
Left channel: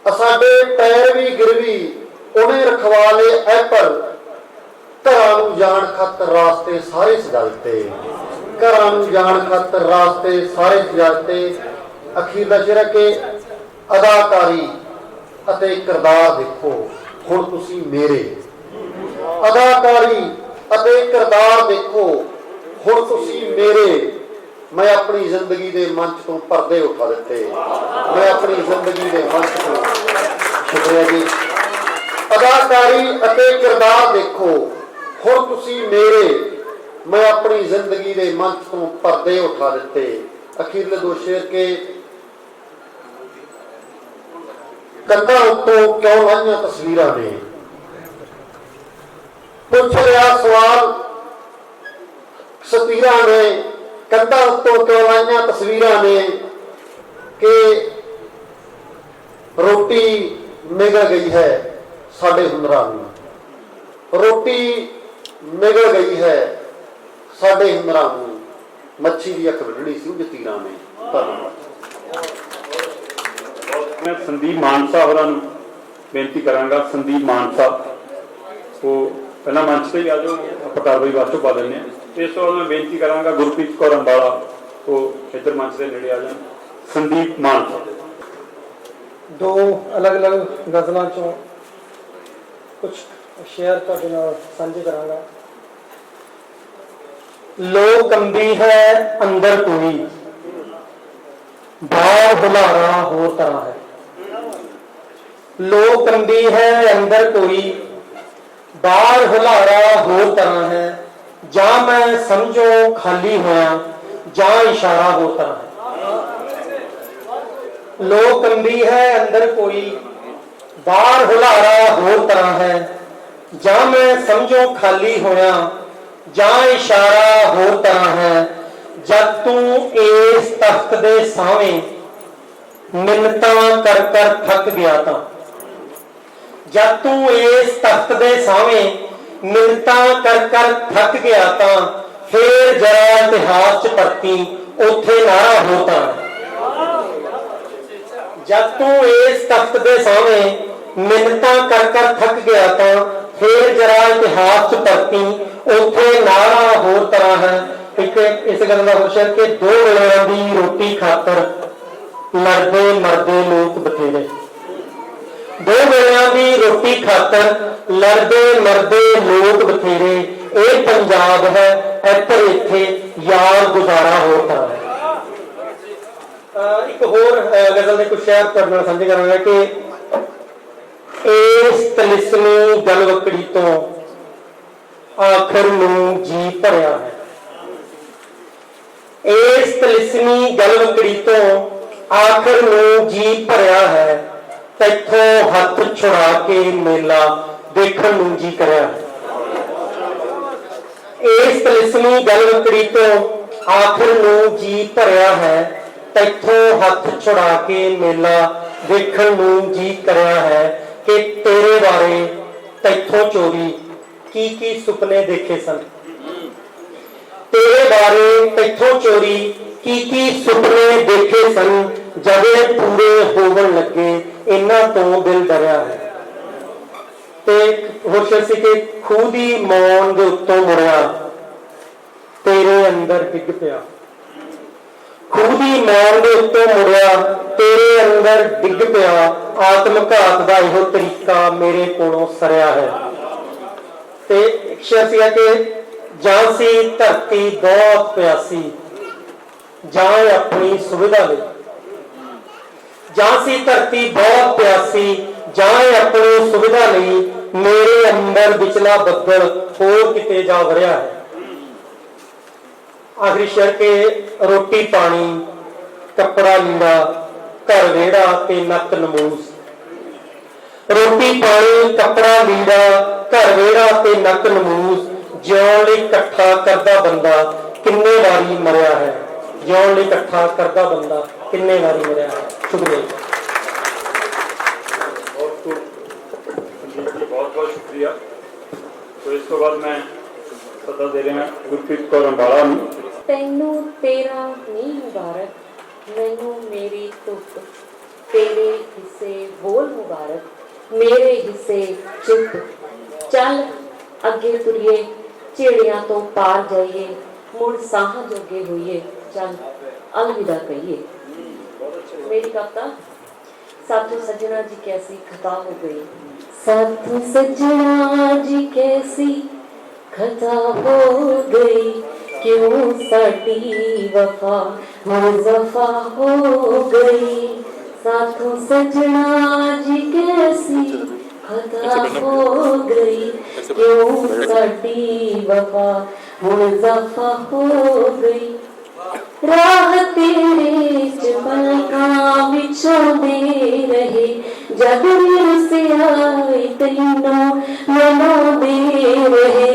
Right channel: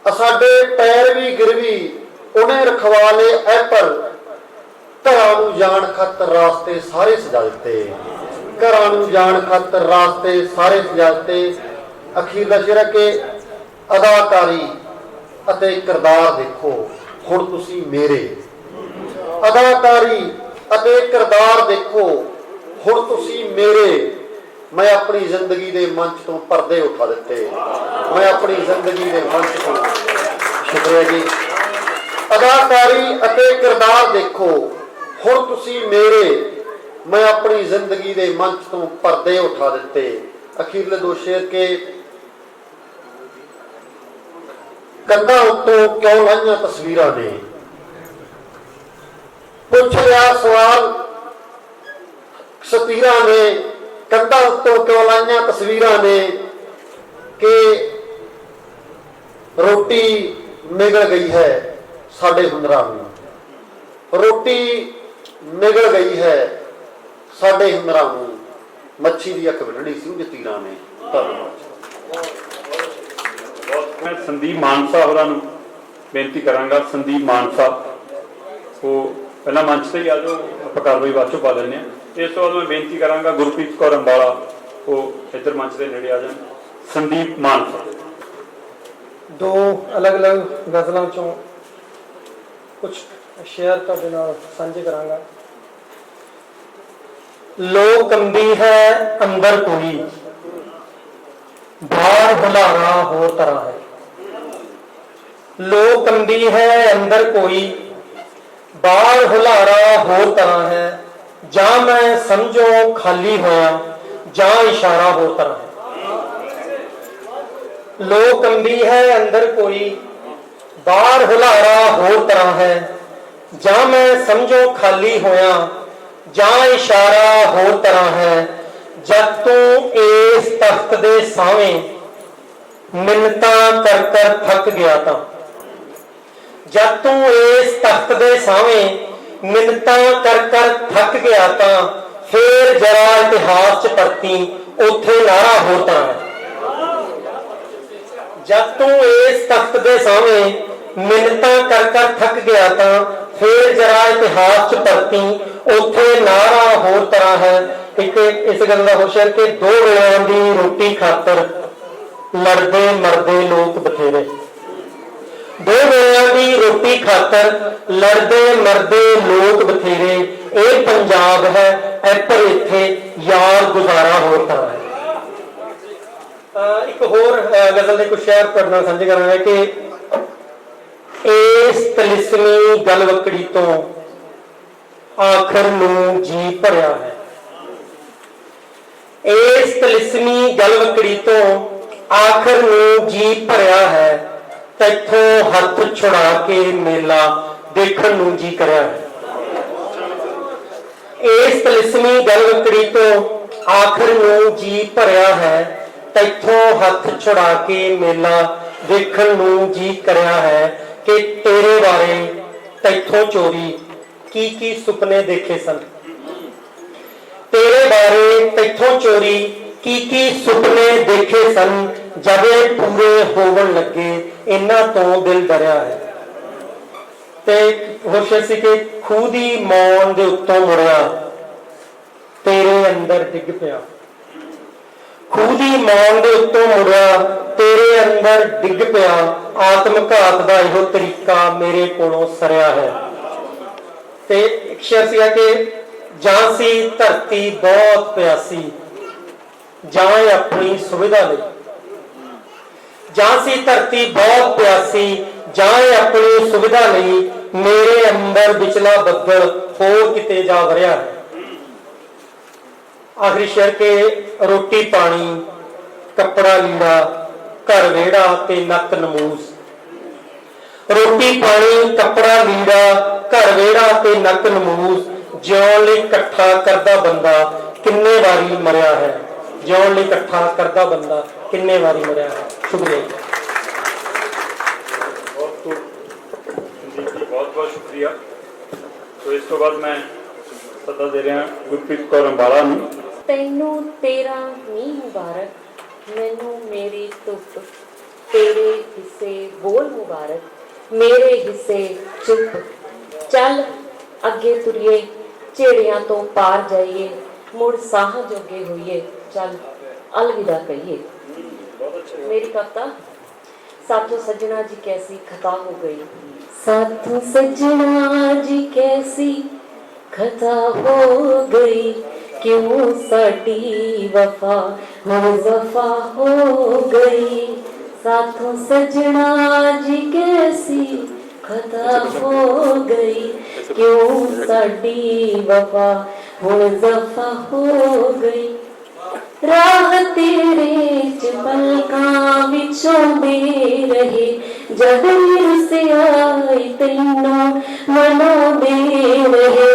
ਸਾਡੇ ਪੈਰ ਵੀ ਗਿਰਵੀ ਉਹਨੇ ਰਖਵਾ ਲਏ ਐ ਪਰ। ਘਰਾਂ ਨੂੰ ਜਾਣ ਖਾਤਰ ਰਾਸਤੇ ਸਾਰੇ ਸਜਾ ਦਿੱਤੇ, ਘਰਾਂ ਨੂੰ ਜਾਣ ਖਾਤਰ ਰਾਸਤੇ ਸਾਰੇ ਸਜਾ ਦਿੱਤੇ। ਅਖੀਰ ਦਾ ਸ਼ੇਰ ਹੈ ਕਿ ਅਦਾਕਾਰੀ ਅਤੇ ਕਿਰਦਾਰ ਦੇਖੋ ਹੁਣ ਤੁਸੀਂ ਮੇਰੇ, ਅਦਾਕਾਰੀ ਅਤੇ ਕਿਰਦਾਰ ਦੇਖੋ ਹੁਣ ਤੁਸੀਂ ਮੇਰੇ। ਮੈਂ ਆਪਣੀ ਜ਼ਿੰਦਗੀ ਦੇ ਮੰਚ ਤੋਂ ਪਰਦੇ ਉਠਾ ਦਿੱਤੇ, ਮੈਂ ਆਪਣੀ ਜ਼ਿੰਦਗੀ ਦੇ ਮੰਚ ਤੋਂ। ਸ਼ੁਕਰੀਆ ਜੀ। ਅਦਾਕਾਰੀ ਅਤੇ ਕਿਰਦਾਰ ਦੇਖੋ ਹੁਣ ਤੁਸੀਂ ਮੇਰੇ, ਮੈਂ ਆਪਣੀ ਜ਼ਿੰਦਗੀ ਦੇ ਮੰਚ ਤੋਂ ਪਰਦੇ ਉਠਾ ਦਿੱਤੇ। ਅਖੀਰਲੇ ਦੋ ਸ਼ੇਰ ਕੇ ਕੰਧਾਂ ਉੱਤੋਂ ਕਿਉਂ ਲਾਈਆਂ ਤਸਵੀਰਾਂ ਨੇ, ਪੁੱਛ ਰਿਹਾ ਸਵਾਲ ਸਤੀਰਾਂ ਨੇ। ਕੰਧਾਂ ਉੱਤੋਂ ਕਿਉਂ ਲਾਈਆਂ ਤਸਵੀਰਾਂ ਨੇ ਕਿ ਰੋਟੀ ਨਿਗਲ ਗਈ ਹੈ ਸਾਡੇ ਹੁਨਰਾਂ ਨੂੰ, ਰੋਟੀ ਨਿਗਲ ਗਈ ਹੈ ਸਾਡੇ ਹੁਨਰਾਂ ਨੂੰ। ਮੱਛੀ ਦੀ ਅੱਖ ਵੱਢਣੀ ਸੀ ਜਤੀਰਾਂ ਨੇ। ਧੰਨਵਾਦ। ਮੈਂ ਸੰਦੀਪ ਮਾਨਸਾ ਹੋਰਾਂ ਨੂੰ ਬੇਨਤੀ ਕਰਾਂਗਾ। ਸੰਦੀਪ ਮਾਨਸਾ ਉਹ ਪਹਿਲਾਂ ਮੰਚ ਤੇ ਹੀ ਆ ਜਾਓ, ਆਪਾਂ ਕਾਰਵਾਈ ਬਾਅਦ ਚੋਂ ਪਾ ਦਿੰਦੇ ਹਾਂ। ਇਸ ਤੋਂ ਬਾਅਦ ਮੈਂ ਬੇਨਤੀ ਕਰਾਂਗਾ ਗੁਰਪ੍ਰੀਤ ਕੌਰ ਅੰਬਾਲਾ ਉਹ ਇੱਧਰ ਮੰਚ ਦੇ ਨੇੜੇ ਆ ਜਾਣ। ਸੰਦੀਪ ਮਾਨਸਾ। ਦੋ ਅਲੱਗ-ਅਲੱਗ ਗਜ਼ਲਾਂ ਚੋਂ ਕੁਝ ਸ਼ੇਅਰ ਤੁਹਾਡੇ ਨਾਲ ਸਾਂਝੇ ਕਰਾਂਗਾ। ਲੋਕ ਕੰਬੀ ਹੈ ਅੰਦਰ ਕੋਈ, ਬਾਹਰ ਹੁਲਾਰਾ ਹੋਰ ਤਰ੍ਹਾਂ ਹੈ। ਲੋਕ ਕੰਬੀ ਹੈ ਅੰਦਰ ਕੋਈ, ਬਾਹਰ ਹੁਲਾਰਾ ਹੋਰ ਤਰ੍ਹਾਂ ਹੈ। ਜਾਂ ਮੈਂ ਸਮਝੋ ਖਾਲੀ ਹੋਇਆ, ਜਾਂ ਇਸ਼ਾਰਾ ਹੋਰ ਤਰ੍ਹਾਂ ਹੈ। ਲੋਕ ਕੰਬੀ ਹੈ ਅੰਦਰ ਕੋਈ, ਬਾਹਰ ਹੁਲਾਰਾ ਹੋਰ ਤਰ੍ਹਾਂ ਹੈ। ਜਾਂ ਮੈਂ ਸਮਝੋ ਖਾਲੀ ਹੋਇਆ, ਜਾਂ ਇਸ਼ਾਰਾ ਹੋਰ ਤਰ੍ਹਾਂ ਹੈ। ਜਦ ਤੂੰ ਇਸ ਤਖਤ ਦੇ ਸਾਵੇਂ ਮਿੰਨਤਾਂ ਕਰ ਕਰ ਥੱਕ ਗਿਆ ਤਾਂ, ਜਦ ਤੂੰ ਇਸ ਤਖਤ ਦੇ ਸਾਵੇਂ ਮਿੰਨਤਾਂ ਕਰ ਕਰ ਥੱਕ ਗਿਆ ਤਾਂ, ਫੇਰ ਜਰਾ ਇਤਿਹਾਸ ਚ ਪਰਤੀ ਉੱਥੇ ਨਾਰਾ ਹੋਰ ਤਰ੍ਹਾਂ ਹੈ। ਜਦ ਤੂੰ ਇਸ ਤਖਤ ਦੇ ਸਾਵੇਂ ਮਿੰਨਤਾਂ ਕਰ ਕਰ ਥੱਕ ਗਿਆ ਤਾਂ, ਫੇਰ ਜਰਾ ਇਤਿਹਾਸ ਚ ਪਰਤੀ ਉੱਥੇ ਨਾਰਾ ਹੋਰ ਤਰ੍ਹਾਂ ਹੈ। ਇੱਕ ਇਸ ਗੱਲ ਦਾ ਹੁਸ਼ਿਆਰ ਕਿ ਦੋ ਵੇਲਿਆਂ ਦੀ ਰੋਟੀ ਖਾਤਰ ਲੜਦੇ ਮਰਦੇ ਲੋਕ ਬਥੇਰੇ, ਦੋ ਵੇਲਿਆਂ ਦੀ ਰੋਟੀ ਖਾਤਰ ਲੜਦੇ ਮਰਦੇ ਲੋਕ ਬਥੇਰੇ। ਇਹ ਪੰਜਾਬ ਹੈ ਇੱਥੇ ਇੱਥੇ ਯਾਰ ਗੁਜ਼ਾਰਾ ਹੋਰ ਤਰ੍ਹਾਂ ਹੈ। ਇੱਕ ਹੋਰ ਗਜ਼ਲ ਦੇ ਕੁਝ ਸ਼ੇਅਰ ਤੁਹਾਡੇ ਨਾਲ ਸਾਂਝੇ ਕਰਾਂਗਾ ਕਿ ਇਸ ਤਲਿਸਮੀ ਗਲਵਕੜੀ ਤੋਂ ਆਖਰ ਨੂੰ ਜੀ ਭਰਿਆ ਹੈ। ਇਸ ਤਲਿਸਮੀ ਗਲਵਕੜੀ ਤੋਂ ਆਖਰ ਨੂੰ ਜੀ ਭਰਿਆ ਹੈ। ਤੈਥੋਂ ਹੱਥ ਛੁਡਾ ਕੇ ਮੇਲਾ ਦੇਖਣ ਨੂੰ ਜੀ ਕਰਿਆ ਹੈ। ਇਸ ਤਲਿਸਮੀ ਗਲਵਕੜੀ ਤੋਂ ਆਖਰ ਨੂੰ ਜੀ ਭਰਿਆ ਹੈ। ਤੈਥੋਂ ਹੱਥ ਛੁਡਾ ਕੇ ਮੇਲਾ ਦੇਖਣ ਨੂੰ ਜੀ ਕਰਿਆ ਹੈ। ਕਿ ਤੇਰੇ ਬਾਰੇ ਤੈਥੋਂ ਚੋਰੀ ਕੀ ਕੀ ਸੁਪਨੇ ਦੇਖੇ ਸਨ, ਤੇਰੇ ਬਾਰੇ ਤੈਥੋਂ ਚੋਰੀ ਕੀ ਕੀ ਸੁਪਨੇ ਦੇਖੇ ਸਨ। ਜਦੇ ਪੂਰੇ ਹੋਵਣ ਲੱਗੇ ਇਹਨਾਂ ਤੋਂ ਦਿਲ ਡਰਿਆ ਹੈ। ਤੇ ਹੋਰ ਸੀ ਕਿ ਖੂਹ ਦੀ ਮੌਨ ਦੇ ਉੱਤੋਂ ਮੁੜਿਆ ਤੇਰੇ ਅੰਦਰ ਡਿੱਗ ਪਿਆ, ਖੂਹ ਦੀ ਮੌਨ ਦੇ ਉੱਤੋਂ ਮੁੜਿਆ ਤੇਰੇ ਅੰਦਰ ਡਿੱਗ ਪਿਆ। ਆਤਮ ਘਾਤ ਦਾ ਇਹੋ ਤਰੀਕਾ ਮੇਰੇ ਕੋਲੋਂ ਸਰਿਆ ਹੈ। ਤੇ ਇੱਕ ਸ਼ੇਰ ਸੀਗਾ ਕਿ ਜਾਂ ਸੀ ਧਰਤੀ ਬਹੁਤ ਪਿਆਸੀ, ਜਾਂ ਆਪਣੀ ਸੁਵਿਧਾ ਲਈ, ਜਾਂ ਸੀ ਧਰਤੀ ਬਹੁਤ ਪਿਆਸੀ, ਜਾਂ ਆਪਣੀ ਸੁਵਿਧਾ ਲਈ। ਮੇਰੇ ਅੰਦਰ ਵਿਚਲਾ ਬੱਦਲ ਹੋਰ ਕਿਤੇ ਜਾ ਵਰਿਆ ਹੈ। ਆਖਰੀ ਸ਼ੇਰ ਕਿ ਰੋਟੀ ਪਾਣੀ ਕੱਪੜਾ ਲੀੜਾ ਘਰ ਵਿਹੜਾ ਤੇ ਨੱਕ ਨਮੂਸ। ਰੋਟੀ ਪਾਣੀ ਕੱਪੜਾ ਲੀੜਾ ਘਰ ਵਿਹੜਾ ਤੇ ਨੱਕ ਨਮੂਸ। ਜਿਉਣ ਲਈ ਇਕੱਠਾ ਕਰਦਾ ਬੰਦਾ ਕਿੰਨੇ ਵਾਰੀ ਮਰਿਆ ਹੈ। ਜਿਉਣ ਲਈ ਇਕੱਠਾ ਕਰਦਾ ਬੰਦਾ ਕਿੰਨੇ ਵਾਰੀ ਮਰਿਆ ਹੈ। ਸ਼ੁਕਰੀਆ। ਸ਼ੁਕਰੀਆ। ਸੋ ਇਸ ਤੋਂ ਬਾਅਦ ਮੈਂ ਸੱਦਾ ਦੇ ਰਿਹਾ ਗੁਰਪ੍ਰੀਤ ਕੌਰ ਅੰਬਾਲਾ ਨੂੰ। ਤੈਨੂੰ ਤੇਰਾ ਮੀਂਹ ਮੁਬਾਰਕ, ਮੈਨੂੰ ਮੇਰੀ ਧੁੱਪ, ਤੇਰੇ ਹਿੱਸੇ ਬੋਲ ਮੁਬਾਰਕ, ਮੇਰੇ ਹਿੱਸੇ ਚੁੱਪ। ਚੱਲ ਅੱਗੇ ਤੁਰੀਏ, ਝੇੜਿਆਂ ਤੋਂ ਪਾਰ ਜਾਈਏ, ਮੁੜ ਸਾਹਾਂ ਜੋਗੇ ਹੋਈਏ, ਚੱਲ अलविदा कहिए। मेरी कविता साथों सजना जी कैसी खता हो गई, साथों सजना जी कैसी खता हो गई, क्यों साडी वफा मुज़फ़ा हो गई। साथों सजना जी कैसी खता हो गई, क्यों साडी वफा मुज़फ़ा हो गई। राह तेरे च पलकां विछोंदे रहे, जद से आई तैनूं मनाउंदे रहे।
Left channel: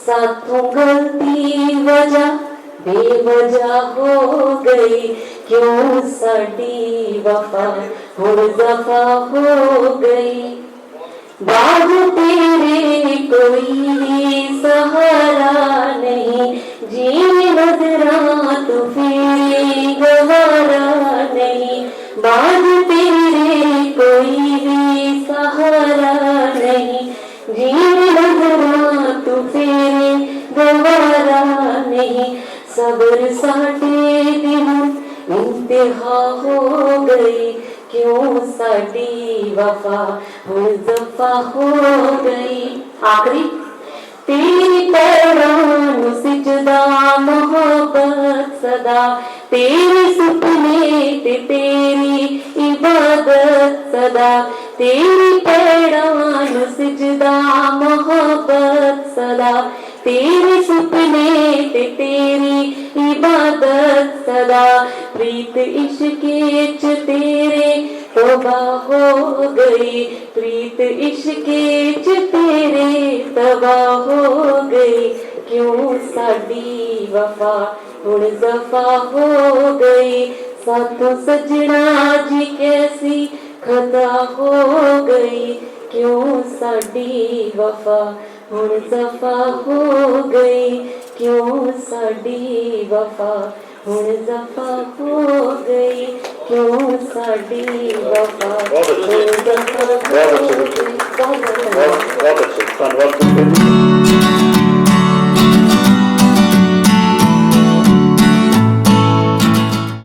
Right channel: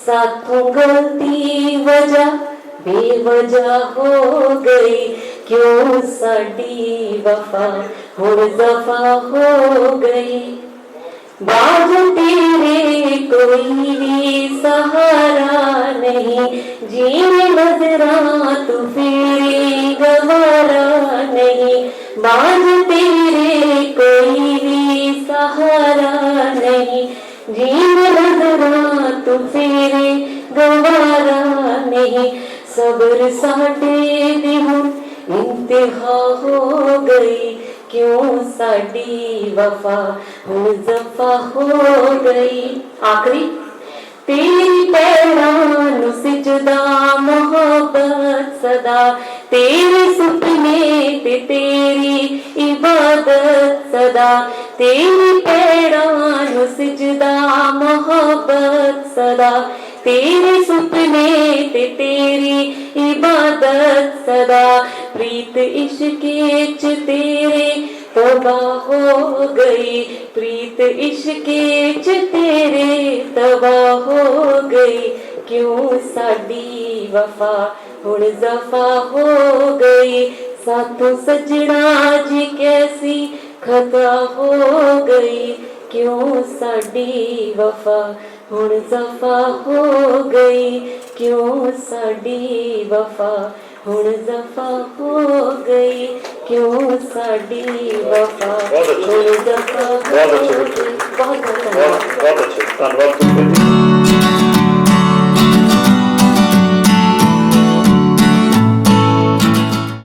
साथों गलती वजह बेवजह हो गई, क्यों साडी वफा मुज़फ़ा हो गई। बाग तेरे कोई भी सहारा नहीं, जीने नजरा तू फिर गवारा नहीं। बाग तेरे कोई भी सहारा नहीं, जीने नजरा तू फिर गवारा नहीं। सब्र साडे दी हुण इंतहा हो गई, क्यों साडी वफा मुज़फ़ा हो गई। आखिरी तेरी पैरां नूं सिजदा मोहब्बत सदा, तेरे सुपने ते तेरी इबादत सदा। तेरी पैरां नूं सिजदा मोहब्बत सदा, तेरे सुपने ते तेरी इबादत सदा। प्रीत इश्क़े च तेरे तबाह हो गई, प्रीत इश्क़े च तेरे तबाह हो गई। क्यों साडी वफा मुज़फ़ा हो गई। साथों सजना जी कैसी खता हो गई, क्यों साडी वफा मुज़फ़ा हो गई। क्यों साडी वफा मुज़फ़ा हो गई, क्यों साडी वफा मुज़फ़ा हो गई। बहुत बहुत अच्छे, धन्यवाद।